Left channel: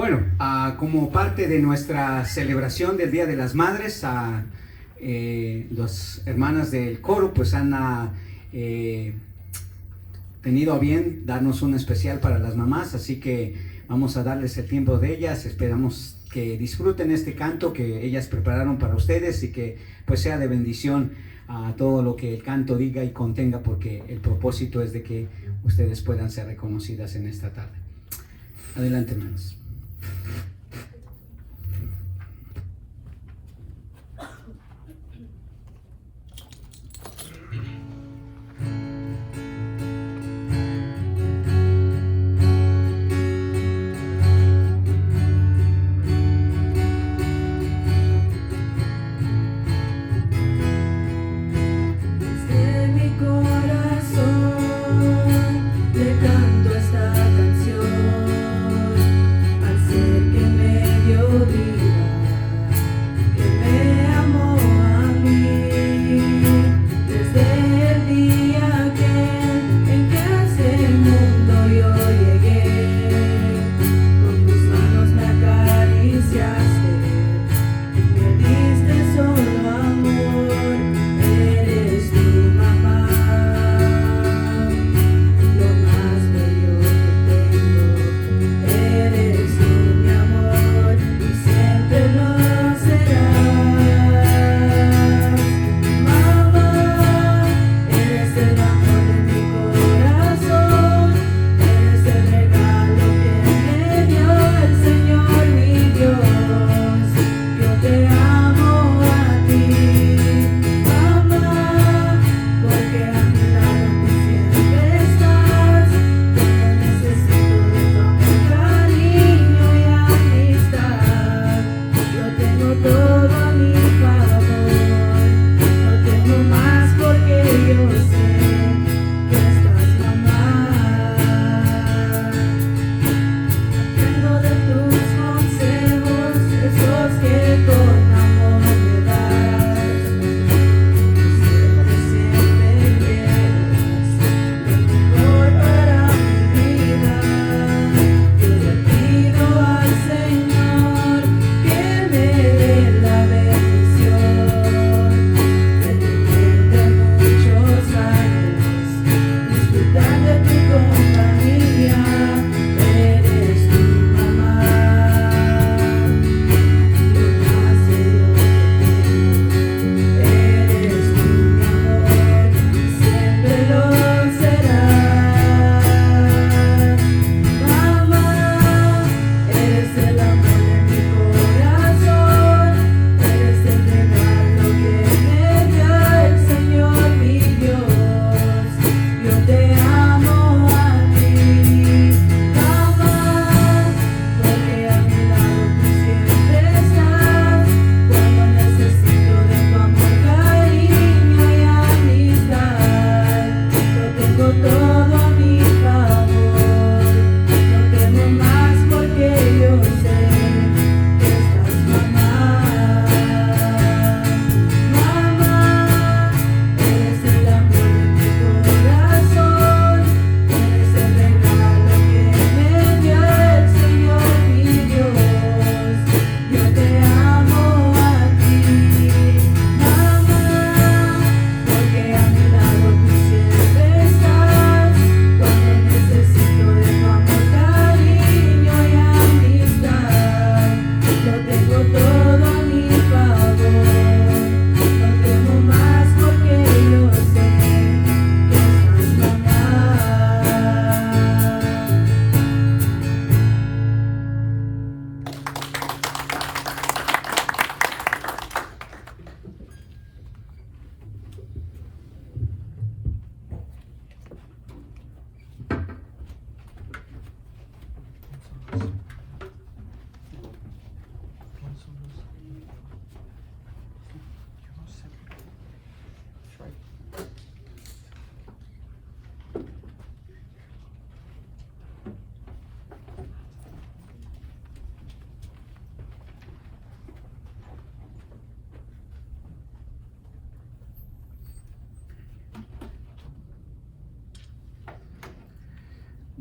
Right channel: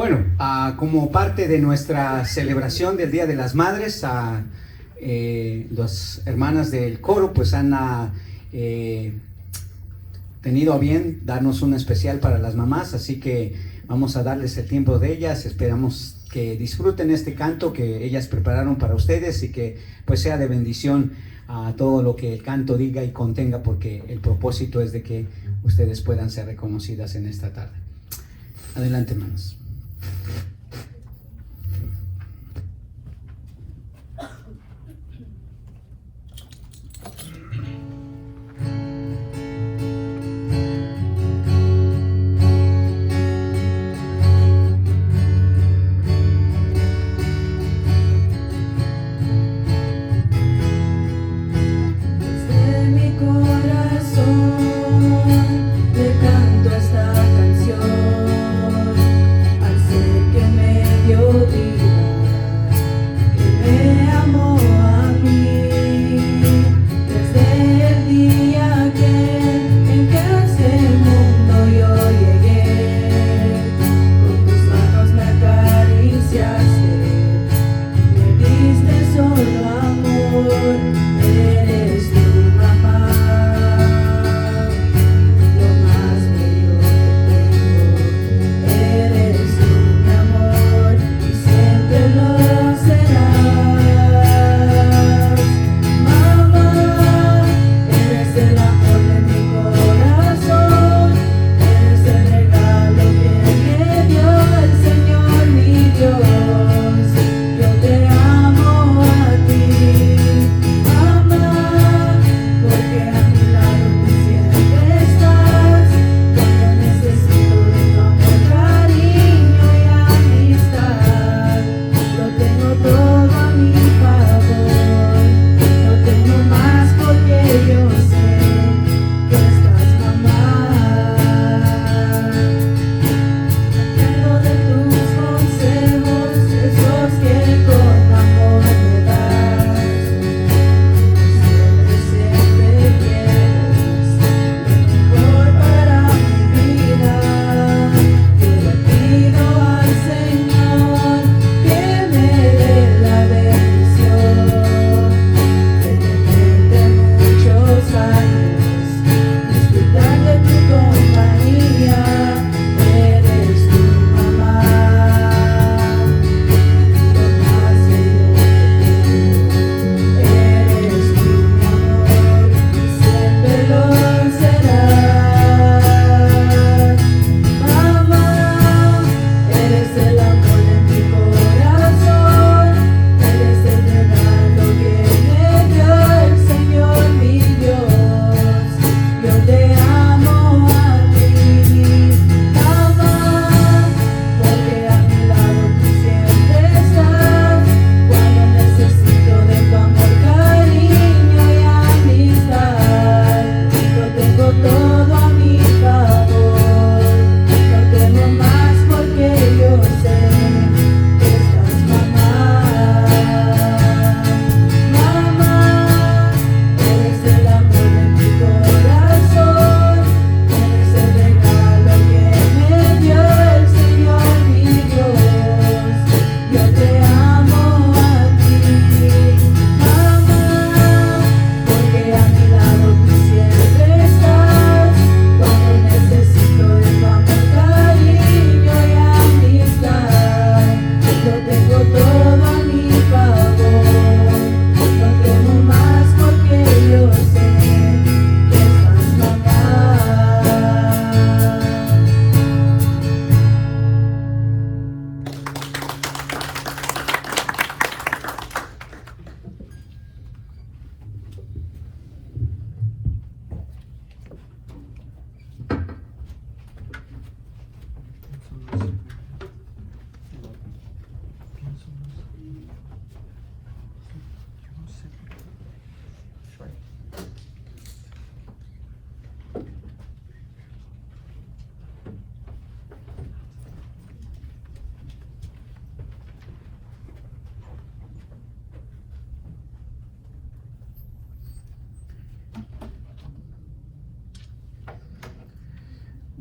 Bueno, como parte de nuestra celebración del Día de las Madres, las hermanas del coro pues han tenido a bien darnos un especial para las mamás, así que vamos a darles el tiempo de ellas. Esperamos que disfruten este canto que ellas prepararon para ustedes y que pues sea de bendición a todo lo que el canto diga y contenga, porque el propósito es de que ustedes puedan ser reconocidas en esta tarde. Adelante, hermanos.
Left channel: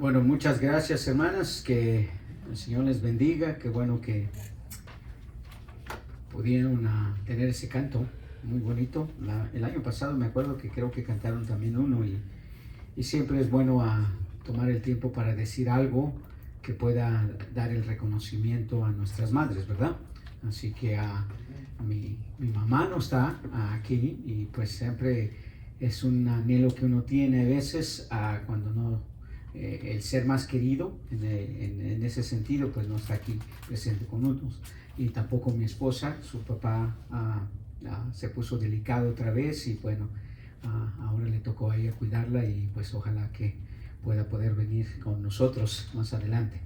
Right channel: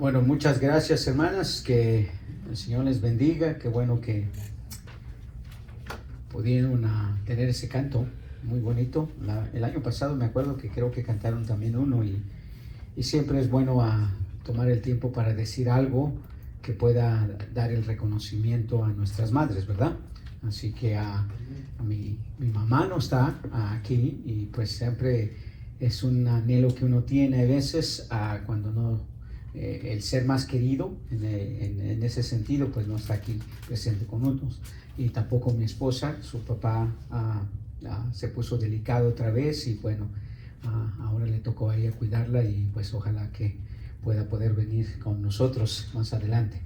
Bueno, muchas gracias, hermanas, que El Señor les bendiga. Qué bueno que pudieron tener ese canto muy bonito. El año pasado me acuerdo que creo que cantaron también uno, y siempre es bueno tomar el tiempo para decir algo que pueda dar el reconocimiento a nuestras madres, ¿verdad? Así que mi mamá no está aquí, y pues siempre es un anhelo que uno tiene a veces cuando no, el ser más querido en ese sentido pues no está aquí presente con nosotros. Y tampoco mi esposa, su papá se puso delicado otra vez, y bueno, ahora le tocó a ella cuidarla, y pues ojalá que pueda poder venir con nosotros más adelante.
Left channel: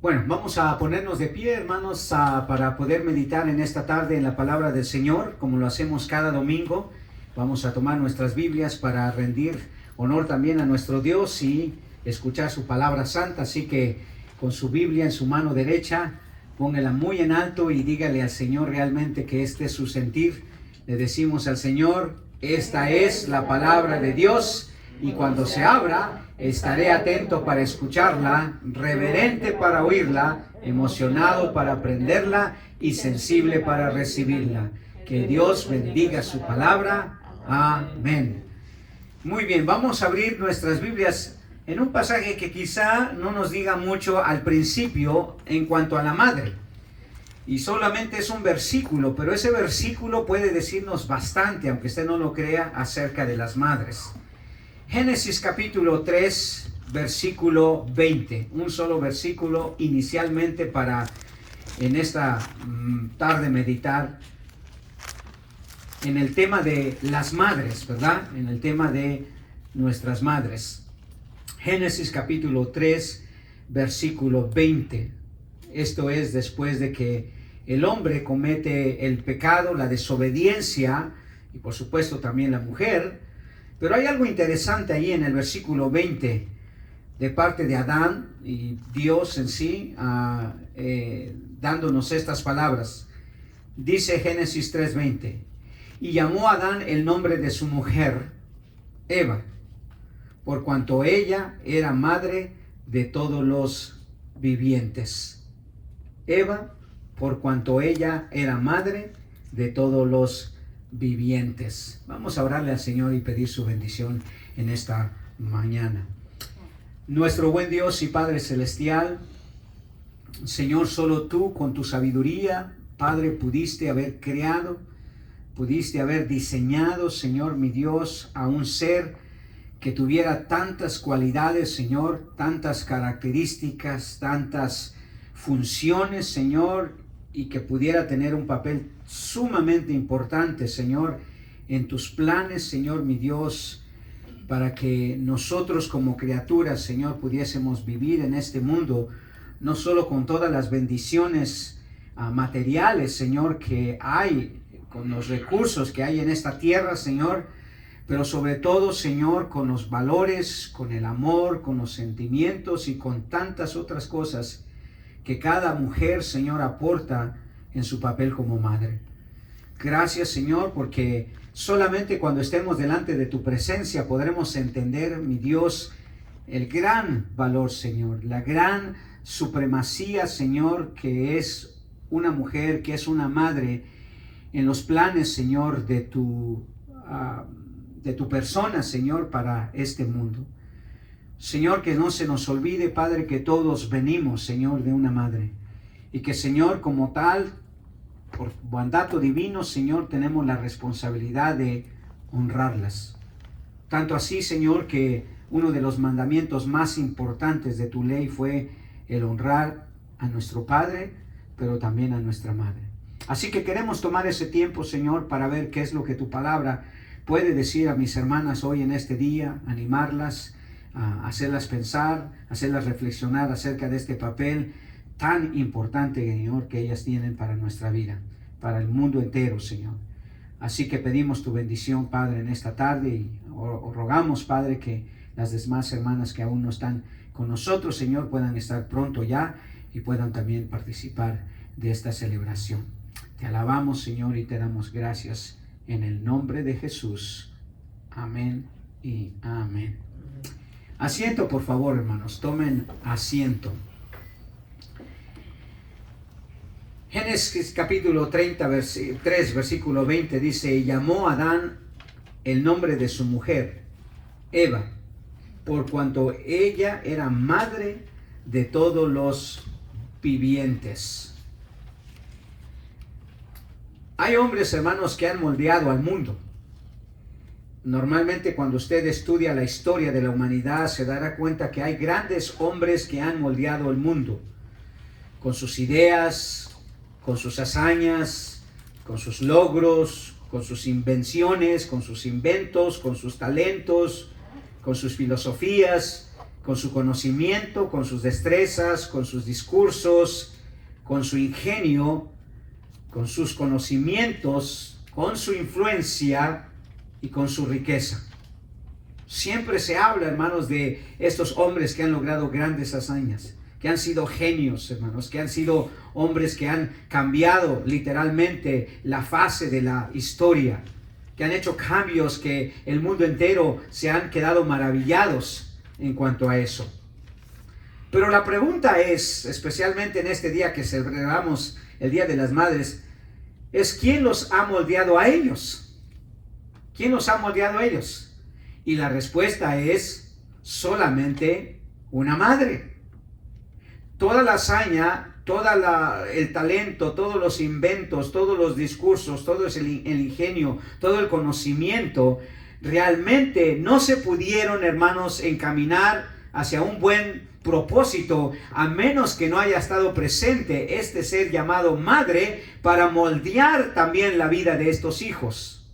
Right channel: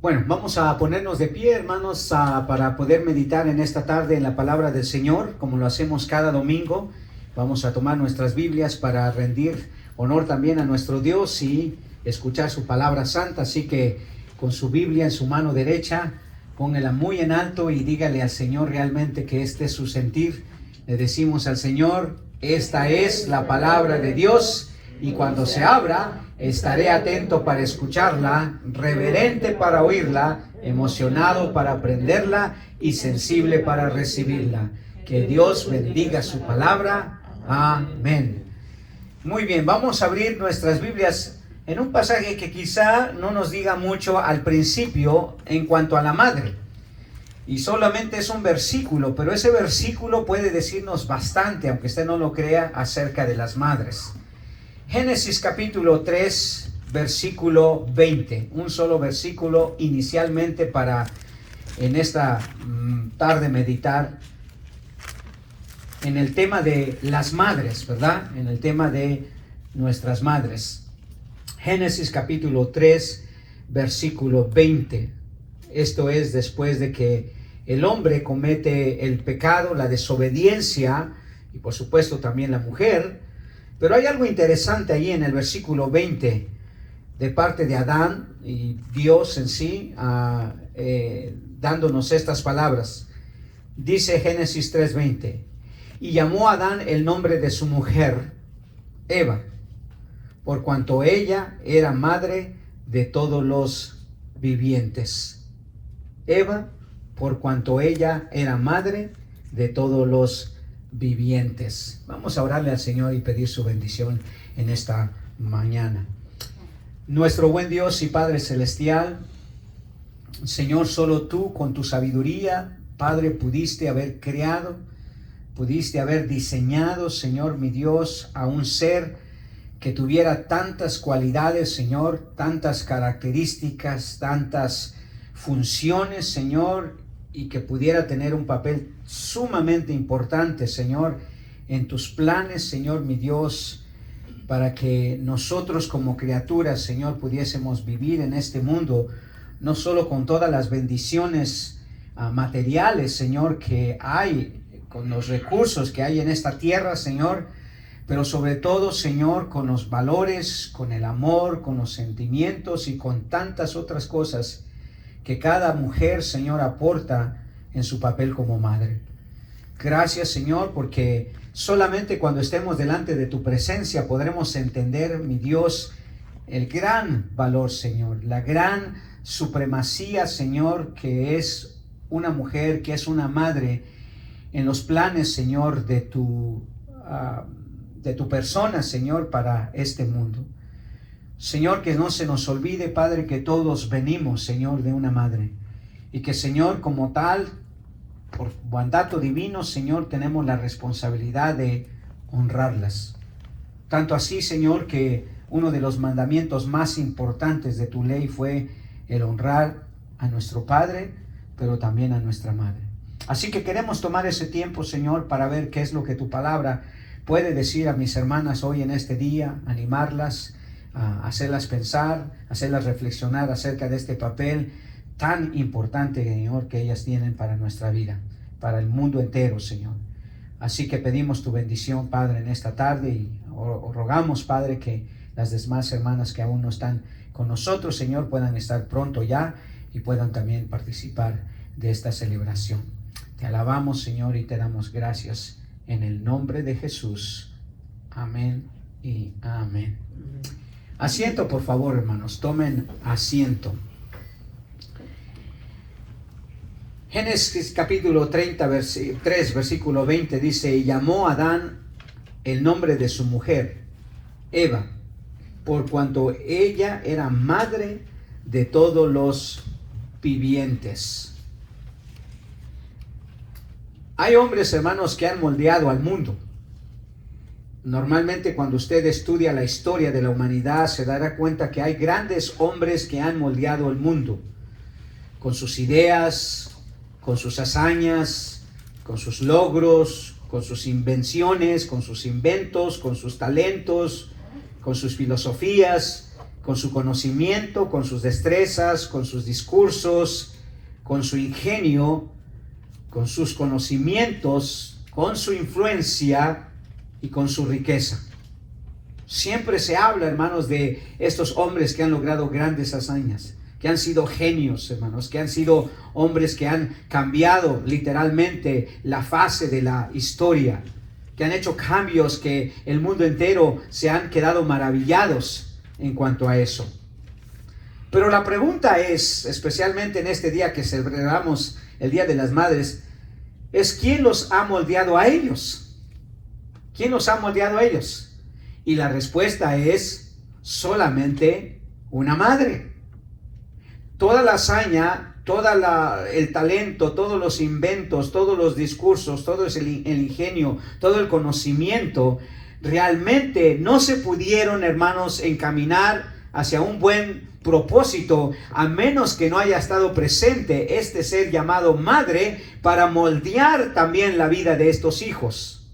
Bueno, vamos a ponernos de pie, hermanos, para poder meditar en esta tarde en la palabra del Señor, como lo hacemos cada domingo. Vamos a tomar nuestras Biblias para rendir honor también a nuestro Dios y escuchar su palabra santa. Así que con su Biblia en su mano derecha, póngala muy en alto y dígale al Señor realmente que este es su sentir. Le decimos al Señor: esta es la palabra de Dios, y cuando se abra, estaré atento para escucharla, reverente para oírla, emocionado para aprenderla y sensible para recibirla. Que Dios bendiga su palabra. Amén. Muy bien, vamos a abrir nuestras Biblias en un pasaje que quizá no nos diga mucho al principio en cuanto a la madre. Y solamente es un versículo, pero ese versículo puede decirnos bastante, aunque usted no lo crea, acerca de las madres. Génesis capítulo 3, versículo 20. Un solo versículo inicialmente para en esta tarde meditar en el tema de las madres, ¿verdad? En el tema de nuestras madres. Génesis capítulo 3, versículo 20. Esto es después de que el hombre comete el pecado, la desobediencia, y por supuesto también la mujer. Pero hay algo interesante ahí en el versículo 20, de parte de Adán y Dios en sí, dándonos estas palabras. Dice Génesis 3:20, y llamó a Adán el nombre de su mujer, Eva, por cuanto ella era madre de todos los vivientes. Eva, por cuanto ella era madre de todos los vivientes. Vamos a orarle al Señor y pedir su bendición en esta mañana. Nuestro buen Dios y Padre Celestial, Señor, solo tú con tu sabiduría, Padre, pudiste haber creado, pudiste haber diseñado, Señor mi Dios, a un ser que tuviera tantas cualidades, Señor, tantas características, tantas funciones, Señor, y que pudiera tener un papel sumamente importante, Señor, en tus planes, Señor mi Dios, para que nosotros como criaturas, Señor, pudiésemos vivir en este mundo, no solo con todas las bendiciones materiales, Señor, que hay, con los recursos que hay en esta tierra, Señor, pero sobre todo, Señor, con los valores, con el amor, con los sentimientos y con tantas otras cosas que cada mujer, Señor, aporta en su papel como madre. Gracias, Señor, porque solamente cuando estemos delante de tu presencia podremos entender, mi Dios, el gran valor, Señor, la gran supremacía, Señor, que es una mujer, que es una madre en los planes, Señor, de tu persona, Señor, para este mundo. Señor, que no se nos olvide, Padre, que todos venimos, Señor, de una madre. Y que, Señor, como tal, por mandato divino, Señor, tenemos la responsabilidad de honrarlas. Tanto así, Señor, que uno de los mandamientos más importantes de tu ley fue el honrar a nuestro Padre, pero también a nuestra Madre. Así que queremos tomar ese tiempo, Señor, para ver qué es lo que tu palabra puede decir a mis hermanas hoy en este día, animarlas, hacerlas pensar, hacerlas reflexionar acerca de este papel tan importante, Señor, que ellas tienen para nuestra vida, para el mundo entero, Señor. Así que pedimos tu bendición, Padre, en esta tarde, y rogamos, Padre, que las demás hermanas que aún no están con nosotros, Señor, puedan estar pronto ya y puedan también participar de esta celebración. Te alabamos, Señor, y te damos gracias en el nombre de Jesús. Amén y amén. Asiento, por favor, hermanos, tomen asiento. Génesis capítulo 3, versículo 20 dice: y llamó a Adán el nombre de su mujer, Eva, por cuanto ella era madre de todos los vivientes. Hay hombres, hermanos, que han moldeado al mundo. Normalmente cuando usted estudia la historia de la humanidad se dará cuenta que hay grandes hombres que han moldeado el mundo con sus ideas, con sus hazañas, con sus logros, con sus invenciones, con sus inventos, con sus talentos, con sus filosofías, con su conocimiento, con sus destrezas, con sus discursos, con su ingenio, con sus conocimientos, con su influencia y con su riqueza. Siempre se habla, hermanos, de estos hombres que han logrado grandes hazañas, que han sido genios, hermanos, que han sido hombres que han cambiado literalmente la fase de la historia, que han hecho cambios que el mundo entero se han quedado maravillados en cuanto a eso. Pero la pregunta es, especialmente en este día que celebramos el Día de las Madres, es ¿quién los ha moldeado a ellos? ¿Quién los ha moldeado a ellos? Y la respuesta es solamente una madre. Toda la hazaña, el talento, todos los inventos, todos los discursos, todo el ingenio, todo el conocimiento, realmente no se pudieron, hermanos, encaminar hacia un buen propósito, a menos que no haya estado presente este ser llamado madre para moldear también la vida de estos hijos.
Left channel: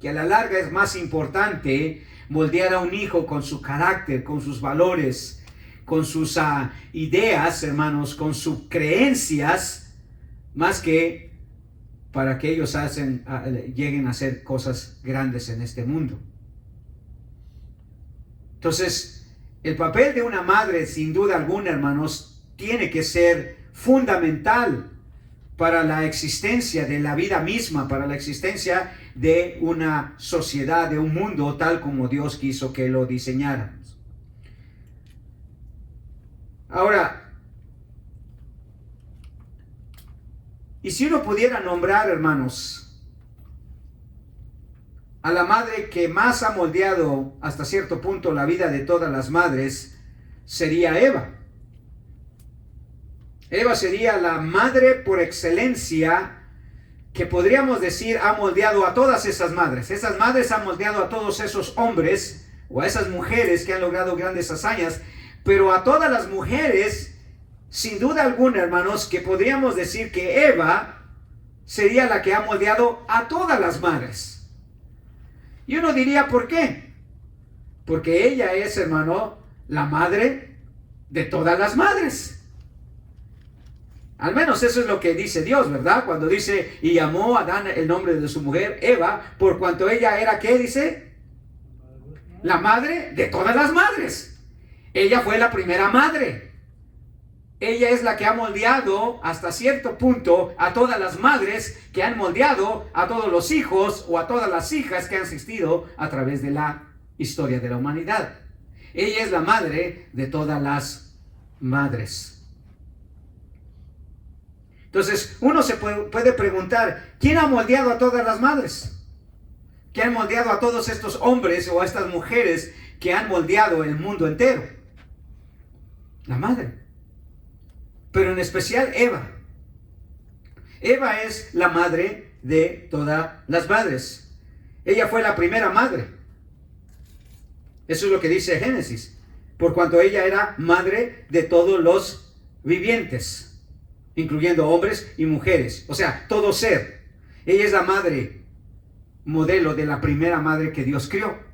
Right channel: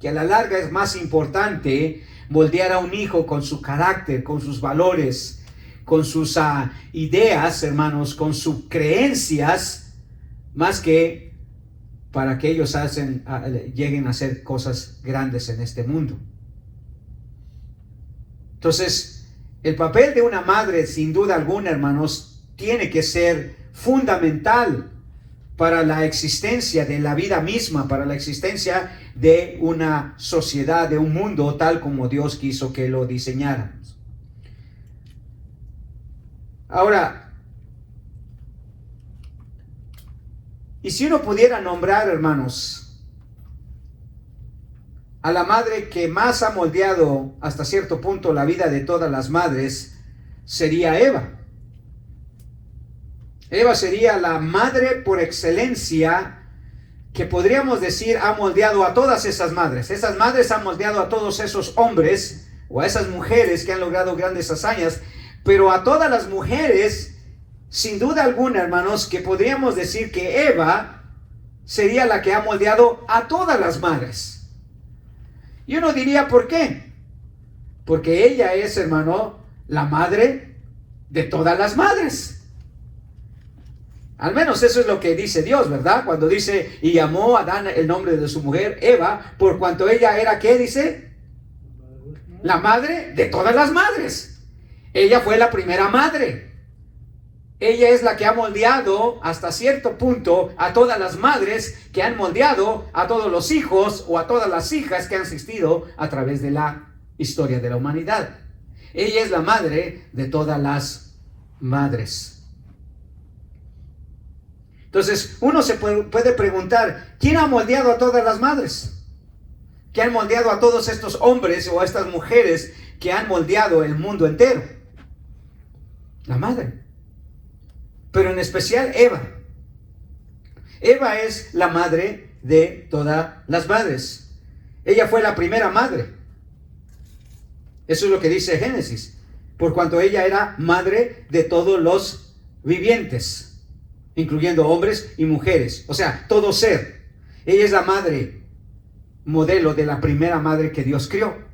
Que a la larga es más importante moldear a un hijo con su carácter, con sus valores, con sus ideas, hermanos, con sus creencias, más que para que ellos lleguen a hacer cosas grandes en este mundo. Entonces, el papel de una madre, sin duda alguna, hermanos, tiene que ser fundamental para la existencia de la vida misma, para la existencia de una sociedad, de un mundo tal como Dios quiso que lo diseñáramos. Ahora, y si uno pudiera nombrar, hermanos, a la madre que más ha moldeado hasta cierto punto la vida de todas las madres, sería Eva. Eva sería la madre por excelencia que podríamos decir ha moldeado a todas esas madres. Esas madres han moldeado a todos esos hombres o a esas mujeres que han logrado grandes hazañas, pero a todas las mujeres, sin duda alguna, hermanos, que podríamos decir que Eva sería la que ha moldeado a todas las madres. Y uno diría, ¿por qué? Porque ella es, hermano, la madre de todas las madres. Al menos eso es lo que dice Dios, ¿verdad? Cuando dice, y llamó a Adán el nombre de su mujer, Eva, por cuanto ella era, ¿qué dice? La madre de todas las madres. Ella fue la primera madre. Ella es la que ha moldeado hasta cierto punto a todas las madres que han moldeado a todos los hijos o a todas las hijas que han existido a través de la historia de la humanidad. Ella es la madre de todas las madres. Entonces, uno se puede preguntar, ¿quién ha moldeado a todas las madres? ¿Quién ha moldeado a todos estos hombres o a estas mujeres que han moldeado el mundo entero? La madre. Pero en especial Eva. Eva es la madre de todas las madres. Ella fue la primera madre. Eso es lo que dice Génesis. Por cuanto ella era madre de todos los vivientes, incluyendo hombres y mujeres, o sea, todo ser. Ella es la madre modelo de la primera madre que Dios crió.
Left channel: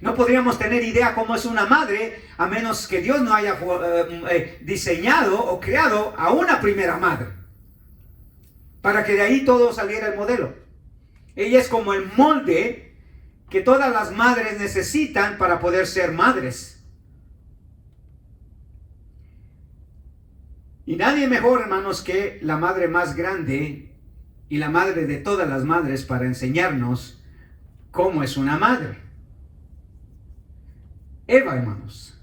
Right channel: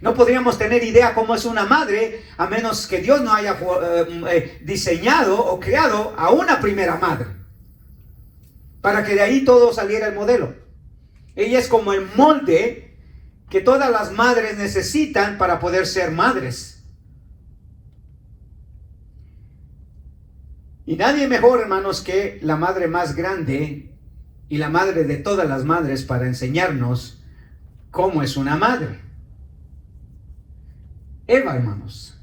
No podríamos tener idea cómo es una madre a menos que Dios no haya diseñado o creado a una primera madre, para que de ahí todo saliera el modelo. Ella es como el molde que todas las madres necesitan para poder ser madres. Y nadie mejor, hermanos, que la madre más grande y la madre de todas las madres para enseñarnos cómo es una madre. Eva, hermanos.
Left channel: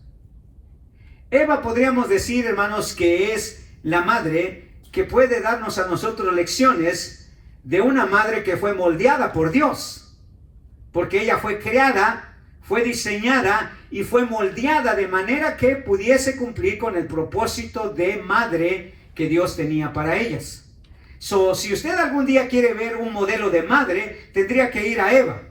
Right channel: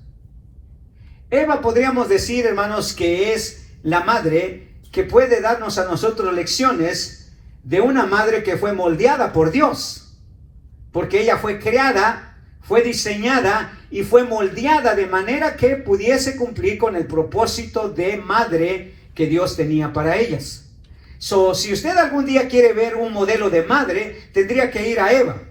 Eva podríamos decir, hermanos, que es la madre que puede darnos a nosotros lecciones de una madre que fue moldeada por Dios, porque ella fue creada, fue diseñada y fue moldeada de manera que pudiese cumplir con el propósito de madre que Dios tenía para ellas. Si usted algún día quiere ver un modelo de madre, tendría que ir a Eva.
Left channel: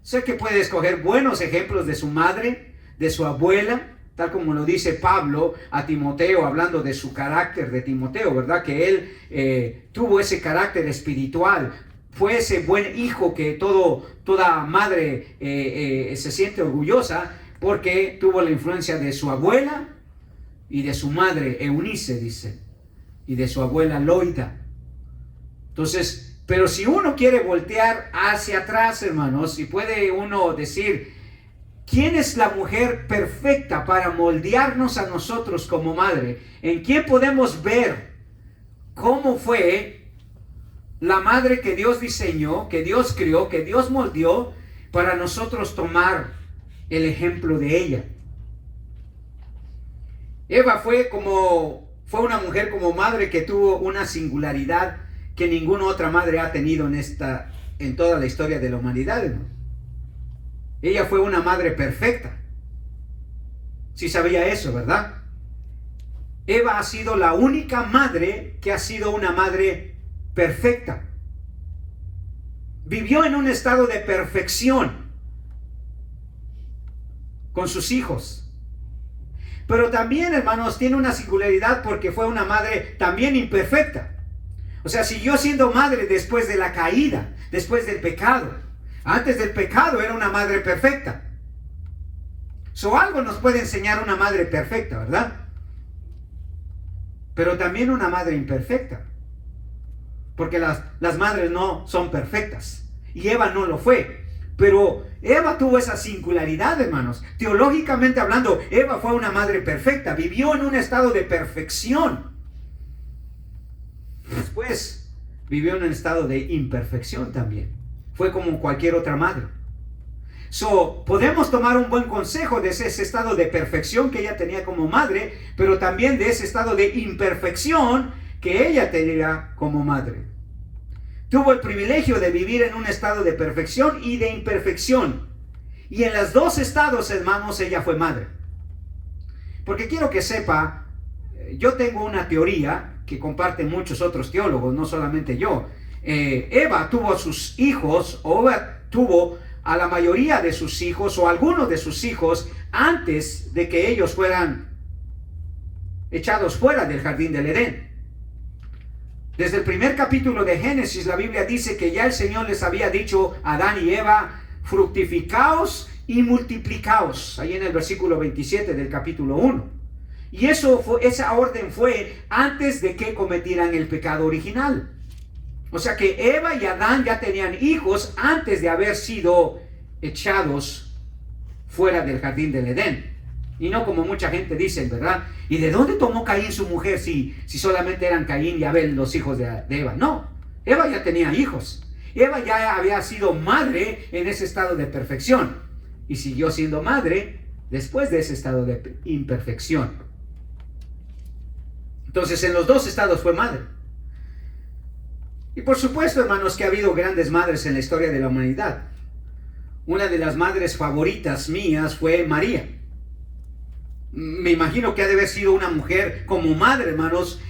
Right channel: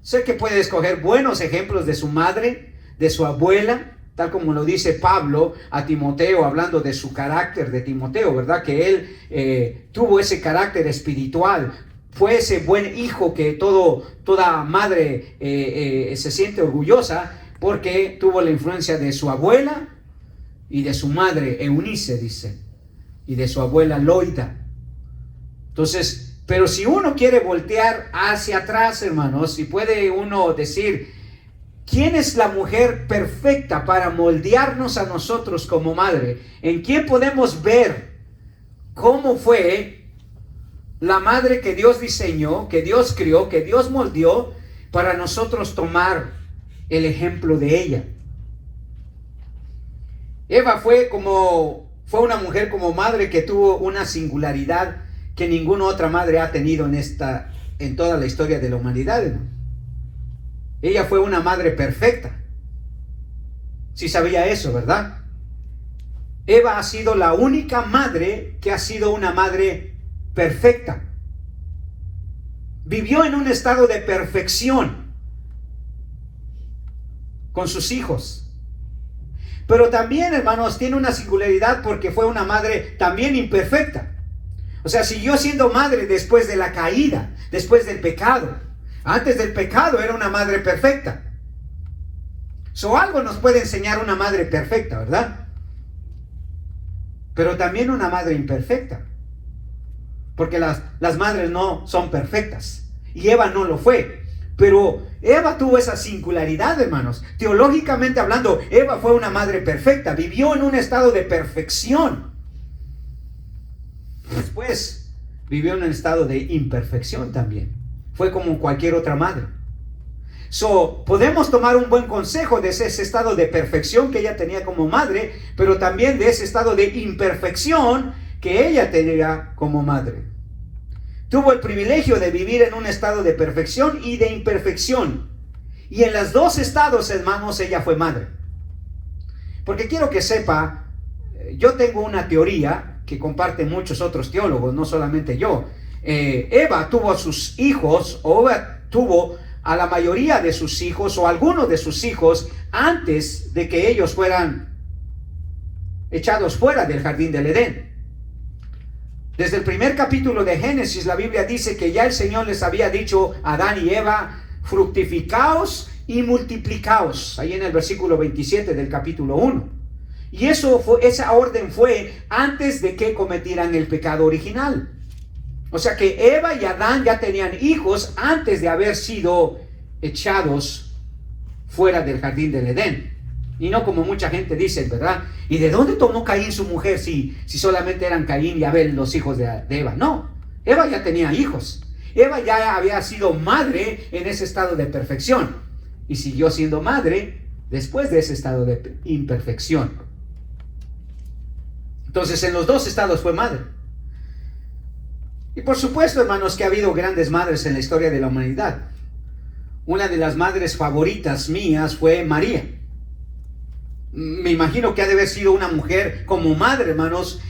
Sé que puede escoger buenos ejemplos de su madre, de su abuela, tal como lo dice Pablo a Timoteo, hablando de su carácter de Timoteo, ¿verdad? Que él tuvo ese carácter espiritual, fue ese buen hijo que toda madre se siente orgullosa, porque tuvo la influencia de su abuela y de su madre Eunice, dice, y de su abuela Loida. Entonces, pero si uno quiere voltear hacia atrás, hermanos, y puede uno decir, ¿quién es la mujer perfecta para moldearnos a nosotros como madre? ¿En quién podemos ver cómo fue la madre que Dios diseñó, que Dios crió, que Dios moldeó, para nosotros tomar el ejemplo de ella? Eva fue una mujer como madre que tuvo una singularidad que ninguna otra madre ha tenido en toda la historia de la humanidad, hermano. Ella fue una madre perfecta. Sí sabía eso, ¿verdad? Eva ha sido la única madre que ha sido una madre perfecta. Vivió en un estado de perfección con sus hijos. Pero también, hermanos, tiene una singularidad porque fue una madre también imperfecta. O sea, siguió siendo madre después de la caída, después del pecado. Antes del pecado era una madre perfecta. Algo nos puede enseñar una madre perfecta, ¿verdad? Pero también una madre imperfecta. Porque las madres no son perfectas. Y Eva no lo fue. Pero Eva tuvo esa singularidad, hermanos. Teológicamente hablando, Eva fue una madre perfecta. Vivió en un estado de perfección. Después vivió en un estado de imperfección también. Fue como cualquier otra madre. Podemos tomar un buen consejo de ese estado de perfección que ella tenía como madre, pero también de ese estado de imperfección que ella tenía como madre. Tuvo el privilegio de vivir en un estado de perfección y de imperfección. Y en los dos estados, hermanos, ella fue madre. Porque quiero que sepa, yo tengo una teoría que comparten muchos otros teólogos, no solamente yo. Eva tuvo a sus hijos, o Eva tuvo a la mayoría de sus hijos, o algunos de sus hijos, antes de que ellos fueran echados fuera del jardín del Edén. Desde el primer capítulo de Génesis, la Biblia dice que ya el Señor les había dicho a Adán y Eva, fructificaos y multiplicaos, ahí en el versículo 27 del capítulo 1. Y esa orden fue antes de que cometieran el pecado original. O sea que Eva y Adán ya tenían hijos antes de haber sido echados fuera del jardín del Edén. Y no como mucha gente dice, ¿verdad? ¿Y de dónde tomó Caín su mujer si solamente eran Caín y Abel los hijos de Eva? No, Eva ya tenía hijos. Eva ya había sido madre en ese estado de perfección. Y siguió siendo madre después de ese estado de imperfección. Entonces en los dos estados fue madre. Y por supuesto, hermanos, que ha habido grandes madres en la historia de la humanidad. Una de las madres favoritas mías fue María. Me imagino que ha de haber sido una mujer como madre, hermanos,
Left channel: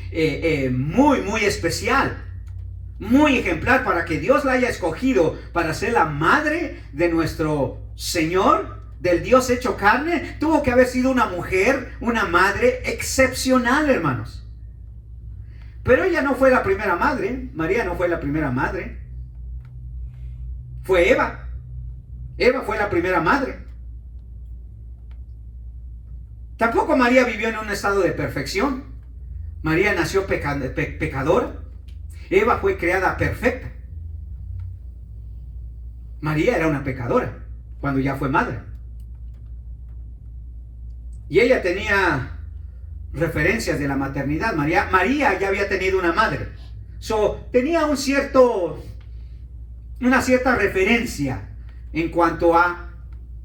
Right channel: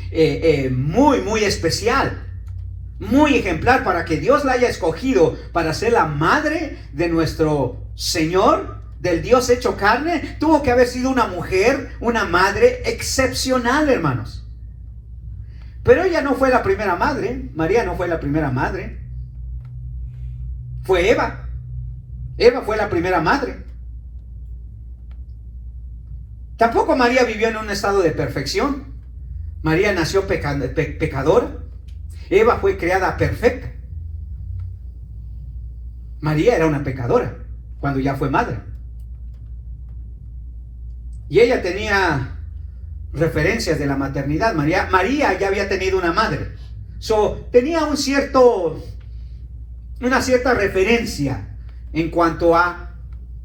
muy, muy especial, muy ejemplar, para que Dios la haya escogido para ser la madre de nuestro Señor, del Dios hecho carne. Tuvo que haber sido una mujer, una madre excepcional, hermanos. Pero ella no fue la primera madre. María no fue la primera madre. Fue Eva. Eva fue la primera madre. Tampoco María vivió en un estado de perfección. María nació pecadora. Eva fue creada perfecta. María era una pecadora cuando ya fue madre. Y ella tenía referencias de la maternidad. María ya había tenido una madre. Tenía una cierta referencia en cuanto a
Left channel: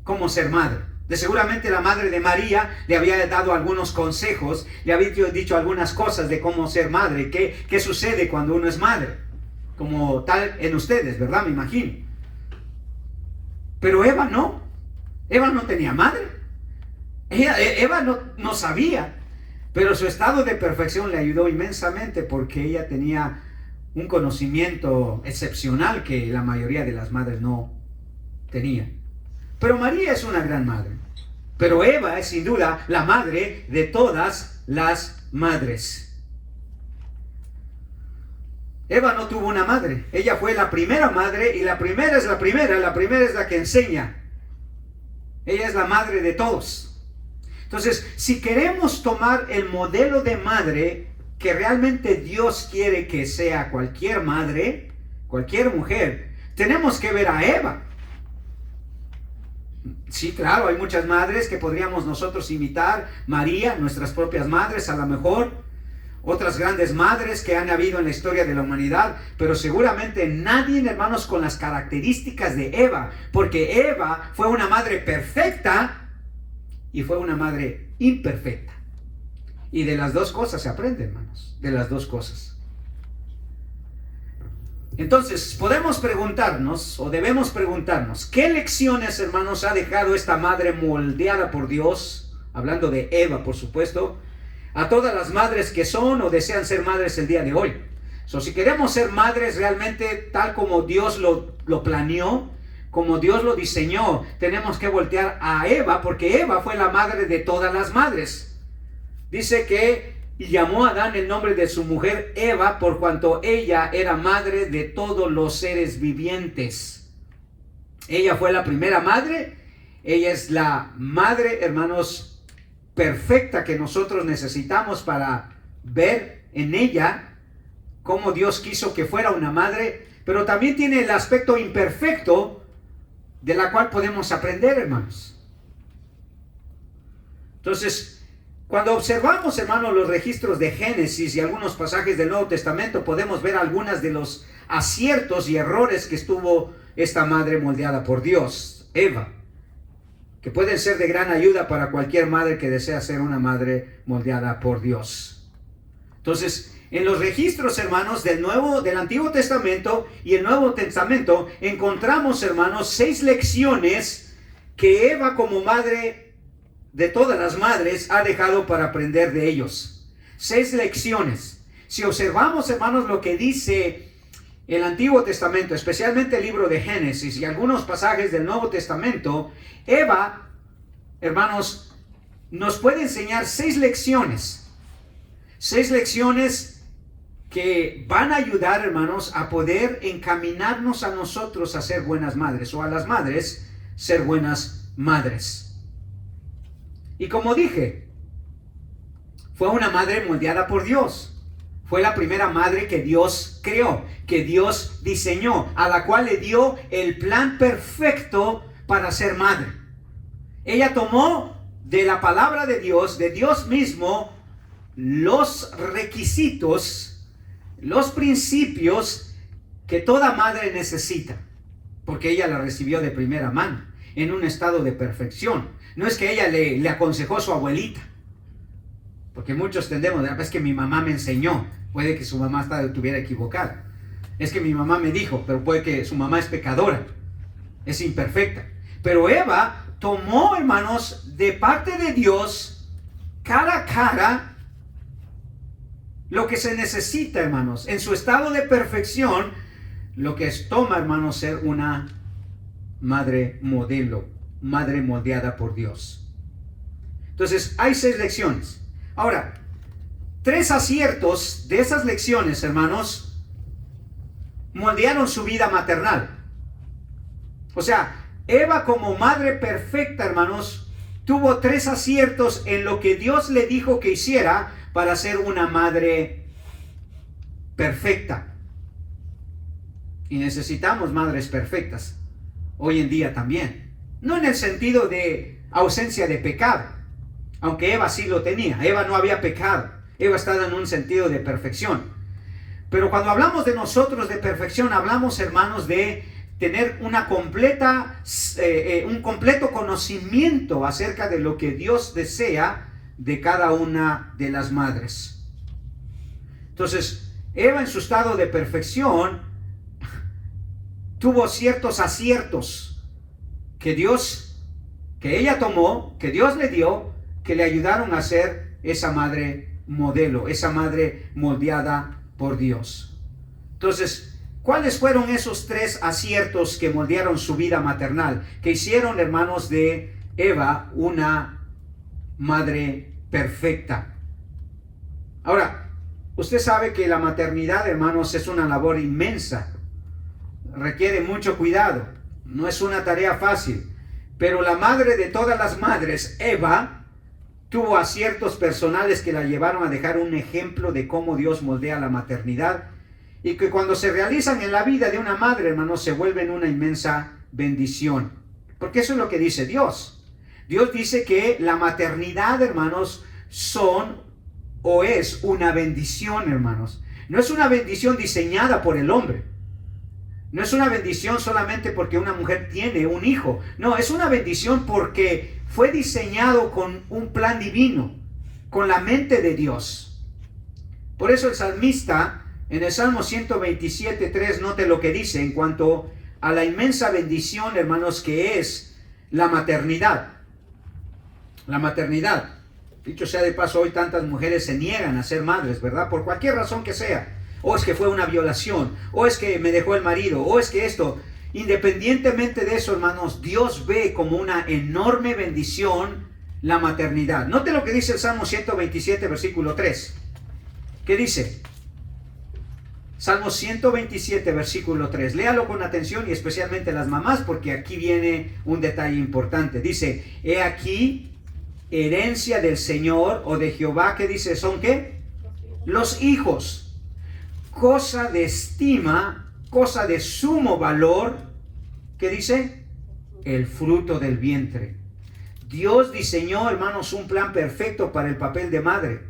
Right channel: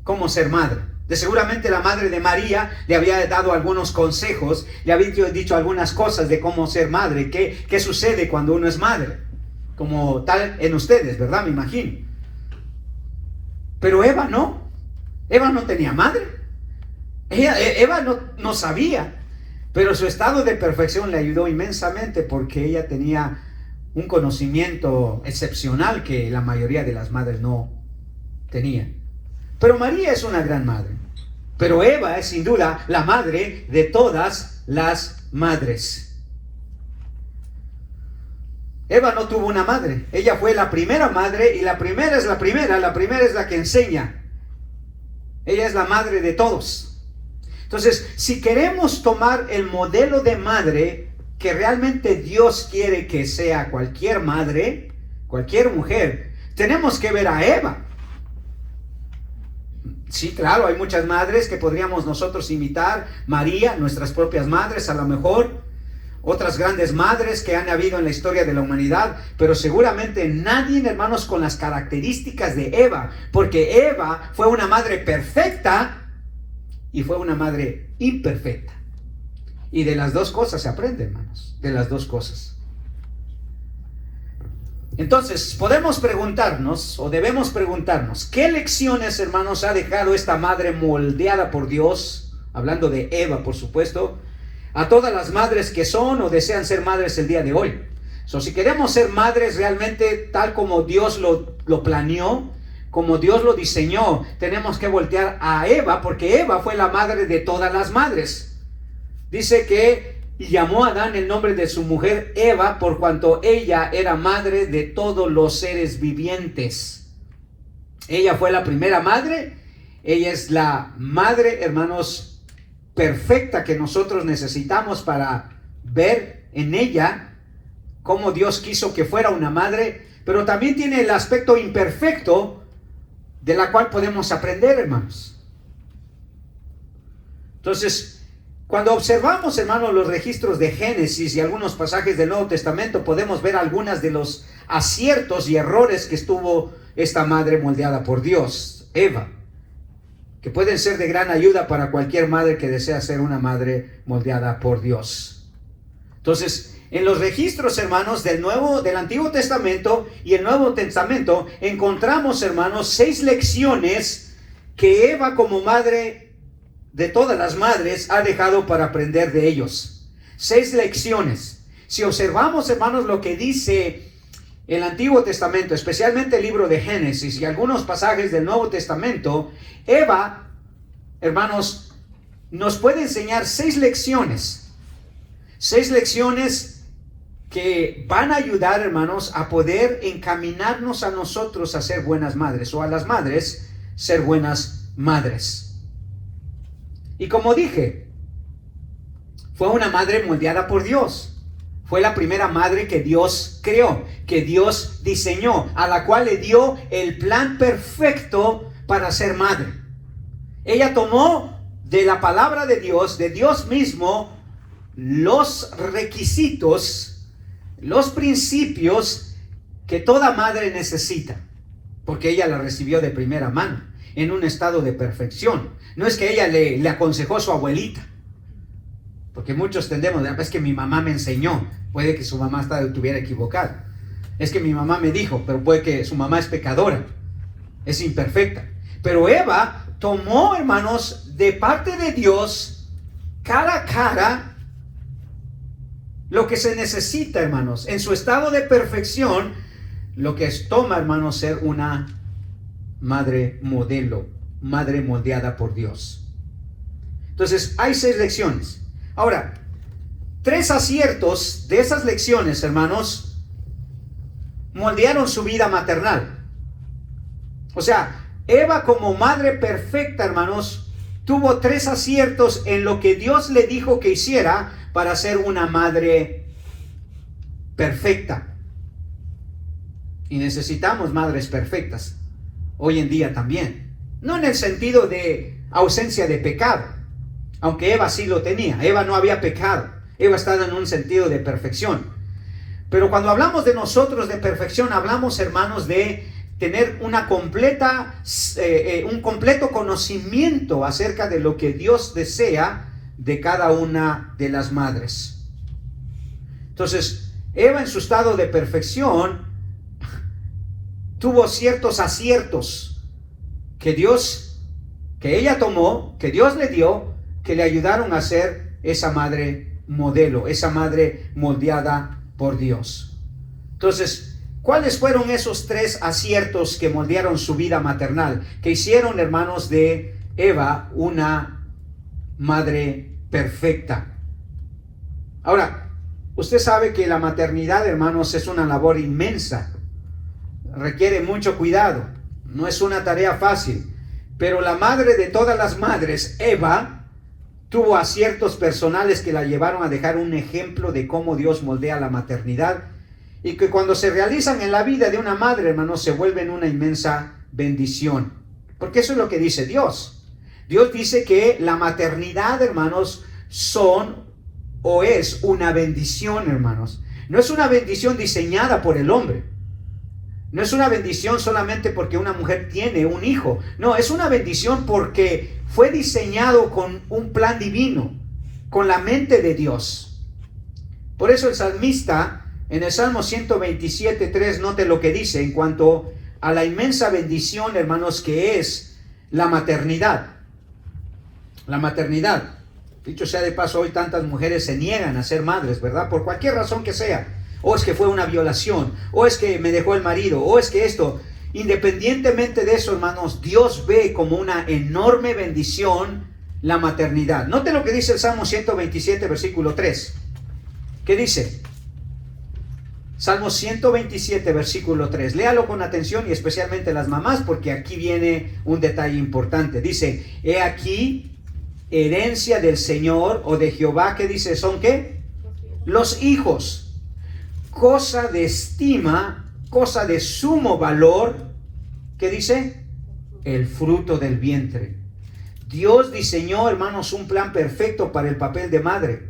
cómo ser madre. De seguramente la madre de María le había dado algunos consejos, le había dicho algunas cosas de cómo ser madre, qué sucede cuando uno es madre, como tal en ustedes, ¿verdad? Me imagino. Pero Eva no tenía madre. Eva no sabía, pero su estado de perfección le ayudó inmensamente porque ella tenía un conocimiento excepcional que la mayoría de las madres no tenían. Pero María es una gran madre. Pero Eva es sin duda la madre de todas las madres. Eva no tuvo una madre. Ella fue la primera madre y la primera es la que enseña. Ella es la madre de todos. Entonces, si queremos tomar el modelo de madre que realmente Dios quiere que sea cualquier madre, cualquier mujer, tenemos que ver a Eva. Sí, claro, hay muchas madres que podríamos nosotros imitar. María, nuestras propias madres, a lo mejor. Otras grandes madres que han habido en la historia de la humanidad. Pero seguramente nadie, hermanos, con las características de Eva. Porque Eva fue una madre perfecta y fue una madre imperfecta. Y de las dos cosas se aprende, hermanos. De las dos cosas. Entonces, podemos preguntarnos, o debemos preguntarnos, ¿qué lecciones, hermanos, ha dejado esta madre moldeada por Dios? Hablando de Eva, por supuesto, a todas las madres que son o desean ser madres el día de hoy. Si queremos ser madres realmente tal como Dios lo planeó, como Dios lo diseñó, tenemos que voltear a Eva, porque Eva fue la madre de todas las madres. Dice que y llamó a Adán el nombre de su mujer Eva, por cuanto ella era madre de todos los seres vivientes. Ella fue la primera madre. Ella es la madre, hermanos, perfecta que nosotros necesitamos para ver en ella cómo Dios quiso que fuera una madre, pero también tiene el aspecto imperfecto de la cual podemos aprender, hermanos. Entonces, cuando observamos, hermanos, los registros de Génesis y algunos pasajes del Nuevo Testamento, podemos ver algunas de los aciertos y errores que estuvo esta madre moldeada por Dios, Eva, que pueden ser de gran ayuda para cualquier madre que desea ser una madre moldeada por Dios. Entonces, en los registros, hermanos, del Antiguo Testamento y el Nuevo Testamento, encontramos, hermanos, 6 lecciones que Eva como madre de todas las madres ha dejado para aprender de ellos. 6 lecciones. Si observamos, hermanos, lo que dice el Antiguo Testamento, especialmente el libro de Génesis y algunos pasajes del Nuevo Testamento, Eva, hermanos, nos puede enseñar 6 lecciones. 6 lecciones que van a ayudar, hermanos, a poder encaminarnos a nosotros a ser buenas madres, o a las madres ser buenas madres. Y como dije, fue una madre moldeada por Dios. Fue la primera madre que Dios creó, que Dios diseñó, a la cual le dio el plan perfecto para ser madre. Ella tomó de la palabra de Dios mismo, los requisitos, los principios que toda madre necesita, porque ella la recibió de primera mano, en un estado de perfección. No es que ella le aconsejó a su abuelita, porque muchos tendemos, es que mi mamá me enseñó. Puede que su mamá estuviera equivocada. Es que mi mamá me dijo, pero puede que su mamá es pecadora, es imperfecta. Pero Eva tomó, hermanos, de parte de Dios, cara a cara, lo que se necesita, hermanos, en su estado de perfección, lo que toma, hermanos, ser una madre modelo, madre moldeada por Dios. Entonces, hay 6 lecciones. Ahora, 3 aciertos de esas lecciones, hermanos, moldearon su vida maternal. O sea, Eva como madre perfecta, hermanos, tuvo 3 aciertos en lo que Dios le dijo que hiciera para ser una madre perfecta. Y necesitamos madres perfectas hoy en día también. No en el sentido de ausencia de pecado, aunque Eva sí lo tenía. Eva no había pecado. Eva estaba en un sentido de perfección. Pero cuando hablamos de nosotros de perfección, hablamos, hermanos, de tener un completo conocimiento acerca de lo que Dios desea de cada una de las madres. Entonces, Eva en su estado de perfección tuvo ciertos aciertos que ella tomó, que Dios le dio, que le ayudaron a ser esa madre modelo, esa madre moldeada por Dios. Entonces, ¿cuáles fueron esos 3 aciertos que moldearon su vida maternal, que hicieron, hermanos, de Eva una madre perfecta? Ahora, usted sabe que la maternidad, hermanos, es una labor inmensa. Requiere mucho cuidado. No es una tarea fácil. Pero la madre de todas las madres, Eva, tuvo aciertos personales que la llevaron a dejar un ejemplo de cómo Dios moldea la maternidad, y que cuando se realizan en la vida de una madre, hermanos, se vuelven una inmensa bendición. Porque eso es lo que dice Dios. Dios dice que la maternidad, hermanos, es una bendición, hermanos. No es una bendición diseñada por el hombre. No es una bendición solamente porque una mujer tiene un hijo. No, es una bendición porque fue diseñado con un plan divino, con la mente de Dios. Por eso el salmista, en el Salmo 127:3, note lo que dice en cuanto a la inmensa bendición, hermanos, que es la maternidad. La maternidad. Dicho sea de paso, hoy tantas mujeres se niegan a ser madres, ¿verdad? Por cualquier razón que sea. O es que fue una violación, o es que me dejó el marido, o es que esto. Independientemente de eso, hermanos, Dios ve como una enorme bendición la maternidad. Note lo que dice el Salmo 127, versículo 3. ¿Qué dice? Salmo 127, versículo 3. Léalo con atención, y especialmente las mamás, porque aquí viene un detalle importante. Dice: he aquí, herencia del Señor o de Jehová. ¿Qué dice? ¿Son qué? Los hijos. Cosa de estima, cosa de sumo valor. ¿Qué dice? El fruto del vientre. Dios diseñó, hermanos, un plan perfecto para el papel de madre.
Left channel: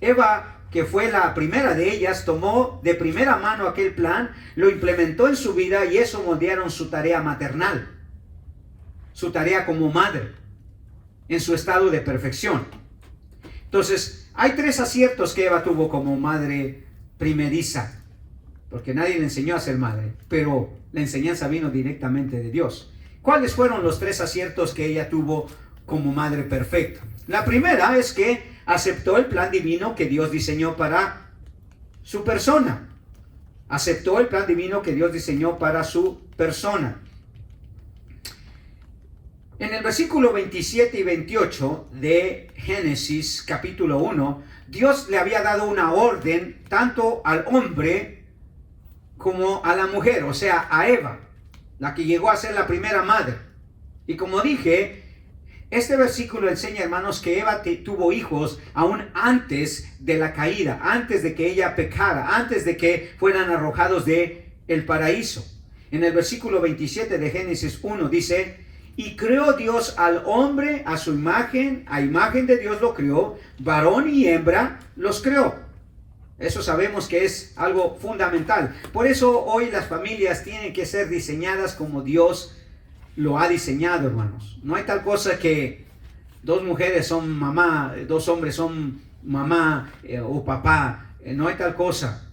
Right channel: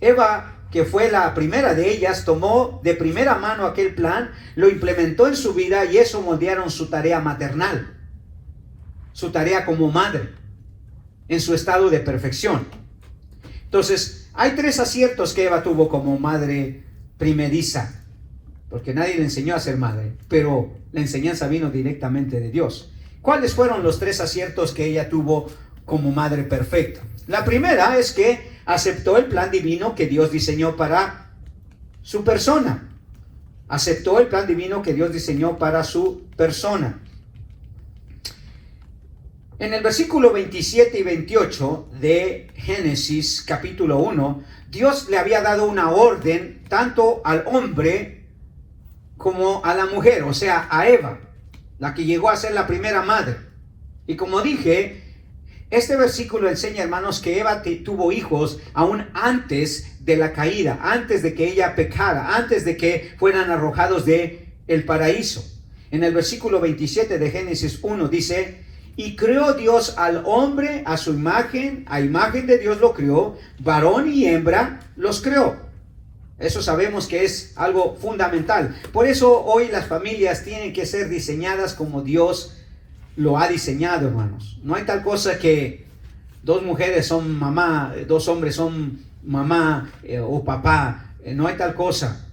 Eva, que fue la primera de ellas, tomó de primera mano aquel plan, lo implementó en su vida, y eso moldearon su tarea maternal, su tarea como madre, en su estado de perfección. Entonces, hay 3 aciertos que Eva tuvo como madre primeriza, porque nadie le enseñó a ser madre, pero la enseñanza vino directamente de Dios. ¿Cuáles fueron los 3 aciertos que ella tuvo como madre perfecta? La primera es que aceptó el plan divino que Dios diseñó para su persona. Aceptó el plan divino que Dios diseñó para su persona. En el versículo 27 y 28 de Génesis capítulo 1, Dios le había dado una orden tanto al hombre como a la mujer, o sea, a Eva, la que llegó a ser la primera madre. Y como dije, este versículo enseña, hermanos, que Eva tuvo hijos aún antes de la caída, antes de que ella pecara, antes de que fueran arrojados de el paraíso. En el versículo 27 de Génesis 1 dice: y creó Dios al hombre a su imagen, a imagen de Dios lo creó, varón y hembra los creó. Eso sabemos que es algo fundamental. Por eso hoy las familias tienen que ser diseñadas como Dios lo ha diseñado, hermanos. No hay tal cosa que 2 mujeres son mamá, 2 hombres son mamá o papá. No hay tal cosa.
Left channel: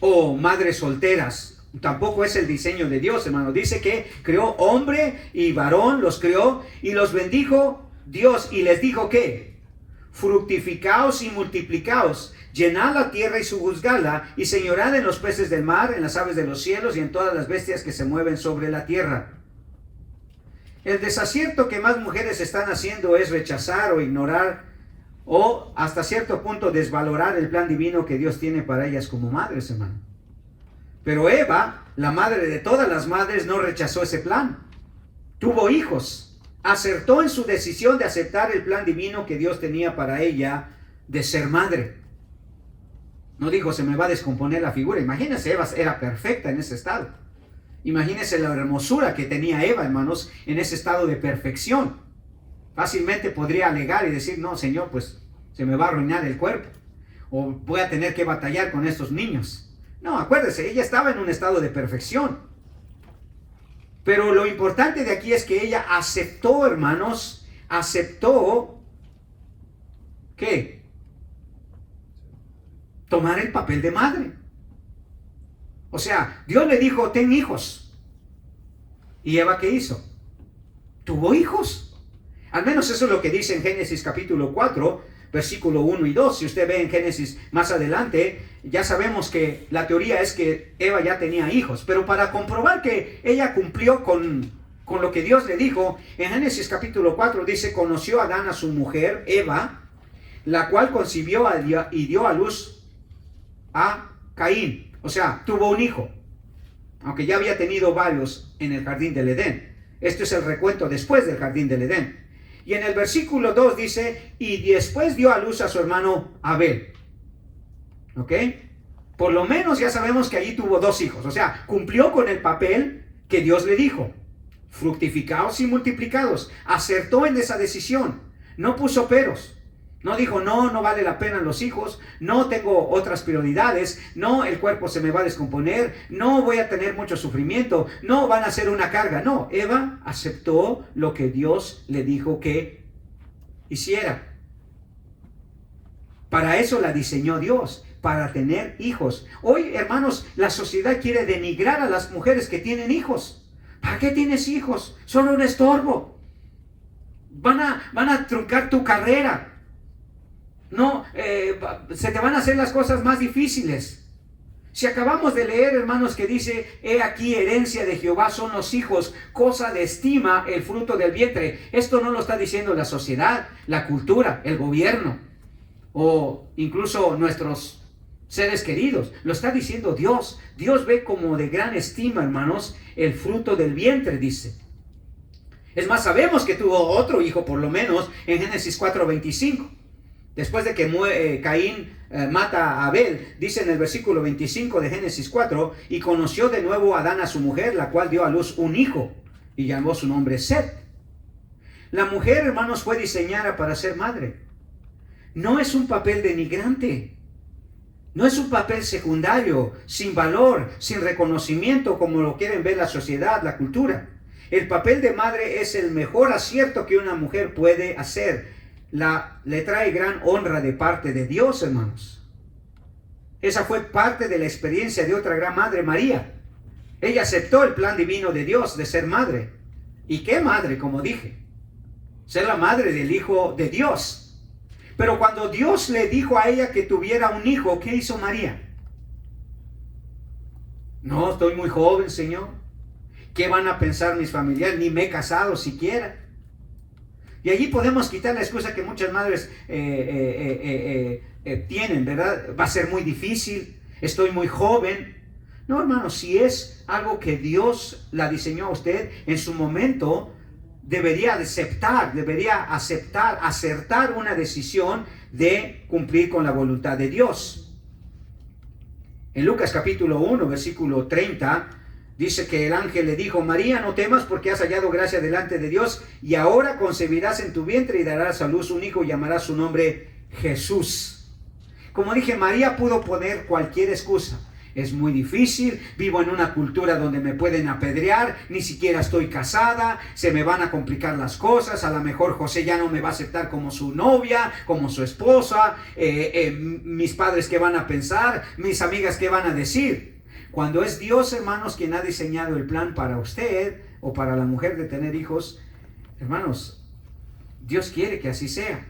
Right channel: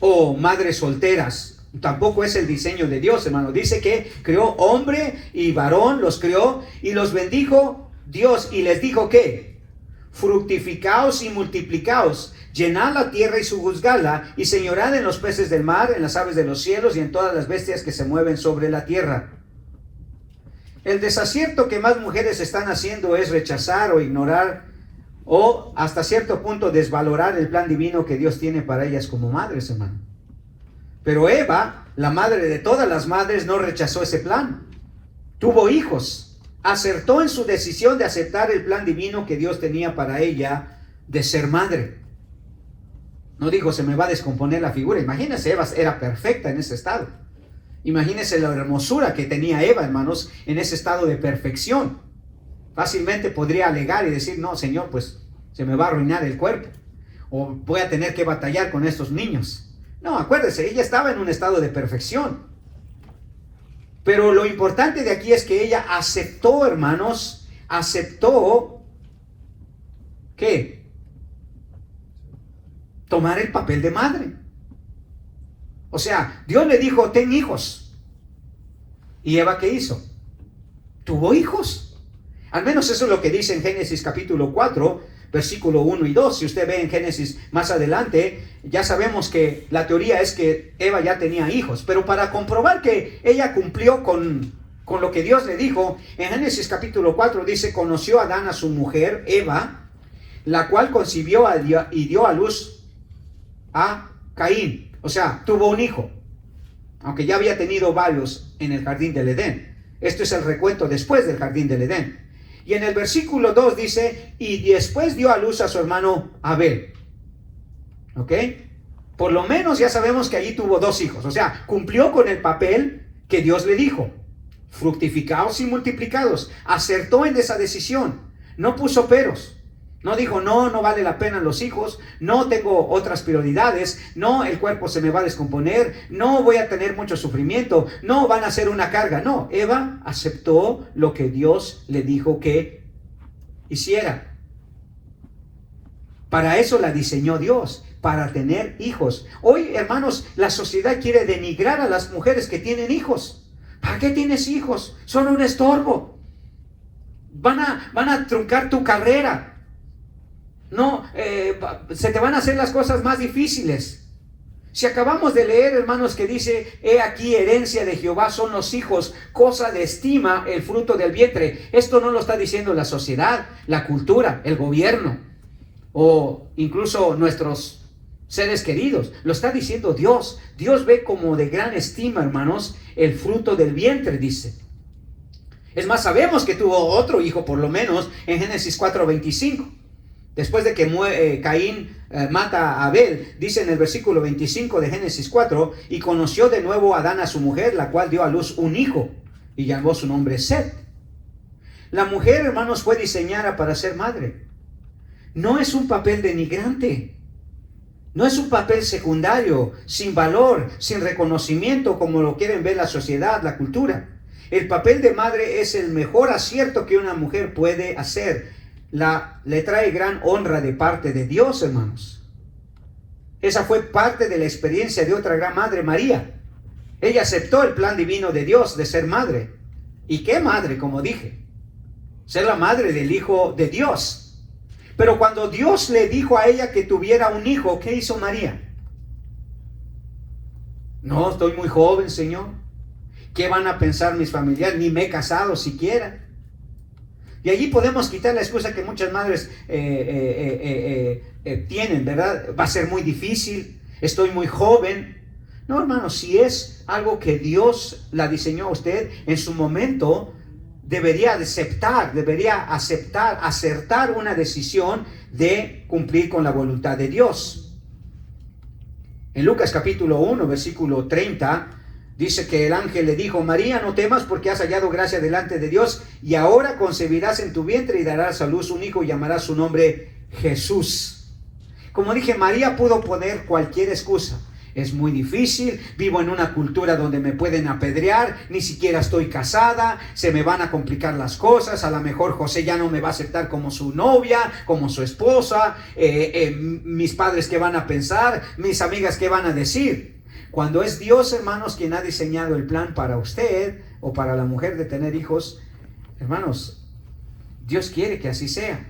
O madres solteras. Tampoco es el diseño de Dios, hermano. Dice que creó hombre y varón, los creó y los bendijo Dios, y les dijo que fructificaos y multiplicaos, llenad la tierra y sojuzgadla, y señorad en los peces del mar, en las aves de los cielos y en todas las bestias que se mueven sobre la tierra. El desacierto que más mujeres están haciendo es rechazar o ignorar o hasta cierto punto desvalorar el plan divino que Dios tiene para ellas como madres, hermano. Pero Eva, la madre de todas las madres, no rechazó ese plan. Tuvo hijos. Acertó en su decisión de aceptar el plan divino que Dios tenía para ella de ser madre. No dijo: se me va a descomponer la figura. Imagínense, Eva era perfecta en ese estado. Imagínense la hermosura que tenía Eva, hermanos, en ese estado de perfección. Fácilmente podría alegar y decir: no, Señor, pues se me va a arruinar el cuerpo. O voy a tener que batallar con estos niños. No, acuérdese, ella estaba en un estado de perfección. Pero lo importante de aquí es que ella aceptó, hermanos, aceptó, ¿qué? Tomar el papel de madre. O sea, Dios le dijo, ten hijos. ¿Y Eva qué hizo? Tuvo hijos. Al menos eso es lo que dice en Génesis capítulo 4, versículo 1 y 2. Si usted ve en Génesis más adelante, ya sabemos que la teoría es que Eva ya tenía hijos. Pero para comprobar que ella cumplió con lo que Dios le dijo, en Génesis capítulo 4 dice, conoció Adán a su mujer, Eva, la cual concibió y dio a luz a Caín. O sea, tuvo un hijo, aunque ya había tenido varios en el jardín del Edén. Esto es el recuento después del jardín del Edén. Y en el versículo 2 dice, y después dio a luz a su hermano Abel. ¿Ok? Por lo menos ya sabemos que allí tuvo 2 hijos. O sea, cumplió con el papel que Dios le dijo. Fructificaos y multiplicados. Acertó en esa decisión. No puso peros. No dijo, no vale la pena los hijos, no tengo otras prioridades, no, el cuerpo se me va a descomponer, no voy a tener mucho sufrimiento, no van a ser una carga. No, Eva aceptó lo que Dios le dijo que hiciera. Para eso la diseñó Dios, para tener hijos. Hoy, hermanos, la sociedad quiere denigrar a las mujeres que tienen hijos. ¿Para qué tienes hijos? Son un estorbo. Van a truncar tu carrera. No, se te van a hacer las cosas más difíciles. Si acabamos de leer, hermanos, que dice, he aquí herencia de Jehová son los hijos, cosa de estima el fruto del vientre. Esto no lo está diciendo la sociedad, la cultura, el gobierno, o incluso nuestros seres queridos. Lo está diciendo Dios. Dios ve como de gran estima, hermanos, el fruto del vientre, dice. Es más, sabemos que tuvo otro hijo, por lo menos, en Génesis 4:25. Después de que Caín mata a Abel, dice en el versículo 25 de Génesis 4, y conoció de nuevo Adán a su mujer, la cual dio a luz un hijo, y llamó su nombre Set. La mujer, hermanos, fue diseñada para ser madre. No es un papel denigrante, no es un papel secundario, sin valor, sin reconocimiento, como lo quieren ver la sociedad, la cultura. El papel de madre es el mejor acierto que una mujer puede hacer. Le trae gran honra de parte de Dios, hermanos. Esa fue parte de la experiencia de otra gran madre, María. Ella aceptó el plan divino de Dios de ser madre. ¿Y qué madre? Como dije, ser la madre del Hijo de Dios. Pero cuando Dios le dijo a ella que tuviera un hijo, ¿qué hizo María? No, estoy muy joven, Señor. ¿Qué van a pensar mis familiares? Ni me he casado siquiera. Y allí podemos quitar la excusa que muchas madres tienen, ¿verdad? Va a ser muy difícil, estoy muy joven. No, hermano, si es algo que Dios la diseñó a usted, en su momento debería acertar una decisión de cumplir con la voluntad de Dios. En Lucas capítulo 1, versículo 30, dice que el ángel le dijo, María, no temas porque has hallado gracia delante de Dios, y ahora concebirás en tu vientre y darás a luz un hijo y llamarás su nombre Jesús. Como dije, María pudo poner cualquier excusa. Es muy difícil, vivo en una cultura donde me pueden apedrear, ni siquiera estoy casada, se me van a complicar las cosas, a lo mejor José ya no me va a aceptar como su novia, como su esposa, mis padres qué van a pensar, mis amigas qué van a decir. Cuando es Dios, hermanos, quien ha diseñado el plan para usted o para la mujer de tener hijos, hermanos, Dios quiere que así sea.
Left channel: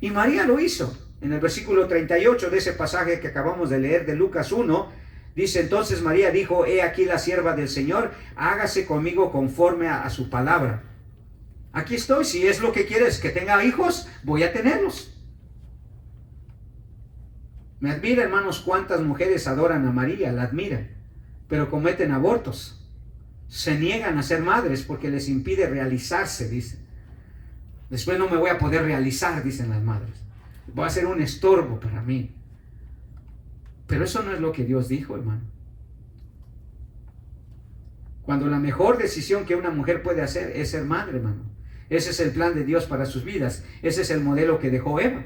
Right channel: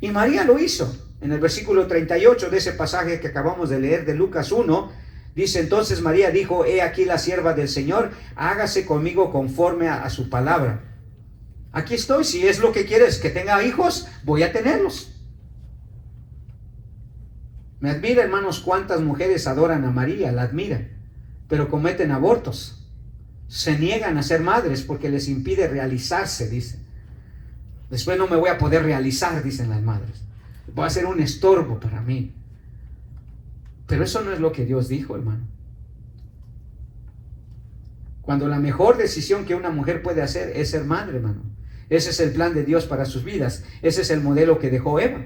Y María lo hizo. En el versículo 38 de ese pasaje que acabamos de leer de Lucas 1, dice, entonces María dijo, he aquí la sierva del Señor, hágase conmigo conforme a su palabra. Aquí estoy, si es lo que quieres que tenga hijos, voy a tenerlos. Me admira, hermanos, cuántas mujeres adoran a María, la admiran, pero cometen abortos. Se niegan a ser madres porque les impide realizarse, dicen. Después no me voy a poder realizar, dicen las madres. Va a ser un estorbo para mí. Pero eso no es lo que Dios dijo, hermano. Cuando la mejor decisión que una mujer puede hacer es ser madre, hermano. Ese es el plan de Dios para sus vidas. Ese es el modelo que dejó Eva.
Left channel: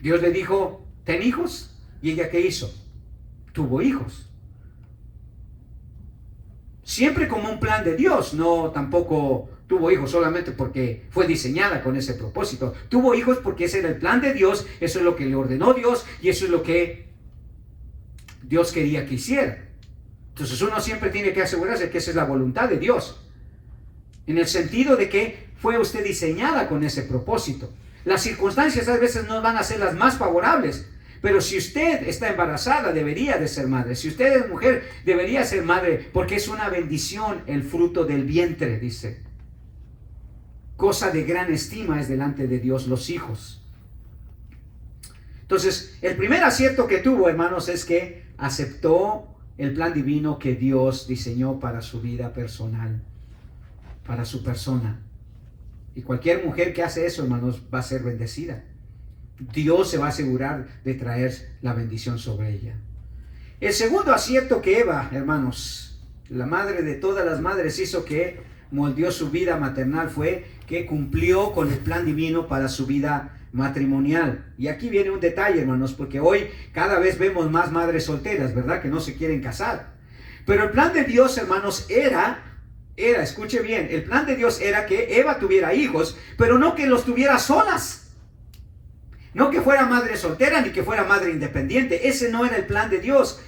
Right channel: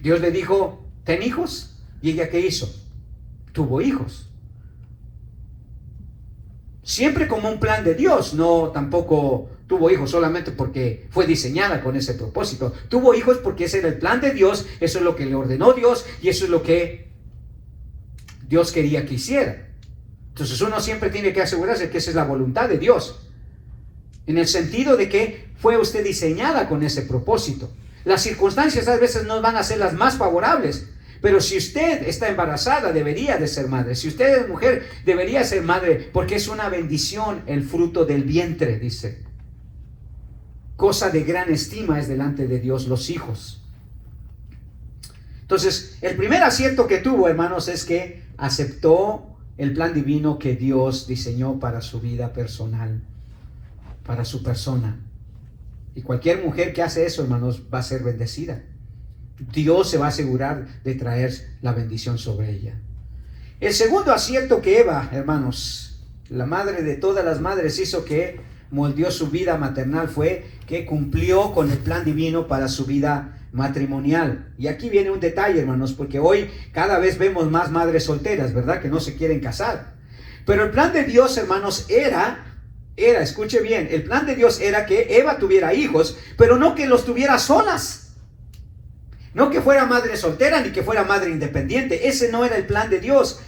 Dios le dijo, ten hijos. ¿Y ella qué hizo? Tuvo hijos. Siempre como un plan de Dios, no tampoco tuvo hijos solamente porque fue diseñada con ese propósito. Tuvo hijos porque ese era el plan de Dios, eso es lo que le ordenó Dios y eso es lo que Dios quería que hiciera. Entonces uno siempre tiene que asegurarse que esa es la voluntad de Dios, en el sentido de que fue usted diseñada con ese propósito. Las circunstancias a veces no van a ser las más favorables, pero si usted está embarazada, debería de ser madre. Si usted es mujer, debería ser madre, porque es una bendición el fruto del vientre, dice. Cosa de gran estima es delante de Dios los hijos. Entonces, el primer acierto que tuvo, hermanos, es que aceptó el plan divino que Dios diseñó para su vida personal, para su persona. Y cualquier mujer que hace eso, hermanos, va a ser bendecida. Dios se va a asegurar de traer la bendición sobre ella. El segundo acierto que Eva, hermanos, la madre de todas las madres, hizo, que moldeó su vida maternal, fue que cumplió con el plan divino para su vida matrimonial. Y aquí viene un detalle, hermanos, porque hoy cada vez vemos más madres solteras, ¿verdad?, que no se quieren casar. Pero el plan de Dios, hermanos, era, escuche bien, el plan de Dios era que Eva tuviera hijos, pero no que los tuviera solas. No que fuera madre soltera ni que fuera madre independiente. Ese no era el plan de Dios.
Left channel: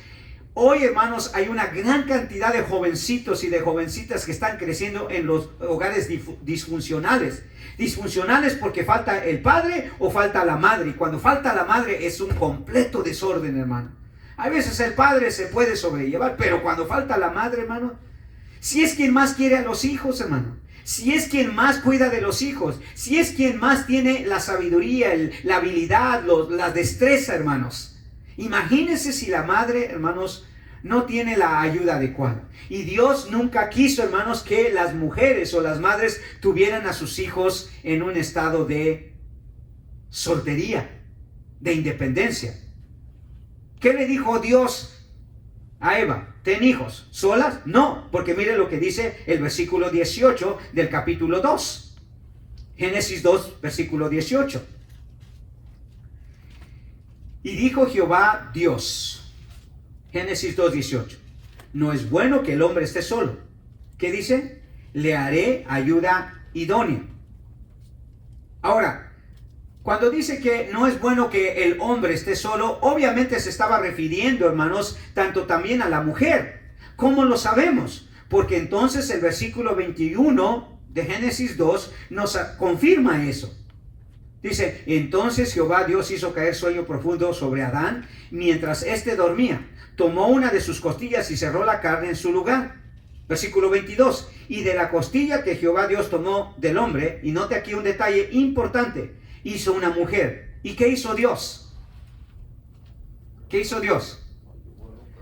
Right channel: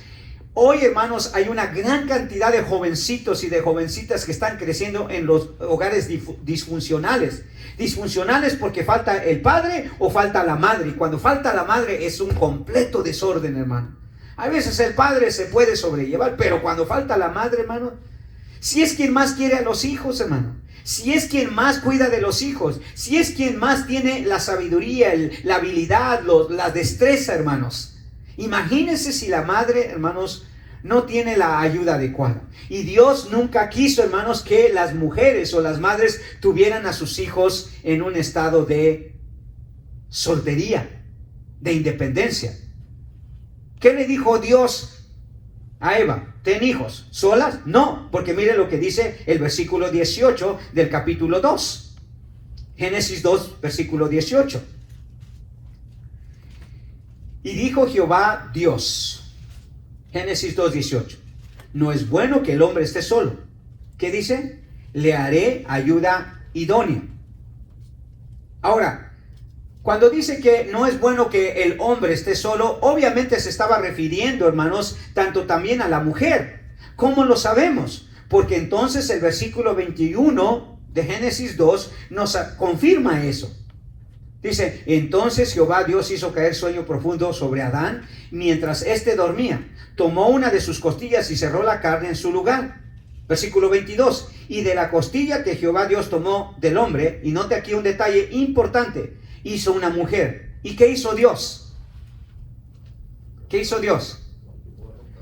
Hoy, hermanos, hay una gran cantidad de jovencitos y de jovencitas que están creciendo en los hogares disfuncionales. Disfuncionales porque falta el padre o falta la madre. Y cuando falta la madre es un completo desorden, hermano. A veces el padre se puede sobrellevar, pero cuando falta la madre, hermano, si es quien más quiere a los hijos, hermano, si es quien más cuida de los hijos, si es quien más tiene la sabiduría, la habilidad, la destreza, hermanos. Imagínense si la madre, hermanos, no tiene la ayuda adecuada. Y Dios nunca quiso, hermanos, que las mujeres o las madres tuvieran a sus hijos en un estado de soltería, de independencia. ¿Qué le dijo Dios a Eva? ¿Ten hijos solas? No, porque mire lo que dice el versículo 18 del capítulo 2. Génesis 2, versículo 18. Y dijo Jehová Dios, Génesis 2, 18, no es bueno que el hombre esté solo. ¿Qué dice? Le haré ayuda idónea. Ahora, cuando dice que no es bueno que el hombre esté solo, obviamente se estaba refiriendo, hermanos, tanto también a la mujer. ¿Cómo lo sabemos? Porque entonces el versículo 21 de Génesis 2 nos confirma eso. Dice, entonces Jehová Dios hizo caer sueño profundo sobre Adán mientras éste dormía. Tomó una de sus costillas y cerró la carne en su lugar. Versículo 22. Y de la costilla que Jehová Dios tomó del hombre, y note aquí un detalle importante, hizo una mujer. ¿Y qué hizo Dios? ¿Qué hizo Dios?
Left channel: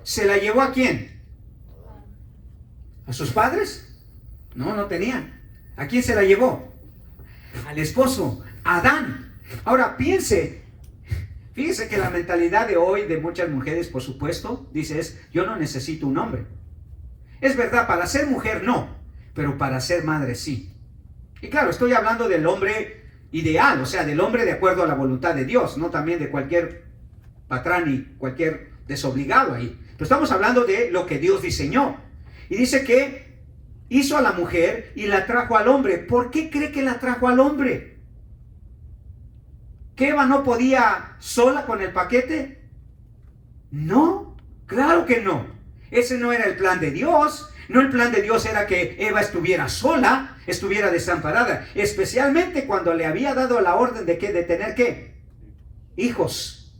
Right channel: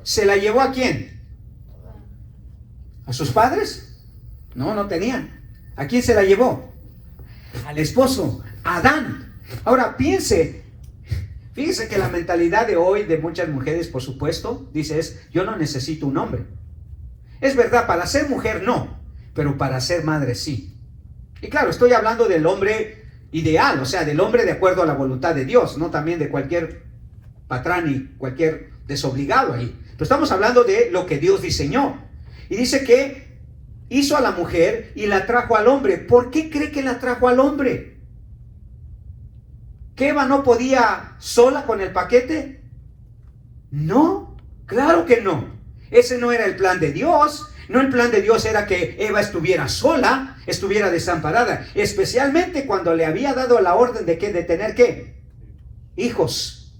¿Se la llevó a quién? ¿A sus padres? No, no tenían. ¿A quién se la llevó? Al esposo, Adán. Ahora fíjense que la mentalidad de hoy de muchas mujeres, por supuesto, dice yo no necesito un hombre. Es verdad, para ser mujer no, pero para ser madre sí. Y claro, estoy hablando del hombre ideal, o sea, del hombre de acuerdo a la voluntad de Dios, no también de cualquier patrón y cualquier desobligado ahí. Pero estamos hablando de lo que Dios diseñó. Y dice que hizo a la mujer y la trajo al hombre. ¿Por qué cree que la trajo al hombre? ¿Que Eva no podía sola con el paquete? No, claro que no. Ese no era el plan de Dios. No, el plan de Dios era que Eva estuviera sola, estuviera desamparada, especialmente cuando le había dado la orden de tener ¿qué? Hijos,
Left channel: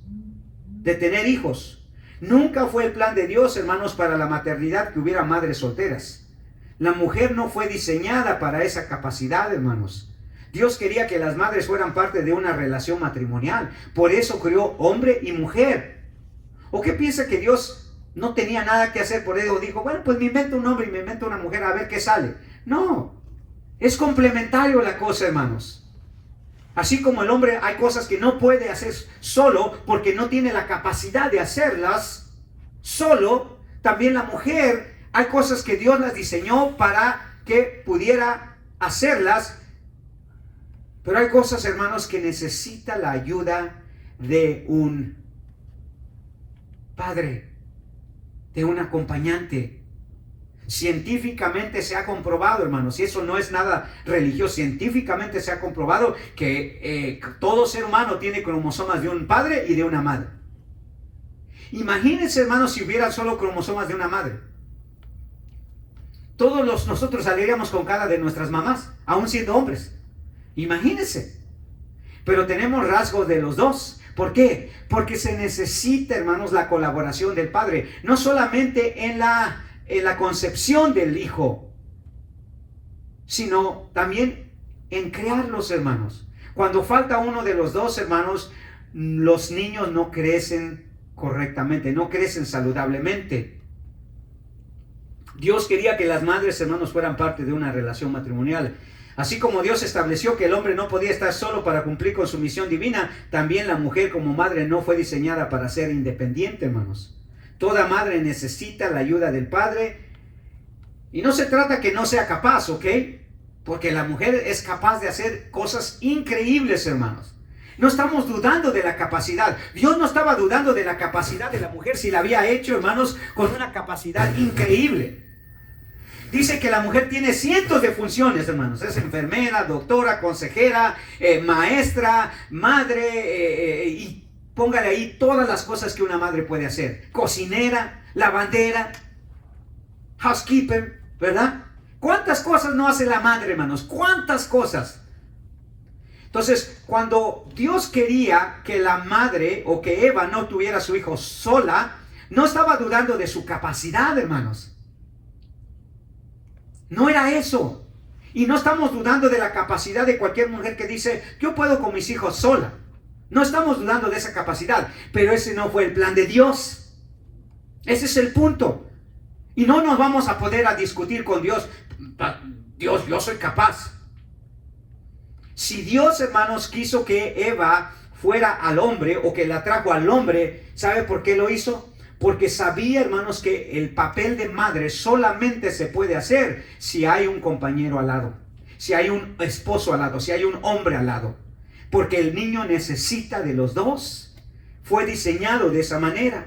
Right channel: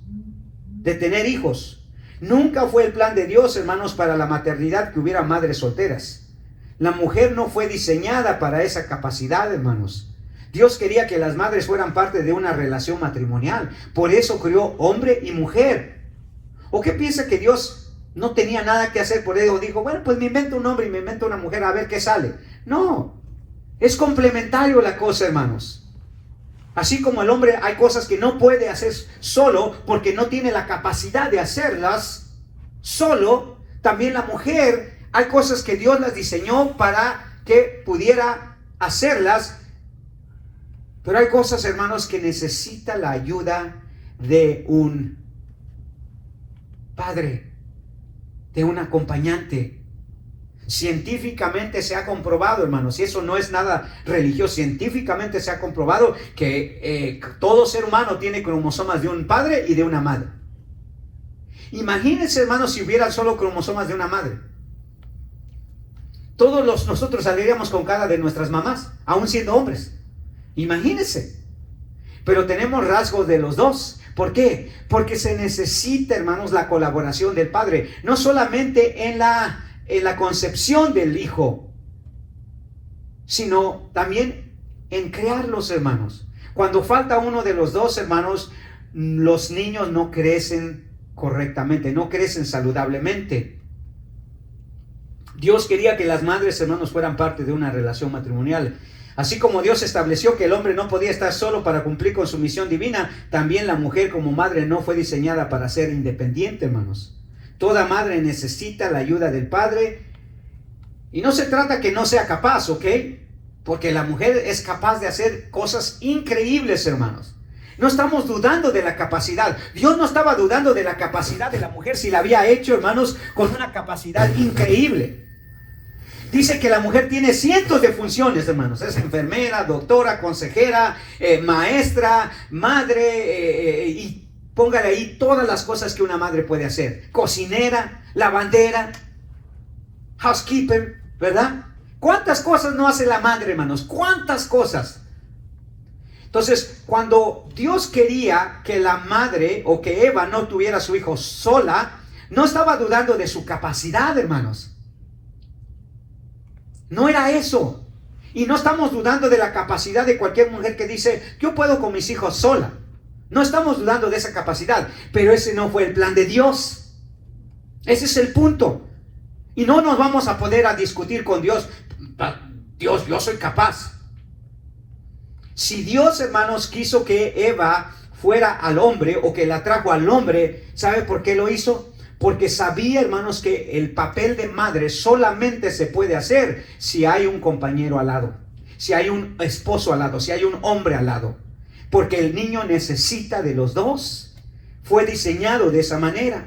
de tener hijos. Nunca fue el plan de Dios, hermanos, para la maternidad que hubiera madres solteras. La mujer no fue diseñada para esa capacidad, hermanos. Dios quería que las madres fueran parte de una relación matrimonial. Por eso creó hombre y mujer. ¿O qué piensa que Dios no tenía nada que hacer por ello? Dijo, bueno, pues me invento un hombre y me invento una mujer a ver qué sale. No, es complementario la cosa, hermanos. Así como el hombre hay cosas que no puede hacer solo porque no tiene la capacidad de hacerlas solo, también la mujer hay cosas que Dios las diseñó para que pudiera hacerlas, pero hay cosas, hermanos, que necesita la ayuda de un padre, de un acompañante. Científicamente se ha comprobado, hermanos, y eso no es nada religioso, científicamente se ha comprobado que todo ser humano tiene cromosomas de un padre y de una madre. Imagínense, hermanos, si hubieran solo cromosomas de una madre. Nosotros saldríamos con cara de nuestras mamás, aún siendo hombres. Imagínense. Pero tenemos rasgos de los dos. ¿Por qué? Porque se necesita, hermanos, la colaboración del padre. No solamente en la concepción del hijo, sino también en crearlos, hermanos. Cuando falta uno de los dos, hermanos, los niños no crecen correctamente, no crecen saludablemente. Dios quería que las madres, hermanos, fueran parte de una relación matrimonial. Así como Dios estableció que el hombre no podía estar solo para cumplir con su misión divina, también la mujer como madre no fue diseñada para ser independiente, hermanos. Toda madre necesita la ayuda del padre. Y no se trata que no sea capaz, ¿ok? Porque la mujer es capaz de hacer cosas increíbles, hermanos. No estamos dudando de la capacidad. Dios no estaba dudando de la capacidad de la mujer si la había hecho, hermanos, con una capacidad increíble. Dice que la mujer tiene cientos de funciones, hermanos. Es enfermera, doctora, consejera, maestra, madre, y póngale ahí todas las cosas que una madre puede hacer. Cocinera, lavandera, housekeeper, ¿verdad? ¿Cuántas cosas no hace la madre, hermanos? ¿Cuántas cosas? Entonces, cuando Dios quería que la madre o que Eva no tuviera a su hijo sola, no estaba dudando de su capacidad, hermanos. No era eso. Y no estamos dudando de la capacidad de cualquier mujer que dice, yo puedo con mis hijos sola. No estamos dudando de esa capacidad, pero ese no fue el plan de Dios. Ese es el punto. Y no nos vamos a poder discutir con Dios. Dios, yo soy capaz. Si Dios, hermanos, quiso que Eva fuera al hombre o que la trajo al hombre, ¿sabe por qué lo hizo? Porque sabía, hermanos, que el papel de madre solamente se puede hacer si hay un compañero al lado, si hay un esposo al lado, si hay un hombre al lado. Porque el niño necesita de los dos. Fue diseñado de esa manera.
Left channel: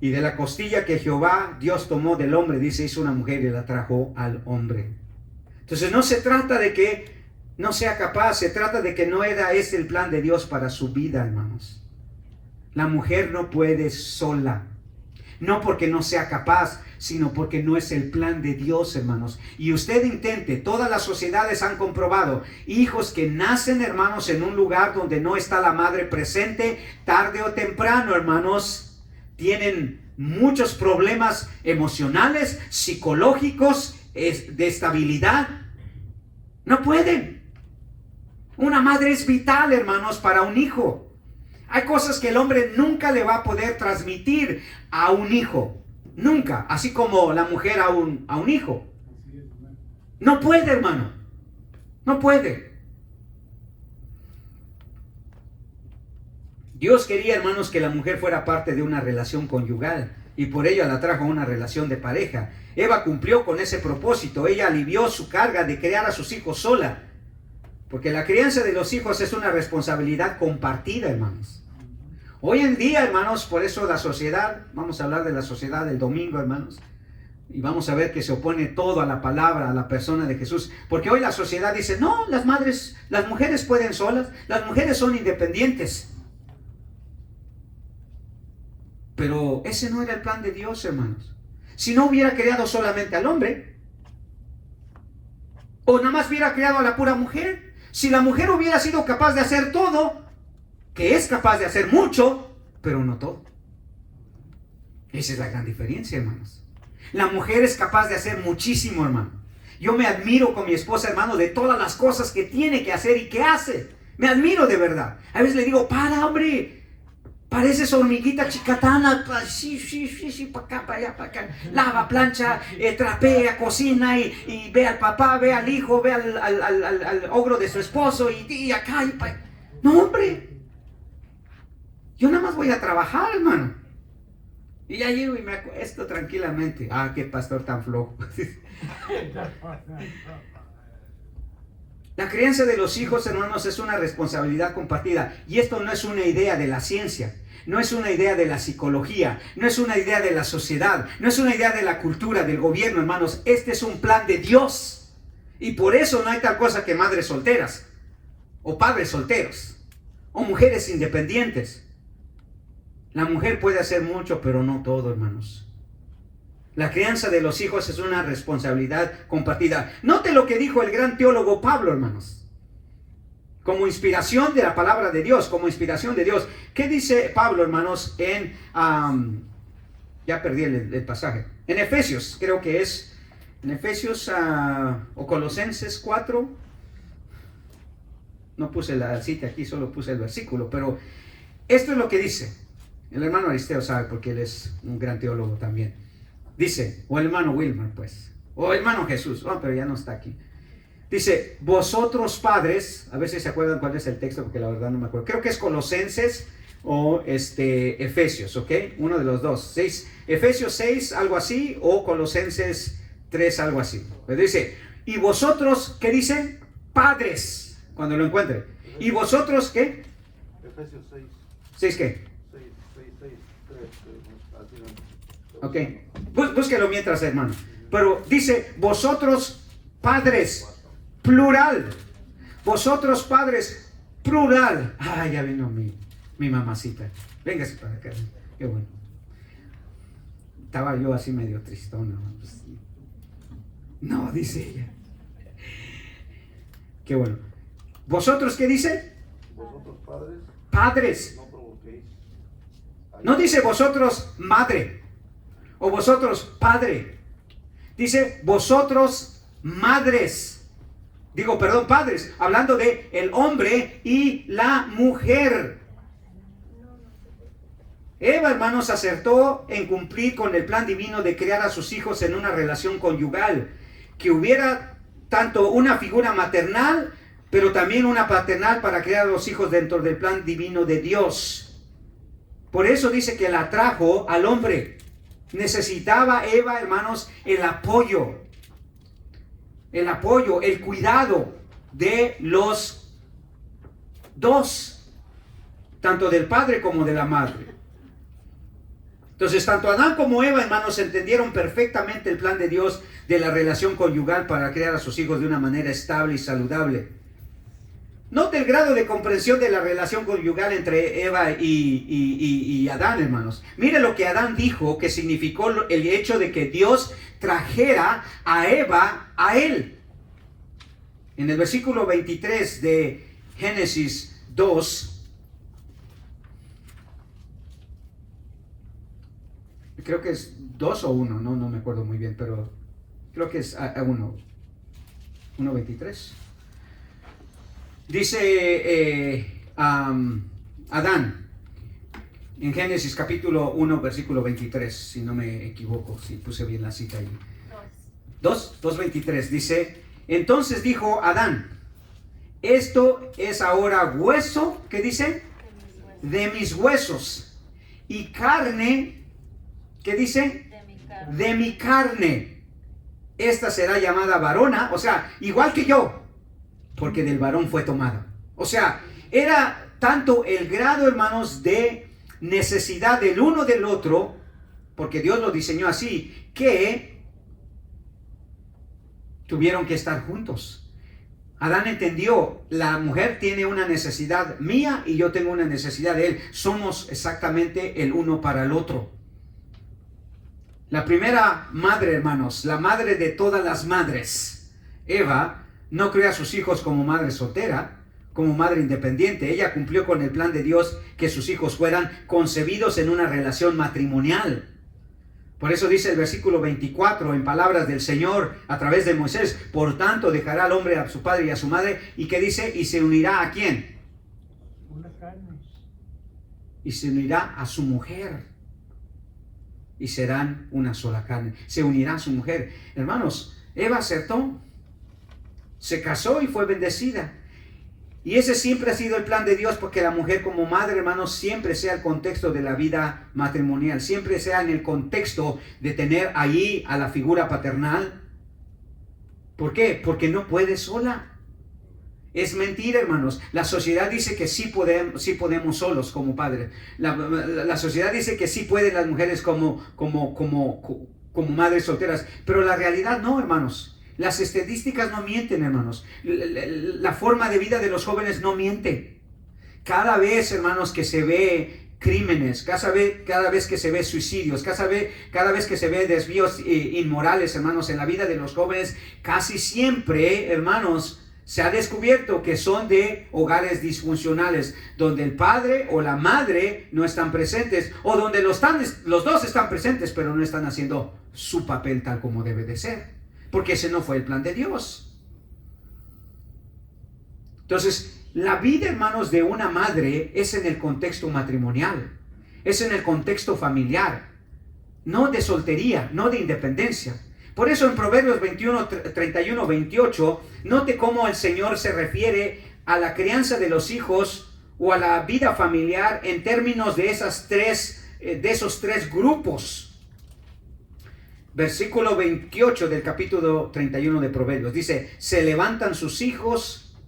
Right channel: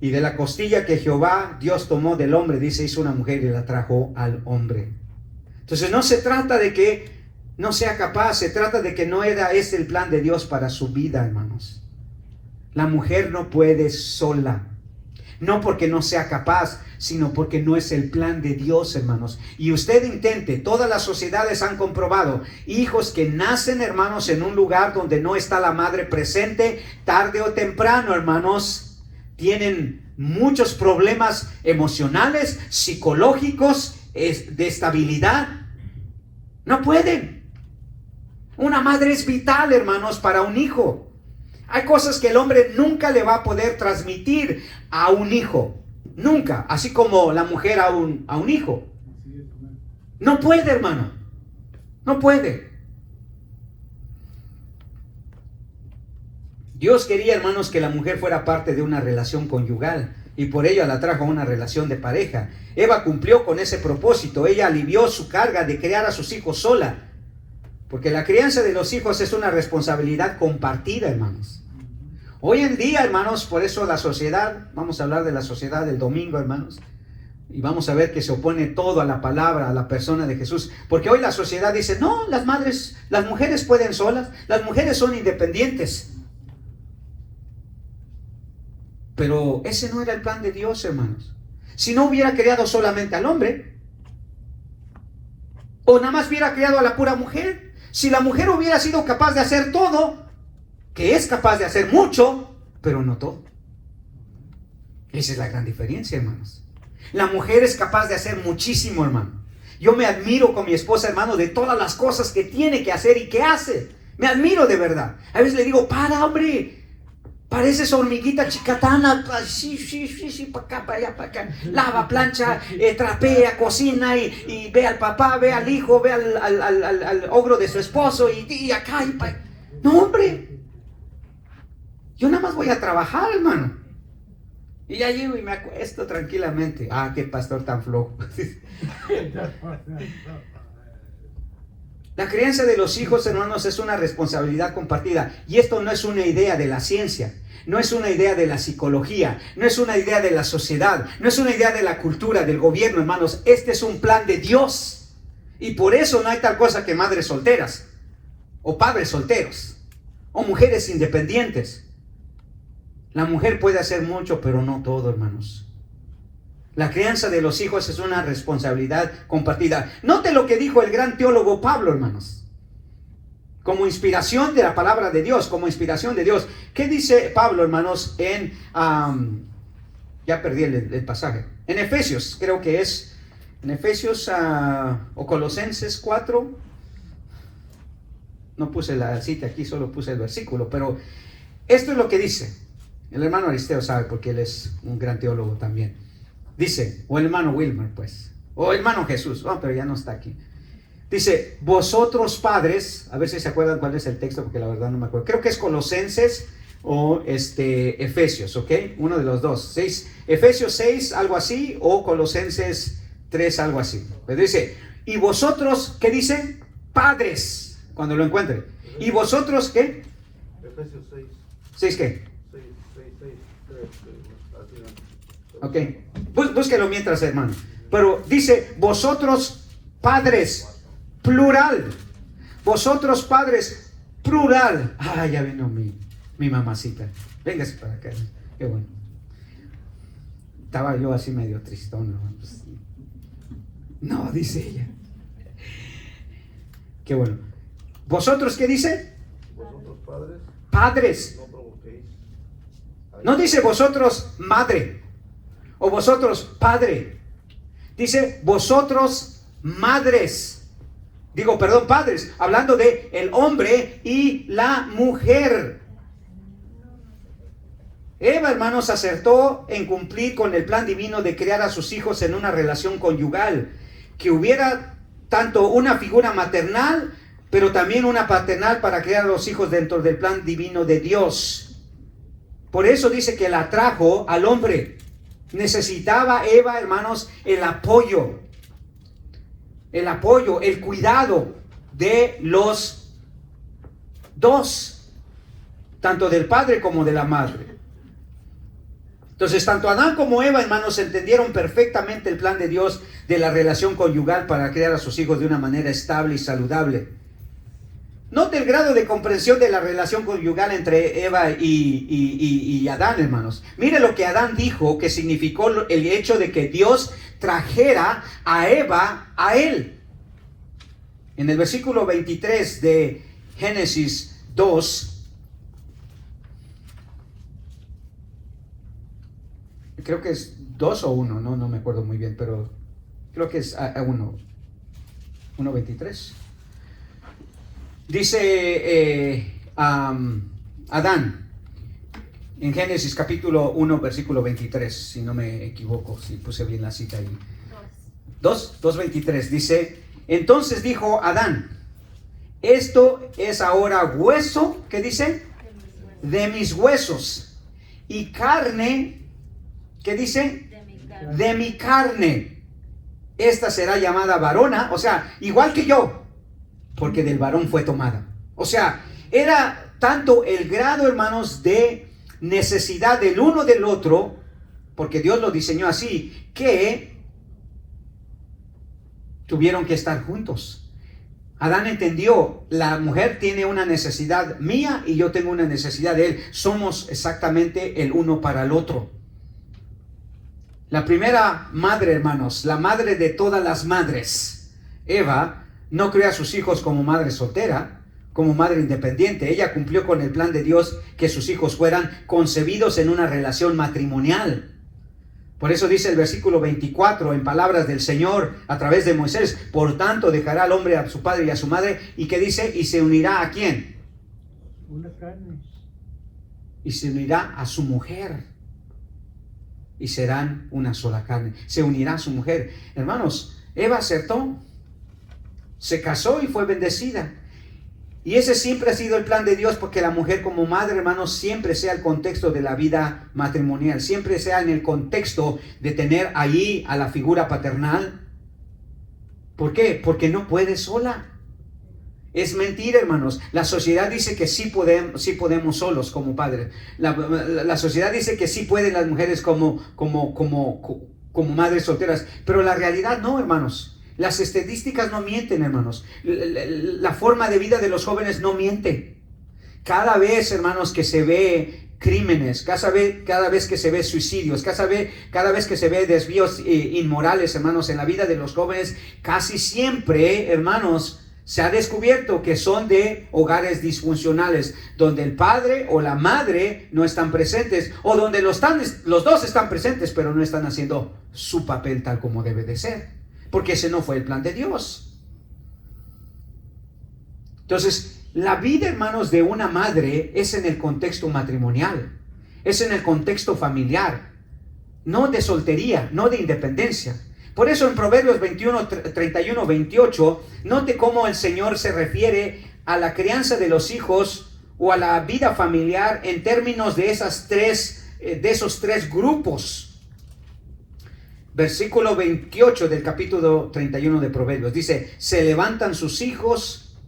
Y de la costilla que Jehová Dios tomó del hombre, dice, hizo una mujer y la trajo al hombre. Entonces no se trata de que no sea capaz, se trata de que no era este el plan de Dios para su vida, hermanos. La mujer no puede sola. No porque no sea capaz, sino porque no es el plan de Dios, hermanos. Y usted intente, todas las sociedades han comprobado, hijos que nacen, hermanos, en un lugar donde no está la madre presente, tarde o temprano, hermanos, tienen muchos problemas emocionales, psicológicos, de estabilidad. No pueden. Una madre es vital, hermanos, para un hijo. Hay cosas que el hombre nunca le va a poder transmitir a un hijo. Nunca. Así como la mujer a un hijo. No puede, hermano. No puede. Dios quería, hermanos, que la mujer fuera parte de una relación conyugal. Y por ello la trajo a una relación de pareja. Eva cumplió con ese propósito. Ella alivió su carga de criar a sus hijos sola. Porque la crianza de los hijos es una responsabilidad compartida, hermanos. Hoy en día, hermanos, por eso la sociedad, vamos a hablar de la sociedad del domingo, hermanos, y vamos a ver que se opone todo a la palabra, a la persona de Jesús. Porque hoy la sociedad dice, no, las mujeres pueden solas, las mujeres son independientes. Pero ese no era el plan de Dios, hermanos. Si no hubiera creado solamente al hombre, o nada más hubiera creado a la pura mujer, si la mujer hubiera sido capaz de hacer todo, que es capaz de hacer mucho, pero no todo. Esa es la gran diferencia, hermanos. La mujer es capaz de hacer muchísimo, hermano. Yo me admiro con mi esposa, hermano, de todas las cosas que tiene que hacer y que hace. Me admiro de verdad. A veces le digo, para, hombre. Pareces hormiguita chicatana, sí, para acá, para allá, para acá. Lava, plancha, trapea, cocina y ve al papá, ve al hijo, ve al ogro de su esposo y acá. No, hombre. Yo nada más voy a trabajar, hermano. Y ya llego y me acuesto tranquilamente. Ah, qué pastor tan flojo. La crianza de los hijos, hermanos, es una responsabilidad compartida. Y esto no es una idea de la ciencia, no es una idea de la psicología, no es una idea de la sociedad, no es una idea de la cultura, del gobierno, hermanos. Este es un plan de Dios. Y por eso no hay tal cosa que madres solteras, o padres solteros, o mujeres independientes. La mujer puede hacer mucho, pero no todo, hermanos. La crianza de los hijos es una responsabilidad compartida. Note lo que dijo el gran teólogo Pablo, hermanos. Como inspiración de la palabra de Dios, como inspiración de Dios. ¿Qué dice Pablo, hermanos, en... ya perdí el pasaje. En Efesios, creo que es. En Efesios o Colosenses 4. No puse la cita aquí, solo puse el versículo. Pero esto es lo que dice. El hermano Aristeo sabe porque él es un gran teólogo también. Dice, o el hermano Wilmer, pues, o el hermano Jesús, pero ya no está aquí. Dice, vosotros padres, a ver si se acuerdan cuál es el texto, porque la verdad no me acuerdo. Creo que es Colosenses o Efesios, ¿ok? Uno de los dos. Efesios 6, algo así, o Colosenses 3, algo así. Pero dice, y vosotros, ¿qué dice? Padres, cuando lo encuentren. ¿Y vosotros qué? Efesios 6. ¿6 qué? 6, 3. Ok, búsquelo mientras, hermano. Pero dice, vosotros padres, plural. Vosotros padres, plural. Ya vino mi mamacita. Véngase para acá. Qué bueno. Estaba yo así medio tristón. No, dice ella. Qué bueno. ¿Vosotros qué dice? Vosotros padres. Padres. No provoquéis. No dice vosotros madre. O vosotros padre. Dice vosotros madres. Digo, perdón, padres. Hablando de el hombre y la mujer. Eva, hermanos, acertó en cumplir con el plan divino de crear a sus hijos en una relación conyugal. Que hubiera tanto una figura maternal, pero también una paternal para crear a los hijos dentro del plan divino de Dios. Por eso dice que la trajo al hombre. Necesitaba Eva, hermanos, el apoyo, el cuidado de los dos, tanto del padre como de la madre. Entonces, tanto Adán como Eva, hermanos, entendieron perfectamente el plan de Dios de la relación conyugal para crear a sus hijos de una manera estable y saludable. Note el grado de comprensión de la relación conyugal entre Eva y Adán, hermanos. Mire lo que Adán dijo, que significó el hecho de que Dios trajera a Eva a él. En el versículo 23 de Génesis 2, creo que es 2 o 1, no me acuerdo muy bien, pero creo que es 1:23. Dice Adán, en Génesis capítulo 1, versículo 23, si no me equivoco, si puse bien la cita ahí. 2:23, dice, entonces dijo Adán, esto es ahora hueso, ¿qué dice? De mis huesos, y carne, ¿qué dice? De mi carne. Esta será llamada varona, o sea, igual que yo, porque del varón fue tomada. O sea, era tanto el grado, hermanos, de necesidad del uno del otro, porque Dios lo diseñó así, que tuvieron que estar juntos. Adán entendió, la mujer tiene una necesidad mía y yo tengo una necesidad de él. Somos exactamente el uno para el otro. La primera madre, hermanos, la madre de todas las madres, Eva, no crió a sus hijos como madre soltera, como madre independiente. Ella cumplió con el plan de Dios que sus hijos fueran concebidos en una relación matrimonial. Por eso dice el versículo 24 en palabras del Señor a través de Moisés, por tanto dejará al hombre a su padre y a su madre, y que dice, y se unirá ¿a quién? Una carne. Y se unirá a su mujer. Y serán una sola carne. Se unirá a su mujer. Hermanos, Eva acertó. Se casó y fue bendecida. Y ese siempre ha sido el plan de Dios, porque la mujer como madre, hermanos, siempre sea el contexto de la vida matrimonial, siempre sea en el contexto de tener allí a la figura paternal. ¿Por qué? Porque no puede sola. Es mentira, hermanos. La sociedad dice que sí podemos solos como padres. La sociedad dice que sí pueden las mujeres como madres solteras. Pero la realidad no, hermanos. Las estadísticas no mienten, hermanos. La forma de vida de los jóvenes no miente. Cada vez, hermanos, que se ve crímenes, cada vez que se ve suicidios, cada vez que se ve desvíos inmorales, hermanos, en la vida de los jóvenes, casi siempre, hermanos, se ha descubierto que son de hogares disfuncionales, donde el padre o la madre no están presentes, o donde los dos están presentes, pero no están haciendo su papel tal como debe de ser, porque ese no fue el plan de Dios. Entonces, la vida, hermanos, de una madre es en el contexto matrimonial, es en el contexto familiar, no de soltería, no de independencia. Por eso en Proverbios 21, 31, 28, note cómo el Señor se refiere a la crianza de los hijos o a la vida familiar en términos de esos tres grupos. Versículo 28 del capítulo 31 de Proverbios dice: se levantan sus hijos,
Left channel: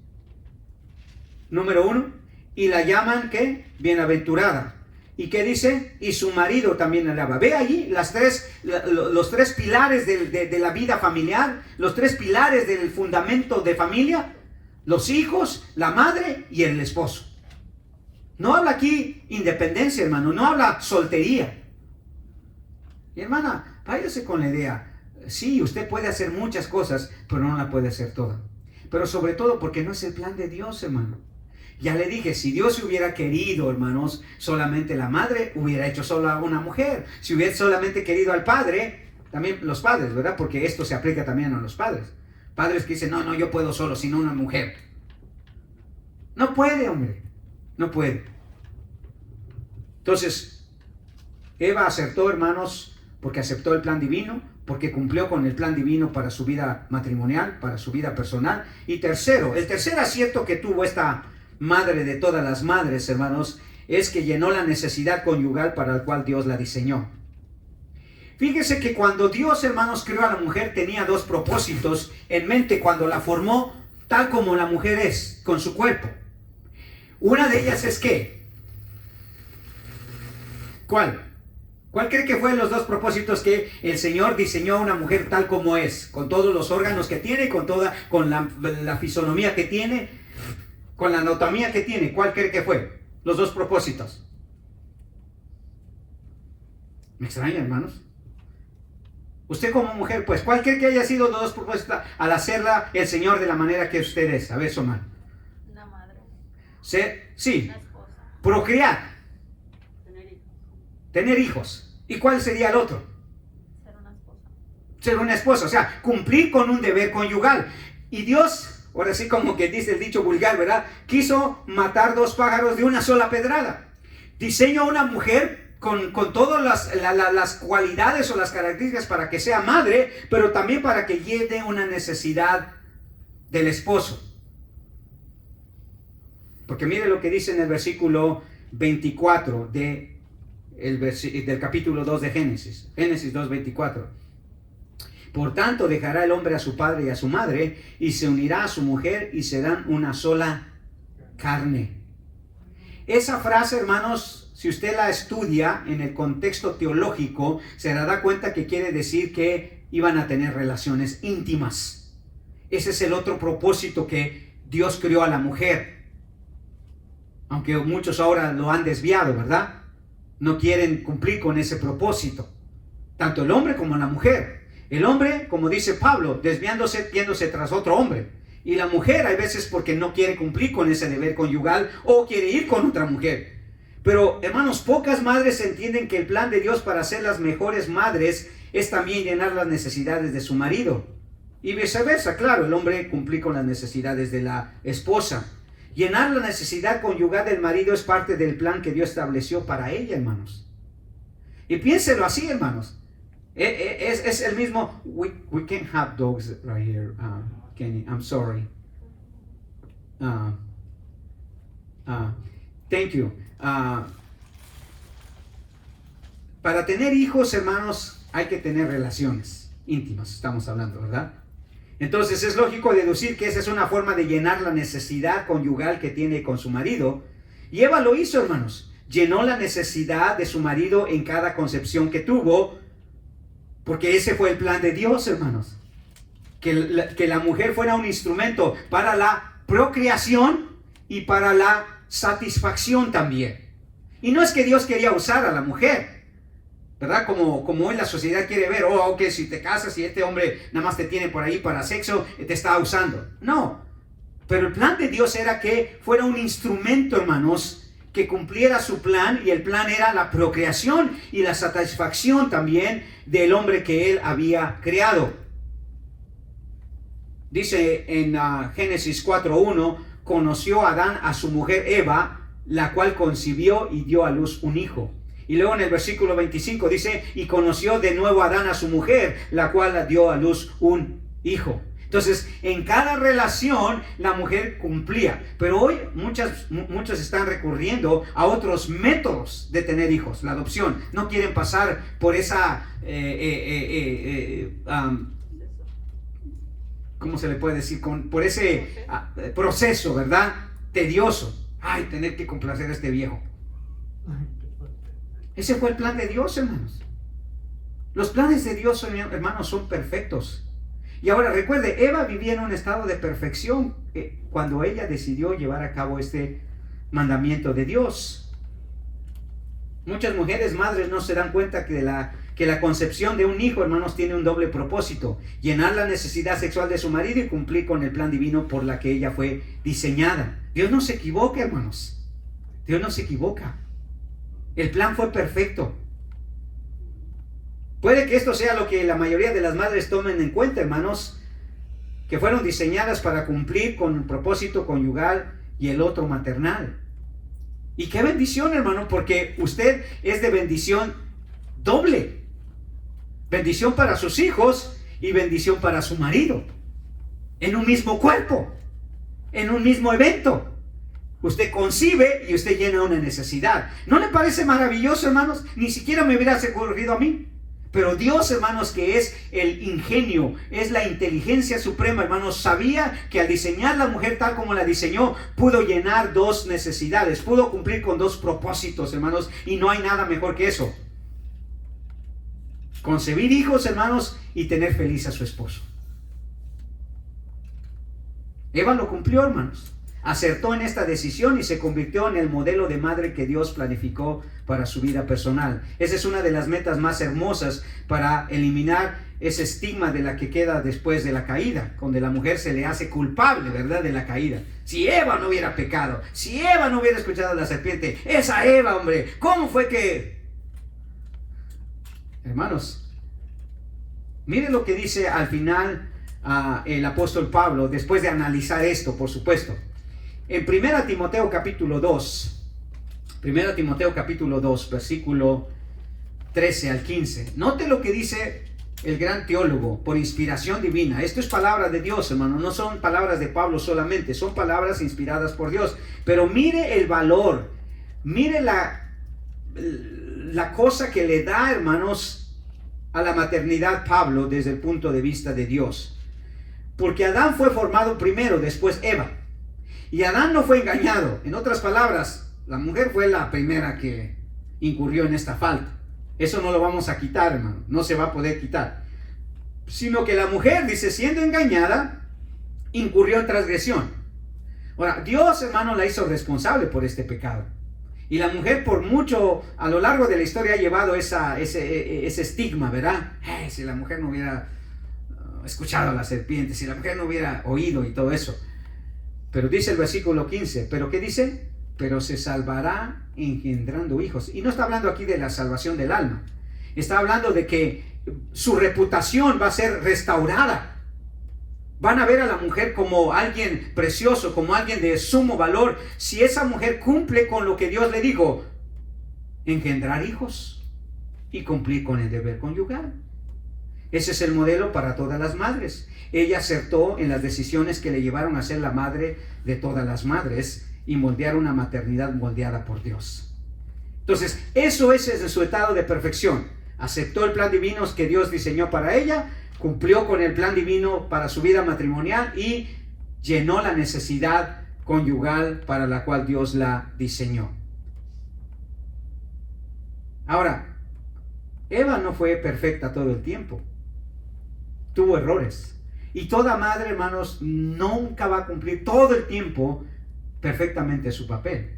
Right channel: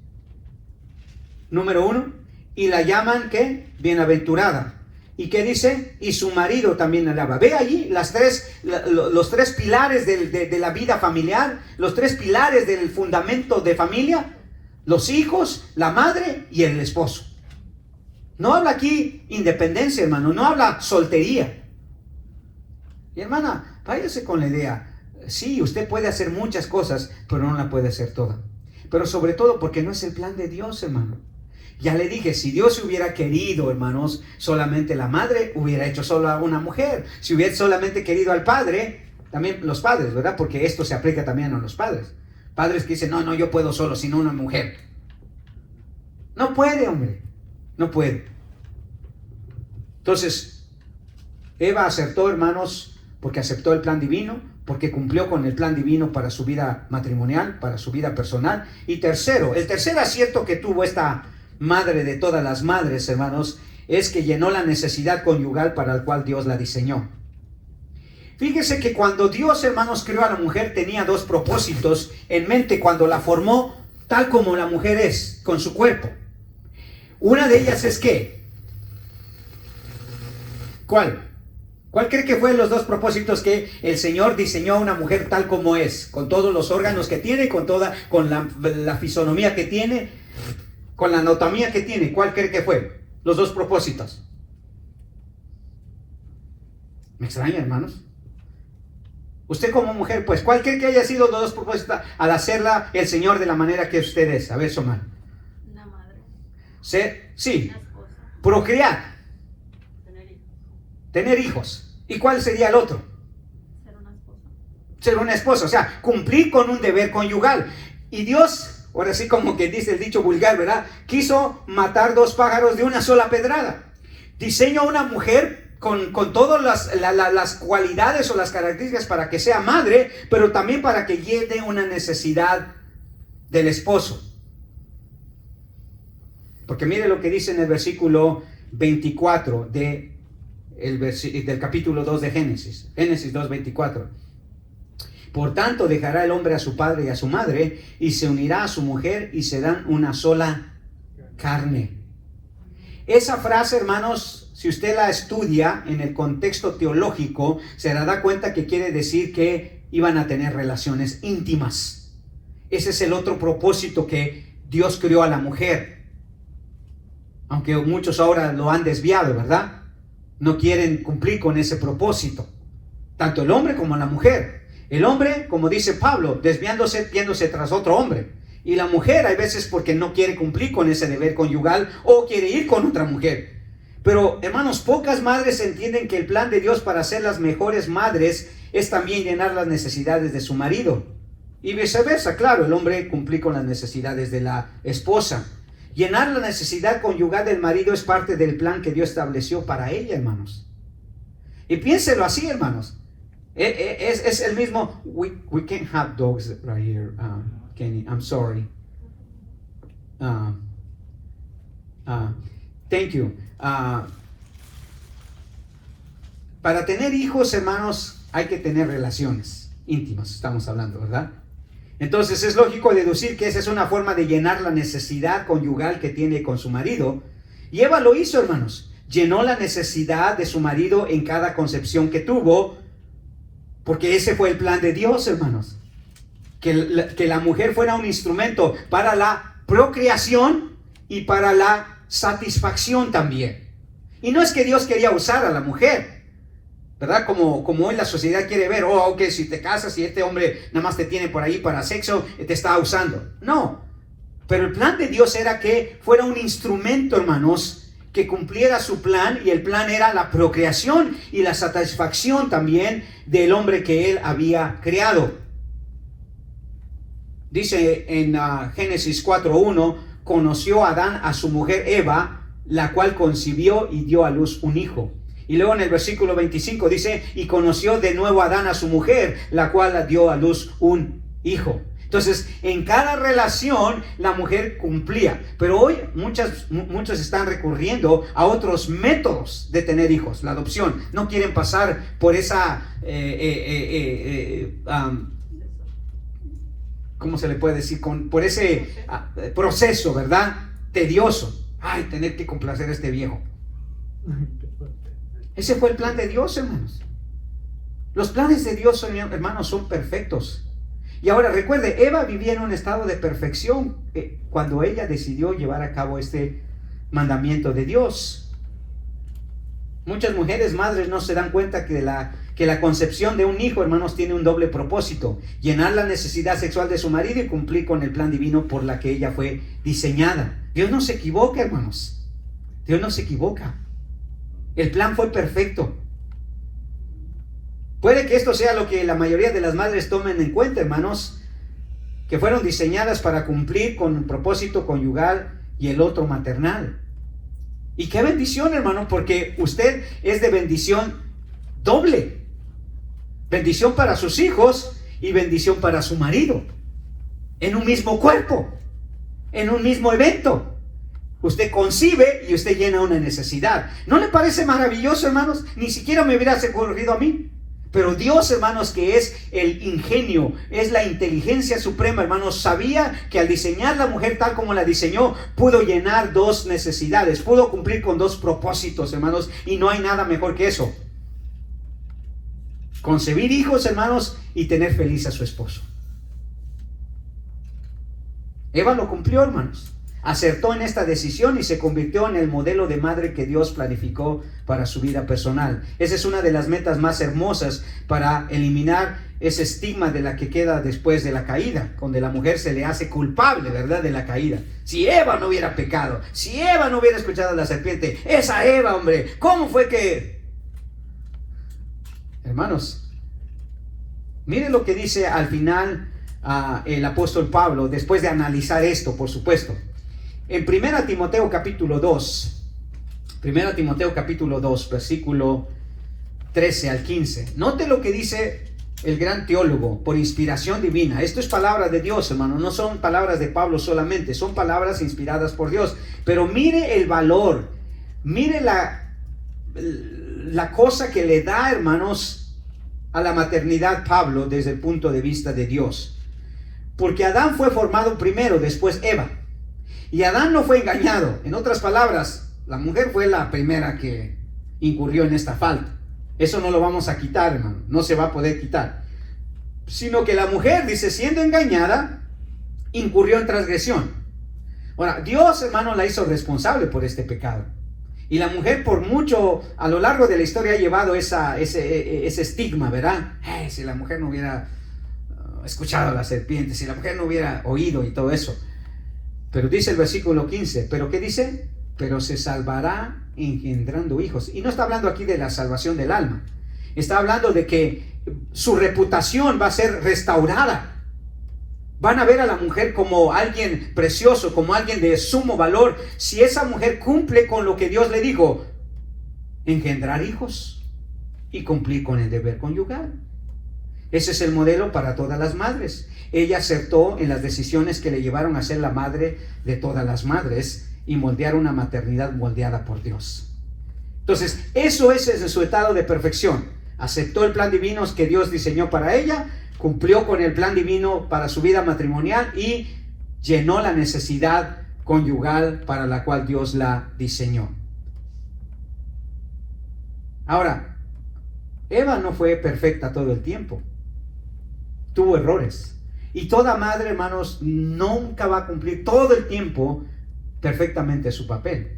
número 1, y la llaman, ¿qué? Bienaventurada. ¿Y qué dice? Y su marido también la alaba. Ve allí los tres pilares de la vida familiar, los tres pilares del fundamento de familia: los hijos, la madre y el esposo. No habla aquí independencia, hermano, no habla soltería. Y hermana, váyase con la idea. Sí, usted puede hacer muchas cosas, pero no la puede hacer toda. Pero sobre todo porque no es el plan de Dios, hermano. Ya le dije, si Dios hubiera querido, hermanos, solamente la madre, hubiera hecho solo a una mujer. Si hubiera solamente querido al padre, también los padres, ¿verdad? Porque esto se aplica también a los padres. Padres que dicen, no, yo puedo solo, sino una mujer. No puede, hombre, no puede. Entonces, Eva acertó, hermanos, porque aceptó el plan divino, porque cumplió con el plan divino para su vida matrimonial, para su vida personal. Y tercero, el tercer acierto que tuvo esta madre de todas las madres, hermanos, es que llenó la necesidad conyugal para el cual Dios la diseñó. Fíjese que cuando Dios, hermanos, creó a la mujer, tenía dos propósitos en mente cuando la formó, tal como la mujer es, con su cuerpo. Una de ellas es ¿qué? ¿Cuál? ¿Cuál cree que fue los dos propósitos que el Señor diseñó a una mujer tal como es? Con todos los órganos que tiene, con la fisonomía que tiene, con la anatomía que tiene. ¿Cuál cree que fue? Los dos propósitos. ¿Me extraña, hermanos? Usted como mujer, pues, ¿cuál cree que haya sido los dos propósitos al hacerla el Señor de la manera que usted es? A ver, Somar. Una madre. Sí. Una esposa. Procrear. Tener hijos. Tener hijos. ¿Y cuál sería el otro? Ser una esposa. Ser una esposa, o sea, cumplir con un deber conyugal. Y Dios, ahora sí como que dice el dicho vulgar, ¿verdad? Quiso matar dos pájaros de una sola pedrada. Diseñó a una mujer con todas las cualidades o las características para que sea madre, pero también para que llene una necesidad del esposo. Porque mire lo que dice en el versículo 24 del capítulo 2 de Génesis. Génesis 2:24. Por tanto, dejará el hombre a su padre y a su madre, y se unirá a su mujer, y serán una sola carne. Esa frase, hermanos, si usted la estudia en el contexto teológico, se dará cuenta que quiere decir que iban a tener relaciones íntimas. Ese es el otro propósito que Dios creó a la mujer. Aunque muchos ahora lo han desviado, ¿verdad? No quieren cumplir con ese propósito. Tanto el hombre como la mujer. El hombre, como dice Pablo, desviándose, yéndose tras otro hombre. Y la mujer, hay veces porque no quiere cumplir con ese deber conyugal o quiere ir con otra mujer. Pero, hermanos, pocas madres entienden que el plan de Dios para ser las mejores madres es también llenar las necesidades de su marido. Y viceversa, claro, el hombre cumplir con las necesidades de la esposa. Llenar la necesidad conyugal del marido es parte del plan que Dios estableció para ella, hermanos. Y piénselo así, hermanos. Es el mismo. We can't have dogs right here, Kenny. I'm sorry. Thank you. Para tener hijos, hermanos, hay que tener relaciones íntimas, estamos hablando, ¿verdad? Entonces es lógico deducir que esa es una forma de llenar la necesidad conyugal que tiene con su marido. Y Eva lo hizo, hermanos. Llenó la necesidad de su marido en cada concepción que tuvo, porque ese fue el plan de Dios, hermanos. Que la mujer fuera un instrumento para la procreación y para la satisfacción también. Y no es que Dios quería usar a la mujer, ¿verdad? Como hoy la sociedad quiere ver, oh, ok, si te casas y este hombre nada más te tiene por ahí para sexo, te está usando. No, pero el plan de Dios era que fuera un instrumento, hermanos, que cumpliera su plan, y el plan era la procreación y la satisfacción también del hombre que él había creado. Dice en Génesis 4:1, conoció Adán a su mujer Eva, la cual concibió y dio a luz un hijo. Y luego en el versículo 25 dice, y conoció de nuevo Adán a su mujer, la cual dio a luz un hijo. Entonces, en cada relación la mujer cumplía. Pero hoy muchos están recurriendo a otros métodos de tener hijos, la adopción. No quieren pasar por esa, ¿cómo se le puede decir? Por ese proceso, ¿verdad? Tedioso. Ay, tener que complacer a este viejo. Ese fue el plan de Dios, hermanos. Los planes de Dios, hermanos, son perfectos. Y ahora recuerde, Eva vivía en un estado de perfección cuando ella decidió llevar a cabo este mandamiento de Dios. Muchas mujeres madres no se dan cuenta que la concepción de un hijo, hermanos, tiene un doble propósito: llenar la necesidad sexual de su marido y cumplir con el plan divino por la que ella fue diseñada. Dios no se equivoca, hermanos. Dios no se equivoca. El plan fue perfecto. Puede que esto sea lo que la mayoría de las madres tomen en cuenta, hermanos, que fueron diseñadas para cumplir con un propósito conyugal y el otro maternal. Y qué bendición, hermano, porque usted es de bendición doble. Bendición para sus hijos y bendición para su marido. En un mismo cuerpo, en un mismo evento. Usted concibe y usted llena una necesidad. ¿No le parece maravilloso, hermanos? Ni siquiera me hubiera ocurrido a mí. Pero Dios, hermanos, que es el ingenio, es la inteligencia suprema, hermanos, sabía que al diseñar la mujer tal como la diseñó, pudo llenar dos necesidades, pudo cumplir con dos propósitos, hermanos, y no hay nada mejor que eso. Concebir hijos, hermanos, y tener feliz a su esposo. Eva lo cumplió, hermanos. Acertó en esta decisión y se convirtió en el modelo de madre que Dios planificó para su vida personal. Esa es una de las metas más hermosas para eliminar ese estigma de la que queda después de la caída, donde la mujer se le hace culpable, ¿verdad?, de la caída. Si Eva no hubiera pecado, si Eva no hubiera escuchado a la serpiente, esa Eva, hombre, ¿cómo fue que...? Hermanos, miren lo que dice al final el apóstol Pablo, después de analizar esto, por supuesto. En 1 Timoteo capítulo 2, versículo 13 al 15. Note lo que dice el gran teólogo, por inspiración divina. Esto es palabra de Dios, hermano, no son palabras de Pablo solamente, son palabras inspiradas por Dios. Pero mire el valor, mire la cosa que le da, hermanos, a la maternidad Pablo desde el punto de vista de Dios. Porque Adán fue formado primero, después Eva. Y Adán no fue engañado. En otras palabras, la mujer fue la primera que incurrió en esta falta. Eso no lo vamos a quitar, hermano. No se va a poder quitar. Sino que la mujer, dice, siendo engañada, incurrió en transgresión. Ahora, Dios, hermano, la hizo responsable por este pecado. Y la mujer por mucho, a lo largo de la historia, ha llevado ese estigma, ¿verdad? Si la mujer no hubiera escuchado a la serpiente, si la mujer no hubiera oído y todo eso. Pero dice el versículo 15, ¿pero qué dice? Pero se salvará engendrando hijos. Y no está hablando aquí de la salvación del alma. Está hablando de que su reputación va a ser restaurada. Van a ver a la mujer como alguien precioso, como alguien de sumo valor, si esa mujer cumple con lo que Dios le dijo: engendrar hijos y cumplir con el deber conyugal. Ese es el modelo para todas las madres. Ella acertó en las decisiones que le llevaron a ser la madre de todas las madres y moldear una maternidad moldeada por Dios. Entonces, eso es en su estado de perfección. Aceptó el plan divino que Dios diseñó para ella, cumplió con el plan divino para su vida matrimonial y llenó la necesidad conyugal para la cual Dios la diseñó. Ahora, Eva no fue perfecta todo el tiempo. Tuvo errores. Y toda madre, hermanos, nunca va a cumplir todo el tiempo perfectamente su papel.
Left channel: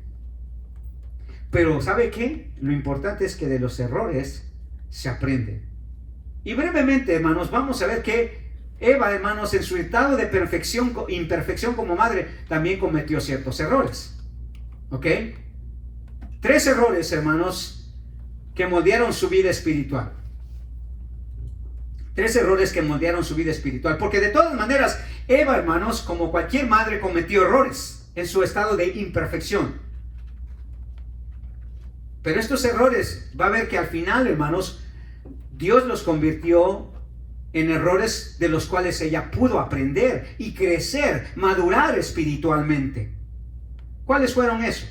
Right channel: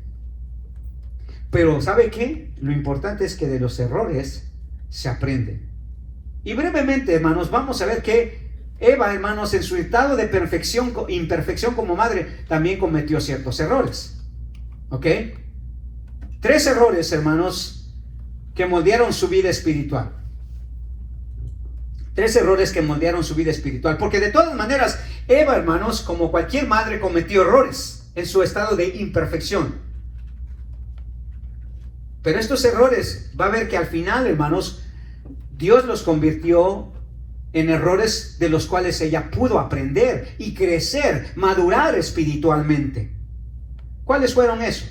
Pero ¿sabe qué? Lo importante es que de los errores se aprende. Y brevemente, hermanos, vamos a ver que Eva, hermanos, en su estado de imperfección como madre, también cometió ciertos errores. ¿Ok? 3 errores, hermanos, que moldearon su vida espiritual. 3 errores que moldearon su vida espiritual. Porque de todas maneras, Eva, hermanos, como cualquier madre, cometió errores en su estado de imperfección. Pero estos errores, va a ver que al final, hermanos, Dios los convirtió en errores de los cuales ella pudo aprender y crecer, madurar espiritualmente. ¿Cuáles fueron esos?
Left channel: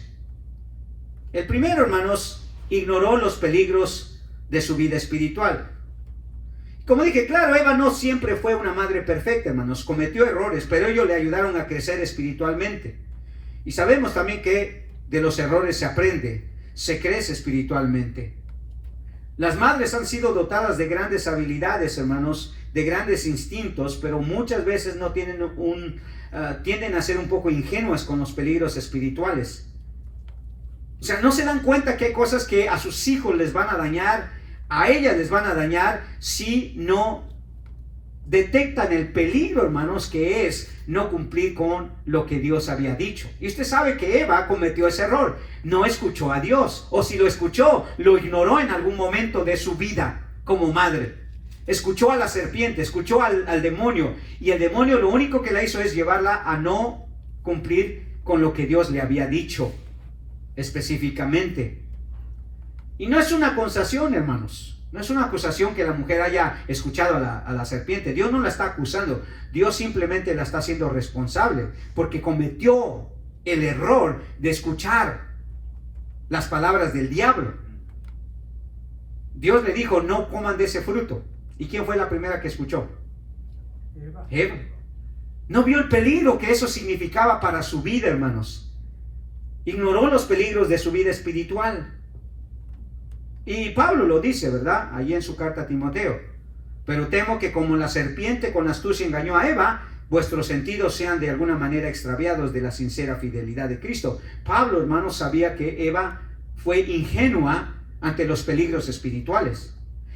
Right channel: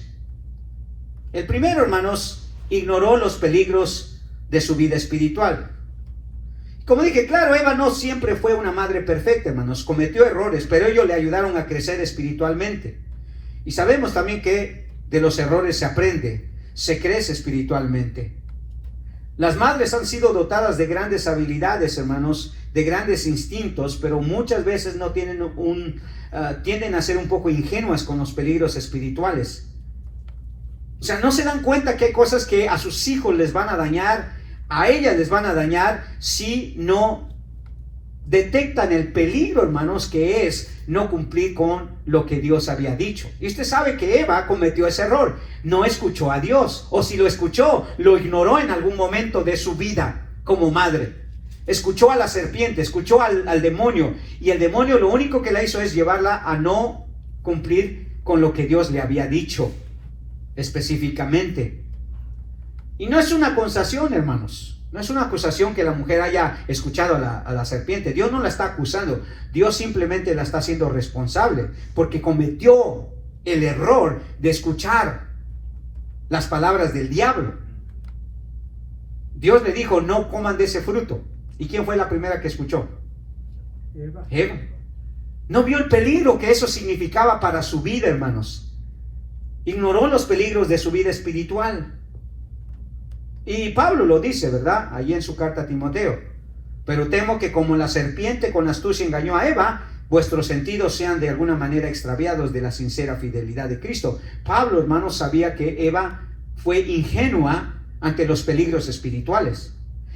El primero, hermanos, ignoró los peligros de su vida espiritual. Como dije, claro, Eva no siempre fue una madre perfecta, hermanos, cometió errores, pero ellos le ayudaron a crecer espiritualmente. Y sabemos también que de los errores se aprende, se crece espiritualmente. Las madres han sido dotadas de grandes habilidades, hermanos, de grandes instintos, pero muchas veces no tienen tienden a ser un poco ingenuas con los peligros espirituales. O sea, no se dan cuenta que hay cosas que a sus hijos les van a dañar, a ellas les van a dañar si no detectan el peligro, hermanos, que es no cumplir con lo que Dios había dicho. Y usted sabe que Eva cometió ese error. No escuchó a Dios, o si lo escuchó, lo ignoró en algún momento de su vida como madre. Escuchó a la serpiente, escuchó al demonio, y el demonio lo único que la hizo es llevarla a no cumplir con lo que Dios le había dicho específicamente. Y no es una acusación, hermanos. No es una acusación que la mujer haya escuchado a la serpiente. Dios no la está acusando. Dios simplemente la está haciendo responsable porque cometió el error de escuchar las palabras del diablo. Dios le dijo, no coman de ese fruto. ¿Y quién fue la primera que escuchó? Eva. No vio el peligro que eso significaba para su vida, hermanos. Ignoró los peligros de su vida espiritual. Y Pablo lo dice, ¿verdad? Allí en su carta a Timoteo. Pero temo que como la serpiente con astucia engañó a Eva, vuestros sentidos sean de alguna manera extraviados de la sincera fidelidad de Cristo. Pablo, hermanos, sabía que Eva fue ingenua ante los peligros espirituales.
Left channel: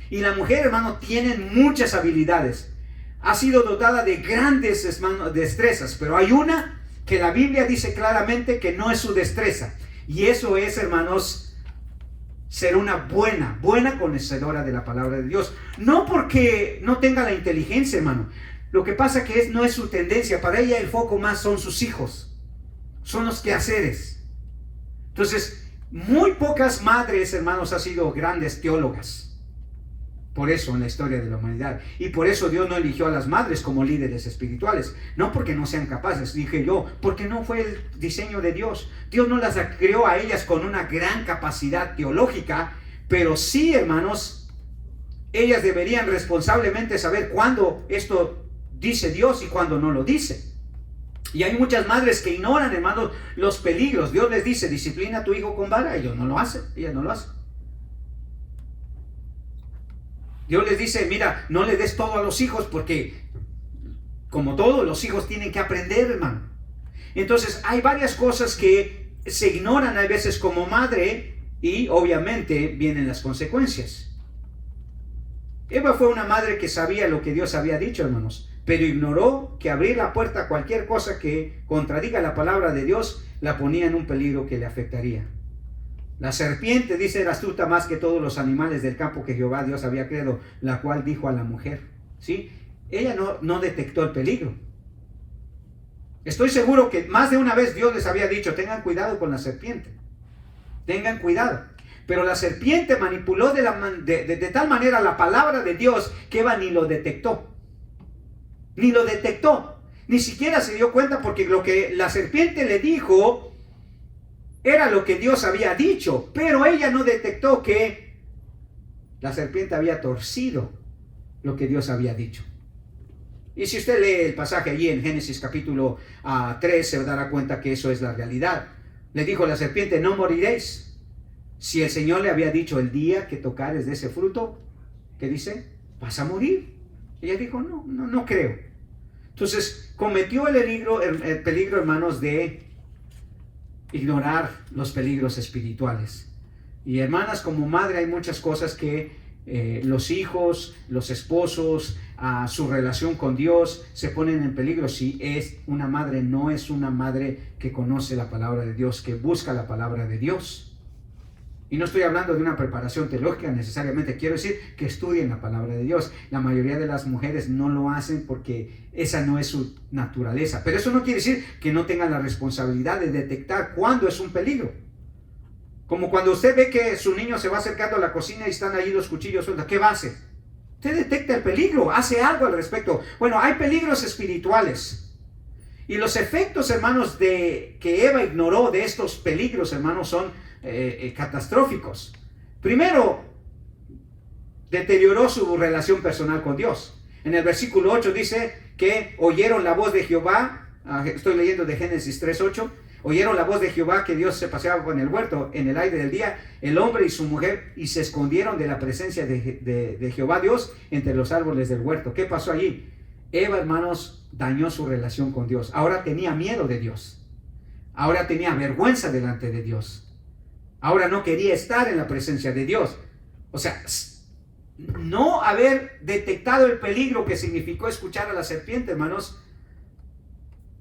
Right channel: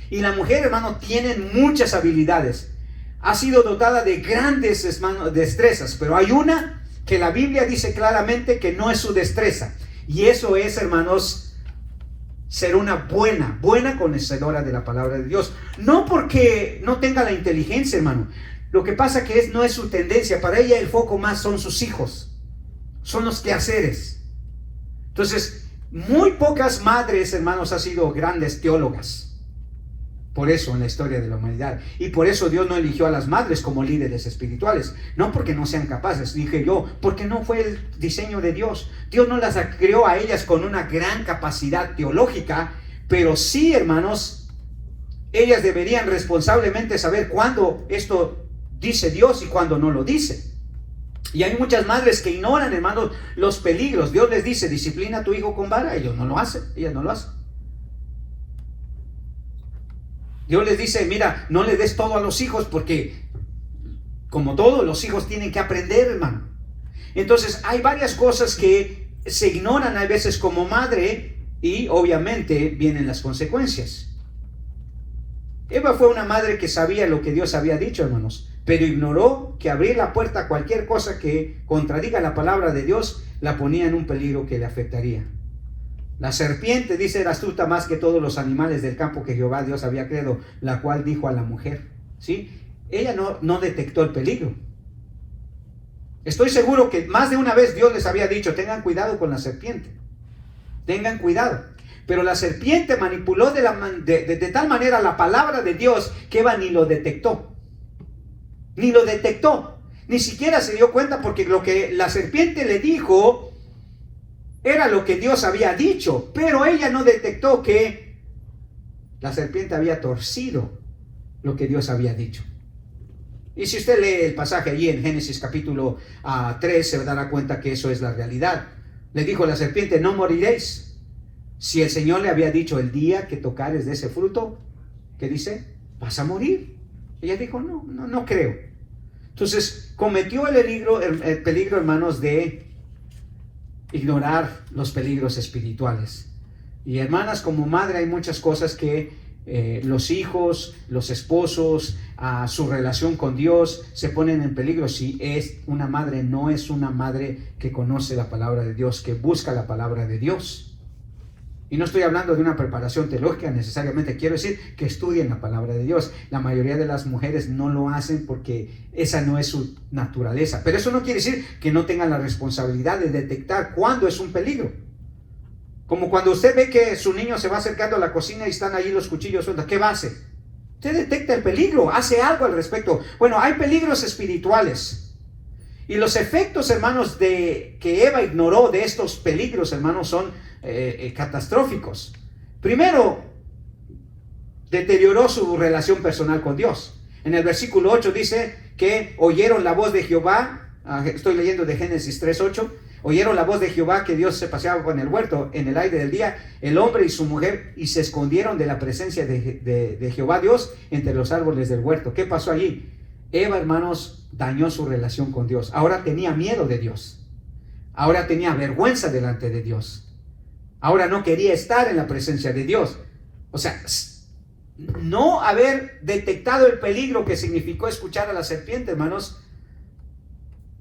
Y la mujer, hermano, tiene muchas habilidades. Ha sido dotada de grandes destrezas, pero hay una que la Biblia dice claramente que no es su destreza. Y eso es, hermanos, ser una buena conocedora de la palabra de Dios. No porque no tenga la inteligencia, hermano. Lo que pasa que no es su tendencia. Para ella el foco más son sus hijos. Son los quehaceres. Entonces, muy pocas madres, hermanos, han sido grandes teólogas. Por eso en la historia de la humanidad. Y por eso Dios no eligió a las madres como líderes espirituales. No porque no sean capaces, dije yo, porque no fue el diseño de Dios. Dios no las creó a ellas con una gran capacidad teológica, pero sí, hermanos, ellas deberían responsablemente saber cuándo esto dice Dios y cuándo no lo dice. Y hay muchas madres que ignoran, hermanos, los peligros. Dios les dice, disciplina a tu hijo con vara. Ellos no lo hacen, ellas no lo hacen. Dios les dice, mira, no le des todo a los hijos porque, como todos, los hijos tienen que aprender, hermano. Entonces, hay varias cosas que se ignoran a veces como madre y obviamente vienen las consecuencias. Eva fue una madre que sabía lo que Dios había dicho, hermanos, pero ignoró que abrir la puerta a cualquier cosa que contradiga la palabra de Dios la ponía en un peligro que le afectaría. La serpiente, dice, era astuta más que todos los animales del campo que Jehová Dios había creado, la cual dijo a la mujer, ¿sí? Ella no detectó el peligro. Estoy seguro que más de una vez Dios les había dicho, tengan cuidado con la serpiente. Tengan cuidado. Pero la serpiente manipuló de tal manera la palabra de Dios que Eva ni lo detectó. Ni lo detectó. Ni siquiera se dio cuenta porque lo que la serpiente le dijo era lo que Dios había dicho, pero ella no detectó que la serpiente había torcido lo que Dios había dicho. Y si usted lee el pasaje allí en Génesis capítulo 3, se dará cuenta que eso es la realidad. Le dijo la serpiente, no moriréis. Si el Señor le había dicho, el día que tocares de ese fruto, ¿qué dice? Vas a morir. Ella dijo, no creo. Entonces cometió el peligro, hermanos, de ignorar los peligros espirituales. Y hermanas, como madre hay muchas cosas que los hijos, los esposos, su relación con Dios se ponen en peligro si es una madre, no es una madre que conoce la palabra de Dios, que busca la palabra de Dios. Y no estoy hablando de una preparación teológica necesariamente, quiero decir que estudien la palabra de Dios. La mayoría de las mujeres no lo hacen porque esa no es su naturaleza. Pero eso no quiere decir que no tengan la responsabilidad de detectar cuándo es un peligro. Como cuando usted ve que su niño se va acercando a la cocina y están ahí los cuchillos sueltos, ¿qué va a hacer? Usted detecta el peligro, hace algo al respecto. Bueno, hay peligros espirituales. Y los efectos, hermanos, que Eva ignoró de estos peligros, hermanos, son catastróficos. Primero, deterioró su relación personal con Dios. En el versículo 8 dice que oyeron la voz de Jehová. Estoy leyendo de Génesis 3:8. Oyeron la voz de Jehová, que Dios se paseaba en el huerto en el aire del día, el hombre y su mujer, y se escondieron de la presencia de Jehová Dios entre los árboles del huerto. ¿Qué pasó allí? Eva, hermanos, dañó su relación con Dios. Ahora tenía miedo de Dios. Ahora tenía vergüenza delante de Dios. Ahora no quería estar en la presencia de Dios. O sea, no haber detectado el peligro que significó escuchar a la serpiente, hermanos,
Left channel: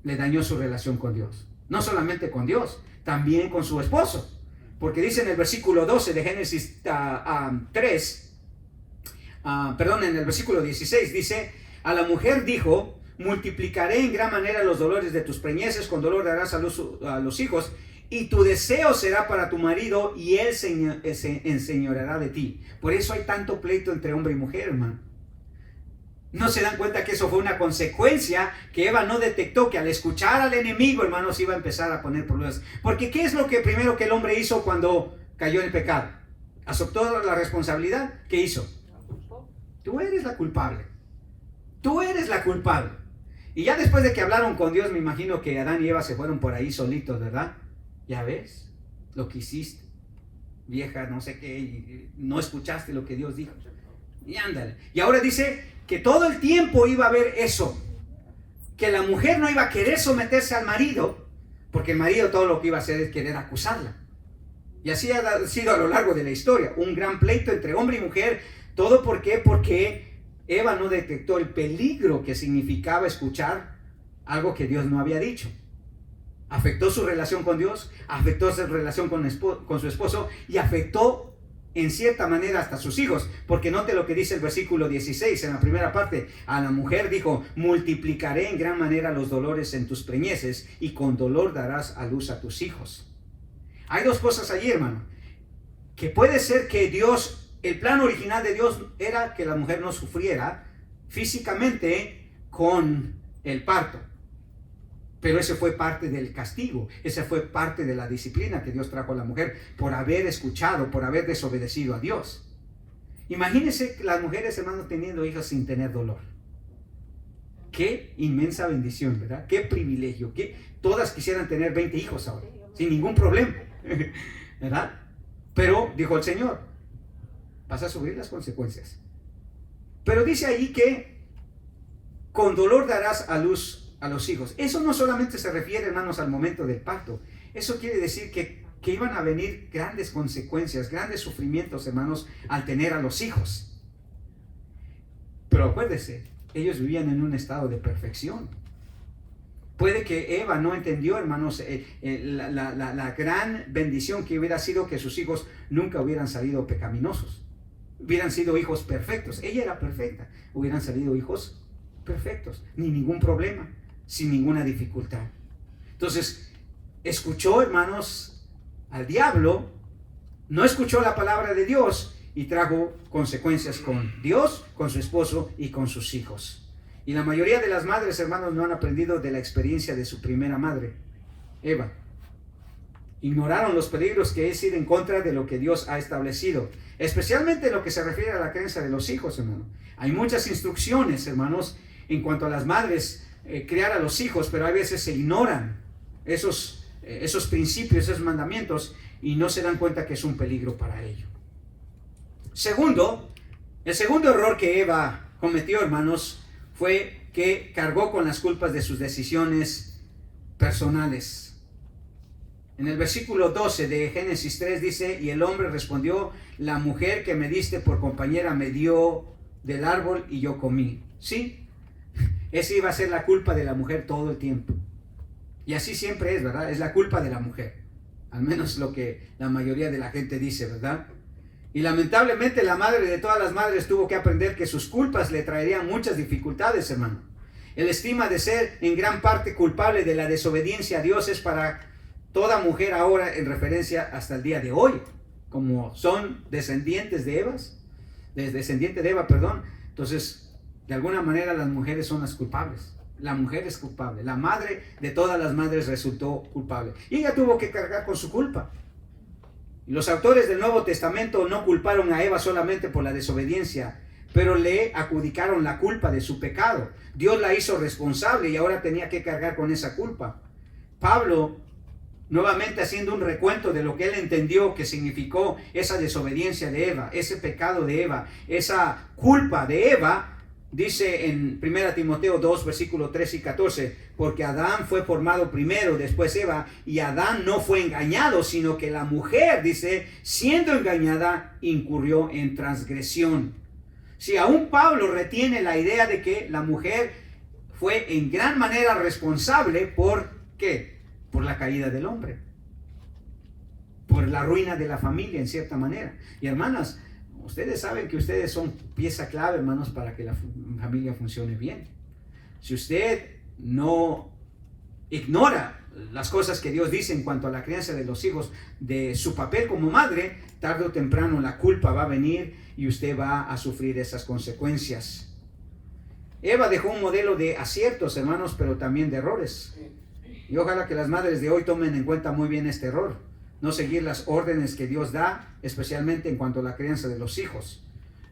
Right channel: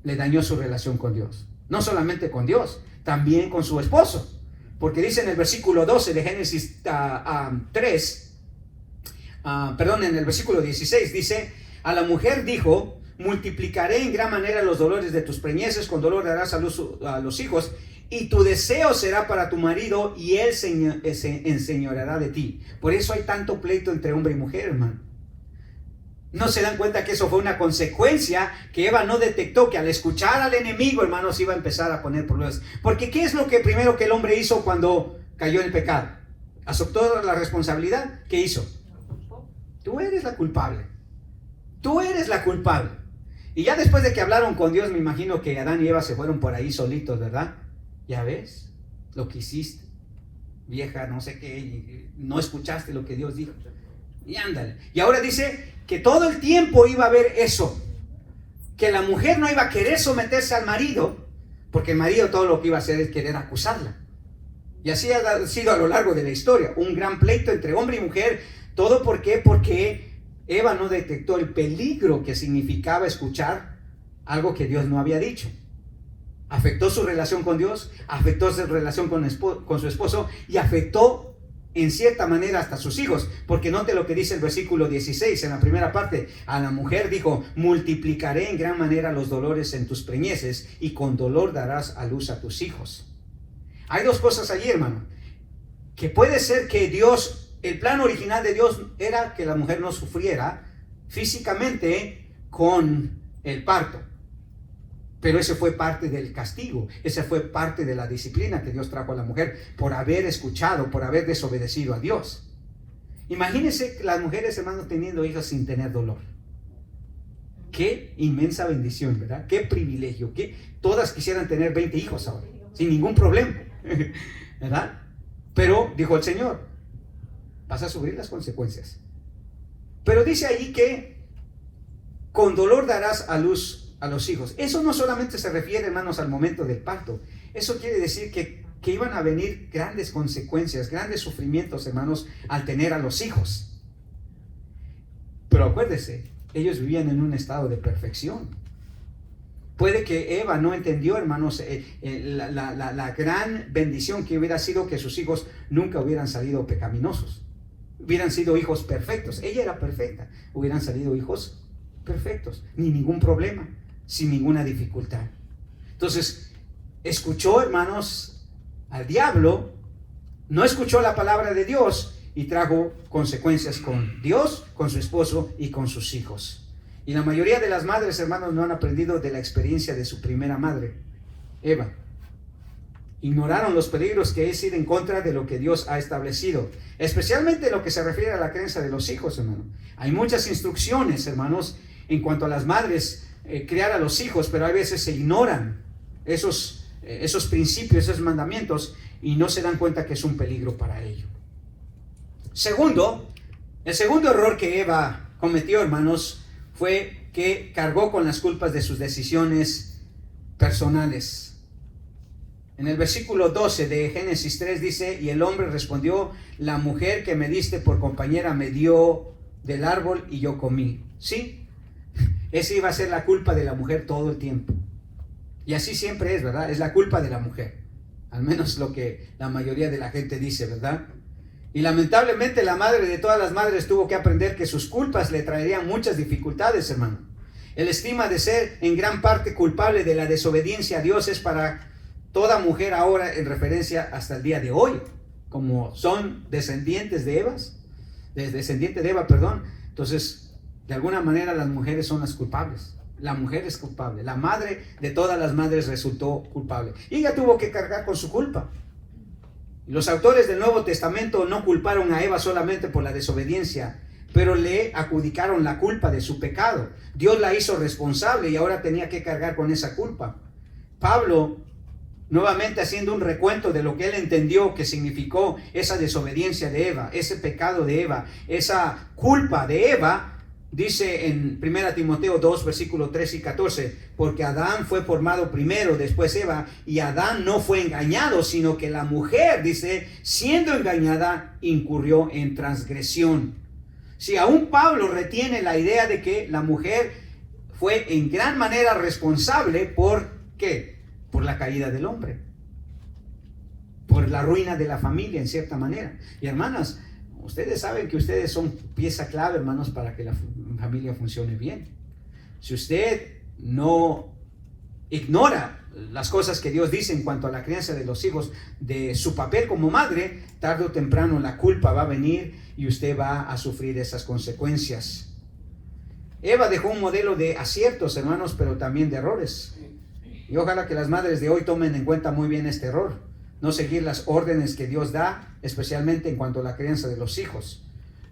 le dañó su relación con Dios. No solamente con Dios, también con su esposo. Porque dice en el versículo 12 de Génesis 3, en el versículo 16, dice, a la mujer dijo, multiplicaré en gran manera los dolores de tus preñeces, con dolor darás a luz a los hijos, y tu deseo será para tu marido, y él se enseñoreará de ti. Por eso hay tanto pleito entre hombre y mujer, hermano. No se dan cuenta que eso fue una consecuencia que Eva no detectó, que al escuchar al enemigo, hermanos, iba a empezar a poner problemas. Porque ¿qué es lo que primero que el hombre hizo cuando cayó en el pecado? ¿Aceptó la responsabilidad? ¿Qué hizo? Tú eres la culpable. Tú eres la culpable. Y ya después de que hablaron con Dios, me imagino que Adán y Eva se fueron por ahí solitos, ¿verdad? Ya ves lo que hiciste, vieja, no sé qué, no escuchaste lo que Dios dijo. Y ándale. Y ahora dice que todo el tiempo iba a haber eso, que la mujer no iba a querer someterse al marido, porque el marido todo lo que iba a hacer es querer acusarla. Y así ha sido a lo largo de la historia, un gran pleito entre hombre y mujer. ¿Todo por qué? Porque Eva no detectó el peligro que significaba escuchar algo que Dios no había dicho. Afectó su relación con Dios, afectó su relación con su esposo y afectó en cierta manera hasta sus hijos, porque note lo que dice el versículo 16 en la primera parte. A la mujer dijo, multiplicaré en gran manera los dolores en tus preñeces, y con dolor darás a luz a tus hijos. Hay dos cosas allí, hermano, que puede ser que Dios, el plan original de Dios era que la mujer no sufriera físicamente con el parto. Pero ese fue parte del castigo, esa fue parte de la disciplina que Dios trajo a la mujer por haber escuchado, por haber desobedecido a Dios. Imagínense las mujeres, hermanos, teniendo hijos sin tener dolor. Qué inmensa bendición, ¿verdad? Qué privilegio, que todas quisieran tener 20 hijos ahora, sin ningún problema, ¿verdad? Pero dijo el Señor, vas a sufrir las consecuencias. Pero dice ahí que con dolor darás a luz a los hijos. Eso no solamente se refiere, hermanos, al momento del parto. Eso quiere decir que iban a venir grandes consecuencias, grandes sufrimientos, hermanos, al tener a los hijos. Pero acuérdese, ellos vivían en un estado de perfección. Puede que Eva no entendió, hermanos, la gran bendición que hubiera sido que sus hijos nunca hubieran salido pecaminosos. Hubieran sido hijos perfectos. Ella era perfecta. Hubieran salido hijos perfectos, ni ningún problema, sin ninguna dificultad. Entonces, escuchó, hermanos, al diablo, no escuchó la palabra de Dios y trajo consecuencias con Dios, con su esposo y con sus hijos. Y la mayoría de las madres, hermanos, no han aprendido de la experiencia de su primera madre, Eva. Ignoraron los peligros que es ir en contra de lo que Dios ha establecido, especialmente lo que se refiere a la crianza de los hijos, hermano. Hay muchas instrucciones, hermanos, en cuanto a las madres, criar a los hijos, pero a veces se ignoran esos principios, esos mandamientos, y no se dan cuenta que es un peligro para ellos. El segundo error que Eva cometió, hermanos, fue que cargó con las culpas de sus decisiones personales. En el versículo 12 de Génesis 3 dice: y el hombre respondió, la mujer que me diste por compañera me dio del árbol y yo comí. Sí, esa iba a ser la culpa de la mujer todo el tiempo. Y así siempre es, ¿verdad? Es la culpa de la mujer. Al menos lo que la mayoría de la gente dice, ¿verdad? Y lamentablemente la madre de todas las madres tuvo que aprender que sus culpas le traerían muchas dificultades, hermano. El estigma de ser en gran parte culpable de la desobediencia a Dios es para toda mujer ahora, en referencia hasta el día de hoy, como son descendientes de Eva, entonces de alguna manera las mujeres son las culpables. La mujer es culpable, la madre de todas las madres resultó culpable y ella tuvo que cargar con su culpa. Los autores del Nuevo Testamento no culparon a Eva solamente por la desobediencia, pero le adjudicaron la culpa de su pecado. Dios la hizo responsable y ahora tenía que cargar con esa culpa. Pablo, nuevamente haciendo un recuento de lo que él entendió que significó esa desobediencia de Eva, ese pecado de Eva, esa culpa de Eva, dice en 1 Timoteo 2, versículos 13 y 14, porque Adán fue formado primero, después Eva, y Adán no fue engañado, sino que la mujer, dice, siendo engañada, incurrió en transgresión. Si aún Pablo retiene la idea de que la mujer fue en gran manera responsable por ¿qué? Por la caída del hombre, por la ruina de la familia en cierta manera. Y hermanas, ustedes saben que ustedes son pieza clave, hermanos, para que la familia funcione bien. Si usted no ignora las cosas que Dios dice en cuanto a la crianza de los hijos, de su papel como madre, tarde o temprano la culpa va a venir y usted va a sufrir esas consecuencias. Eva dejó un modelo de aciertos, hermanos, pero también de errores. Y ojalá que las madres de hoy tomen en cuenta muy bien este error. No seguir las órdenes que Dios da, especialmente en cuanto a la crianza de los hijos.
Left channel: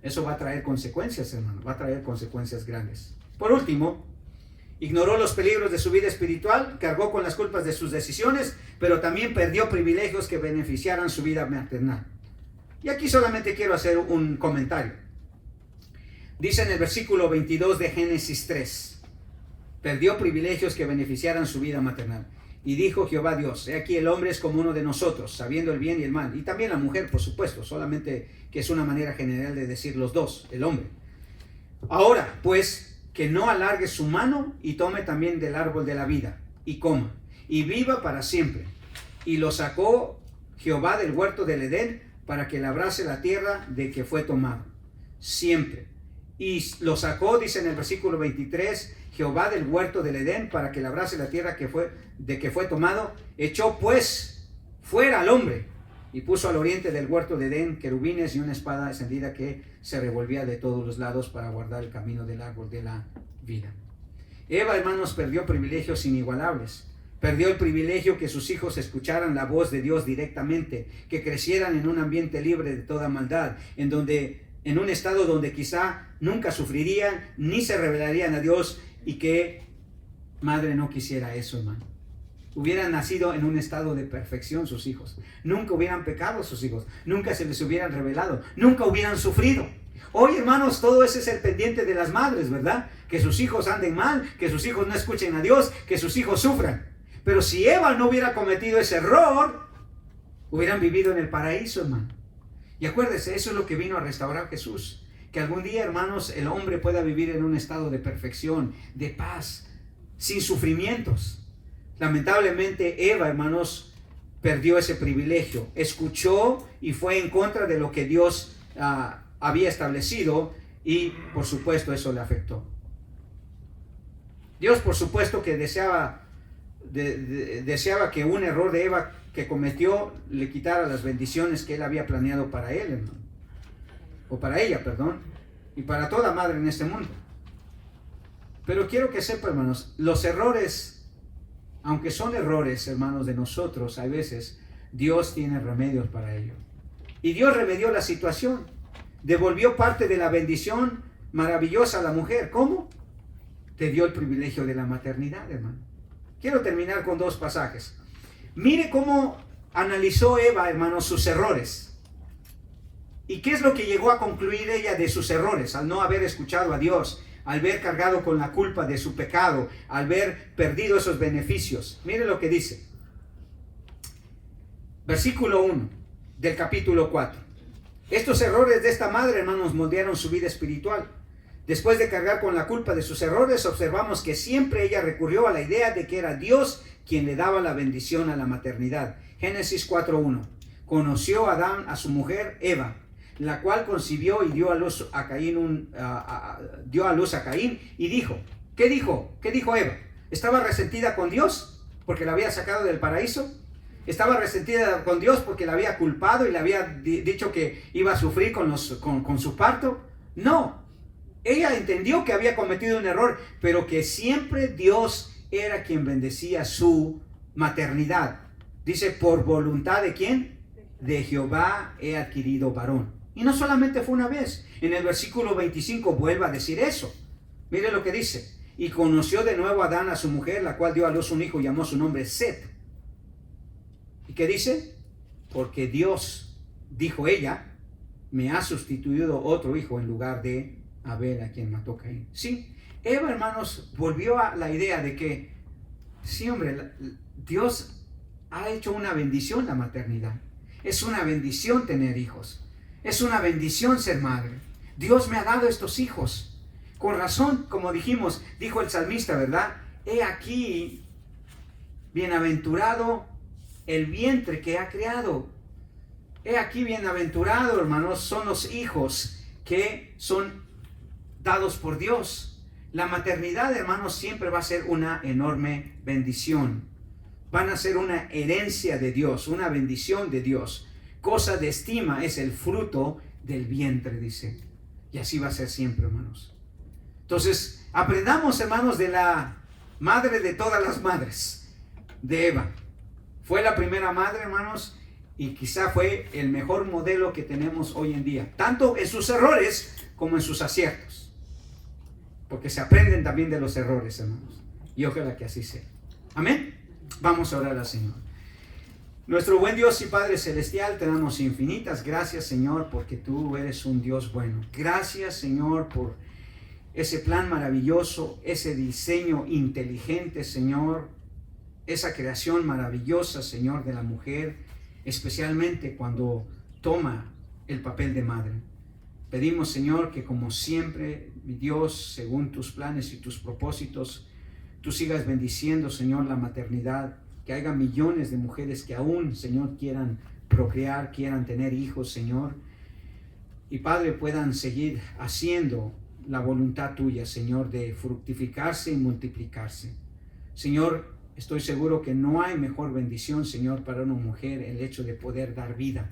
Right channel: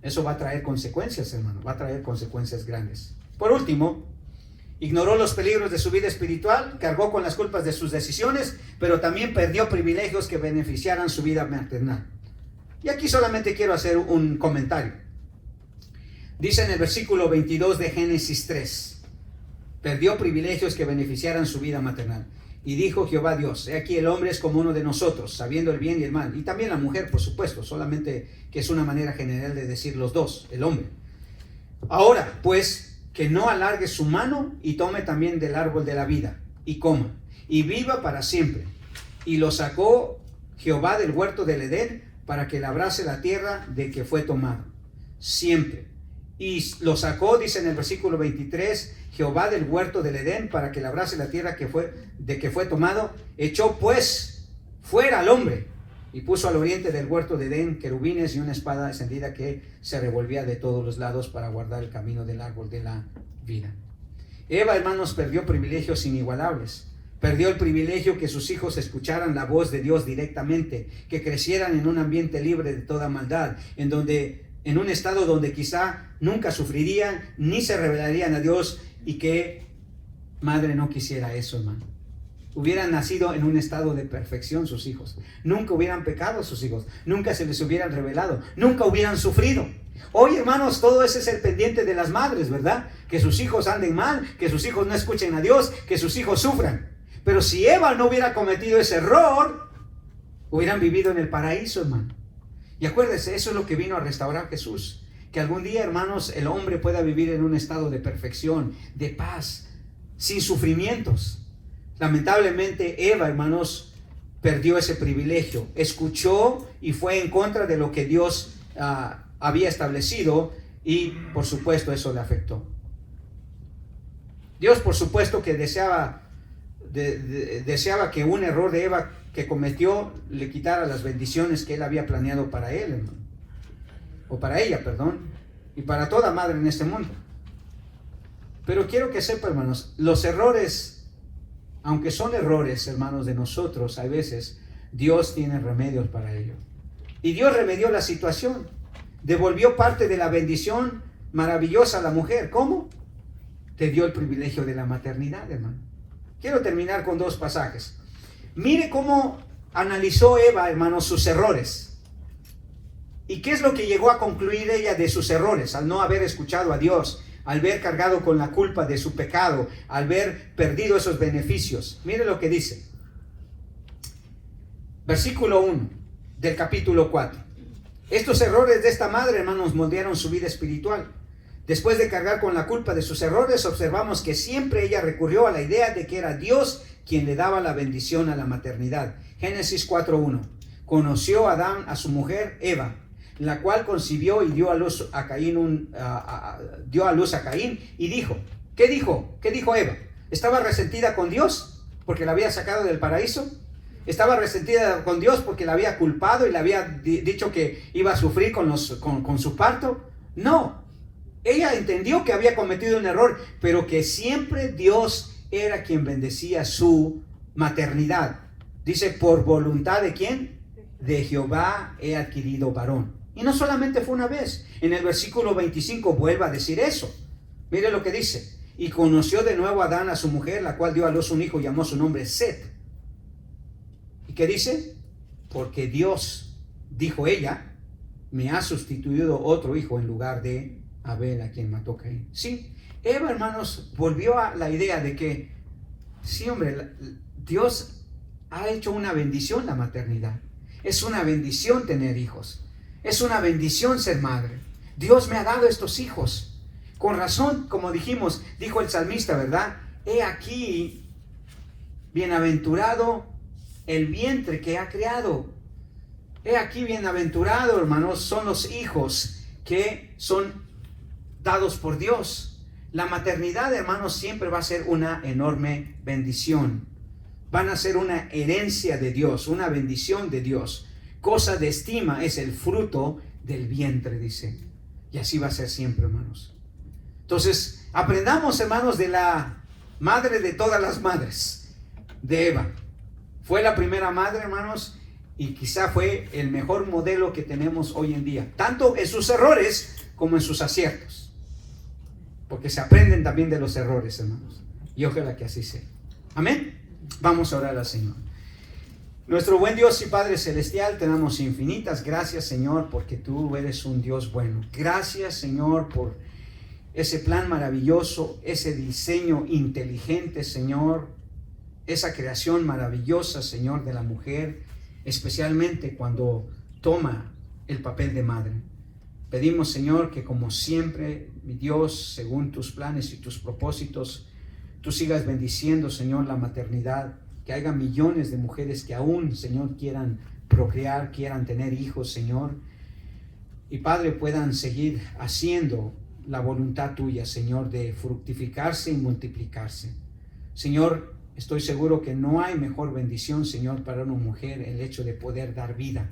Eso va a traer consecuencias, hermano, va a traer consecuencias grandes. Por último, ignoró los peligros de su vida espiritual, cargó con las culpas de sus decisiones, pero también perdió privilegios que beneficiaran su vida maternal. Y aquí solamente quiero hacer un comentario. Dice en el versículo 22 de Génesis 3, perdió privilegios que beneficiaran su vida maternal. Y dijo Jehová Dios, he aquí el hombre es como uno de nosotros, sabiendo el bien y el mal. Y también la mujer, por supuesto, solamente que es una manera general de decir los dos, el hombre. Ahora, pues, que no alargue su mano y tome también del árbol de la vida, y coma, y viva para siempre. Y lo sacó Jehová del huerto del Edén, para que labrase la tierra de que fue tomado, siempre. Y lo sacó, dice en el versículo 23, Jehová del huerto del Edén, para que labrase la tierra de que fue tomado. Echó pues fuera al hombre, y puso al oriente del huerto de Edén querubines y una espada encendida que se revolvía de todos los lados para guardar el camino del árbol de la vida. Eva, hermanos, perdió privilegios inigualables. Perdió el privilegio que sus hijos escucharan la voz de Dios directamente, que crecieran en un ambiente libre de toda maldad, en un estado donde quizá nunca sufrirían ni se rebelarían a Dios, y que madre no quisiera eso, hermano. Hubieran nacido en un estado de perfección sus hijos, nunca hubieran pecado sus hijos, nunca se les hubieran rebelado, nunca hubieran sufrido. Hoy, hermanos, todo ese es el pendiente de las madres, ¿verdad? Que sus hijos anden mal, que sus hijos no escuchen a Dios, que sus hijos sufran. Pero si Eva no hubiera cometido ese error, hubieran vivido en el paraíso, hermano. Y acuérdese, eso es lo que vino a restaurar Jesús. Que algún día, hermanos, el hombre pueda vivir en un estado de perfección, de paz, sin sufrimientos. Lamentablemente, Eva, hermanos, perdió ese privilegio. Escuchó y fue en contra de lo que Dios había establecido, y por supuesto eso le afectó. Dios, por supuesto, que deseaba que un error de Eva que cometió le quitara las bendiciones que él había planeado para él, hermano. O para ella, perdón, y para toda madre en este mundo. Pero quiero que sepa, hermanos, los errores, aunque son errores, hermanos, de nosotros, hay veces, Dios tiene remedios para ello. Y Dios remedió la situación, devolvió parte de la bendición maravillosa a la mujer. ¿Cómo? te dio el privilegio de la maternidad, hermano. Quiero terminar con 2 pasajes. Mire cómo analizó Eva, hermano, sus errores. ¿Y qué es lo que llegó a concluir ella de sus errores? Al no haber escuchado a Dios, al haber cargado con la culpa de su pecado, al haber perdido esos beneficios. Mire lo que dice. Versículo 1 del capítulo 4. Estos errores de esta madre, hermanos, moldearon su vida espiritual. Después de cargar con la culpa de sus errores, observamos que siempre ella recurrió a la idea de que era Dios quien le daba la bendición a la maternidad. Génesis 4:1. Conoció Adán a su mujer Eva, la cual concibió y dio a luz a Caín, y dijo, ¿qué dijo? ¿Qué dijo Eva? ¿Estaba resentida con Dios porque la había sacado del paraíso? ¿Estaba resentida con Dios porque la había culpado y le había dicho que iba a sufrir con su parto? No. Ella entendió que había cometido un error, pero que siempre Dios era quien bendecía su maternidad. Dice, ¿por voluntad de quién? De Jehová he adquirido varón. Y no solamente fue una vez. En el versículo 25 vuelve a decir eso. Mire lo que dice. Y conoció de nuevo Adán a su mujer, la cual dio a luz un hijo y llamó su nombre Set. ¿Y qué dice? Porque Dios, dijo ella, me ha sustituido otro hijo en lugar de Abel, a quien mató Caín. Sí, Eva, hermanos, volvió a la idea de que, sí, hombre, Dios ha hecho una bendición la maternidad. Es una bendición tener hijos. Es una bendición ser madre. Dios me ha dado estos hijos. Con razón, como dijimos, dijo el salmista, ¿verdad? He aquí, bienaventurado el vientre que ha creado. He aquí, bienaventurado, hermanos, son los hijos que son dados por Dios. La maternidad, hermanos, siempre va a ser una enorme bendición. Van a ser una herencia de Dios, una bendición de Dios. Cosa de estima es el fruto del vientre, dice. Y así va a ser siempre, hermanos. Entonces, aprendamos, hermanos, de la madre de todas las madres, de Eva. Fue la primera madre, hermanos, y quizá fue el mejor modelo que tenemos hoy en día, tanto en sus errores como en sus aciertos. Porque se aprenden también de los errores, hermanos. Y ojalá que así sea. Amén. Vamos a orar al Señor. Nuestro buen Dios y Padre Celestial, te damos infinitas gracias, Señor, porque tú eres un Dios bueno. Gracias, Señor, por ese plan maravilloso, ese diseño inteligente, Señor, esa creación maravillosa, Señor, de la mujer, especialmente cuando toma el papel de madre. Pedimos, Señor, que como siempre, mi Dios, según tus planes y tus propósitos, tú sigas bendiciendo, Señor, la maternidad, que haya millones de mujeres que aún, Señor, quieran procrear, quieran tener hijos, Señor, y Padre, puedan seguir haciendo la voluntad tuya, Señor, de fructificarse y multiplicarse. Señor, estoy seguro que no hay mejor bendición, Señor, para una mujer el hecho de poder dar vida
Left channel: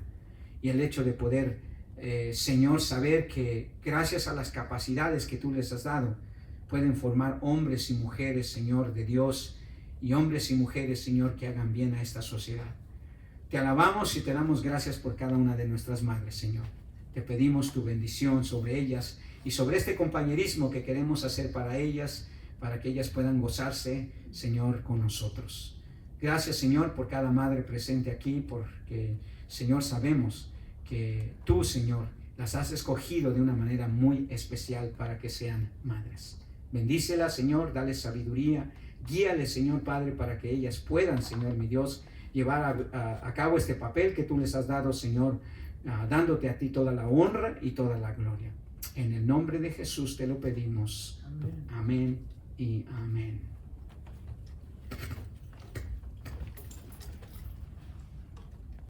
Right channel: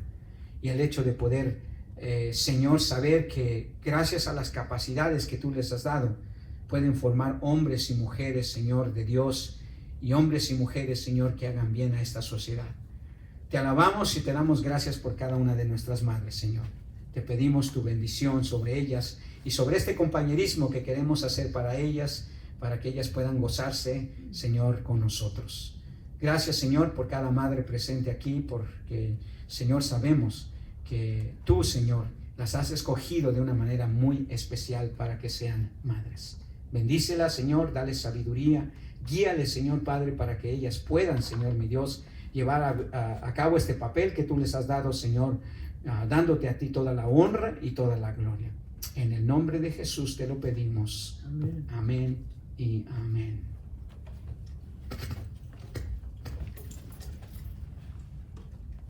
y el hecho de poder, Señor, saber que gracias a las capacidades que tú les has dado, pueden formar hombres y mujeres, Señor, de Dios, y hombres y mujeres, Señor, que hagan bien a esta sociedad. Te alabamos y te damos gracias por cada una de nuestras madres, Señor. Te pedimos tu bendición sobre ellas y sobre este compañerismo que queremos hacer para ellas, para que ellas puedan gozarse, Señor, con nosotros. Gracias, Señor, por cada madre presente aquí, porque, Señor, sabemos que tú, Señor, las has escogido de una manera muy especial para que sean madres. Bendícelas, Señor, dale sabiduría, guíales, Señor Padre, para que ellas puedan, Señor mi Dios, llevar a cabo este papel que tú les has dado, Señor, dándote a ti toda la honra y toda la gloria. En el nombre de Jesús te lo pedimos. Amén y amén.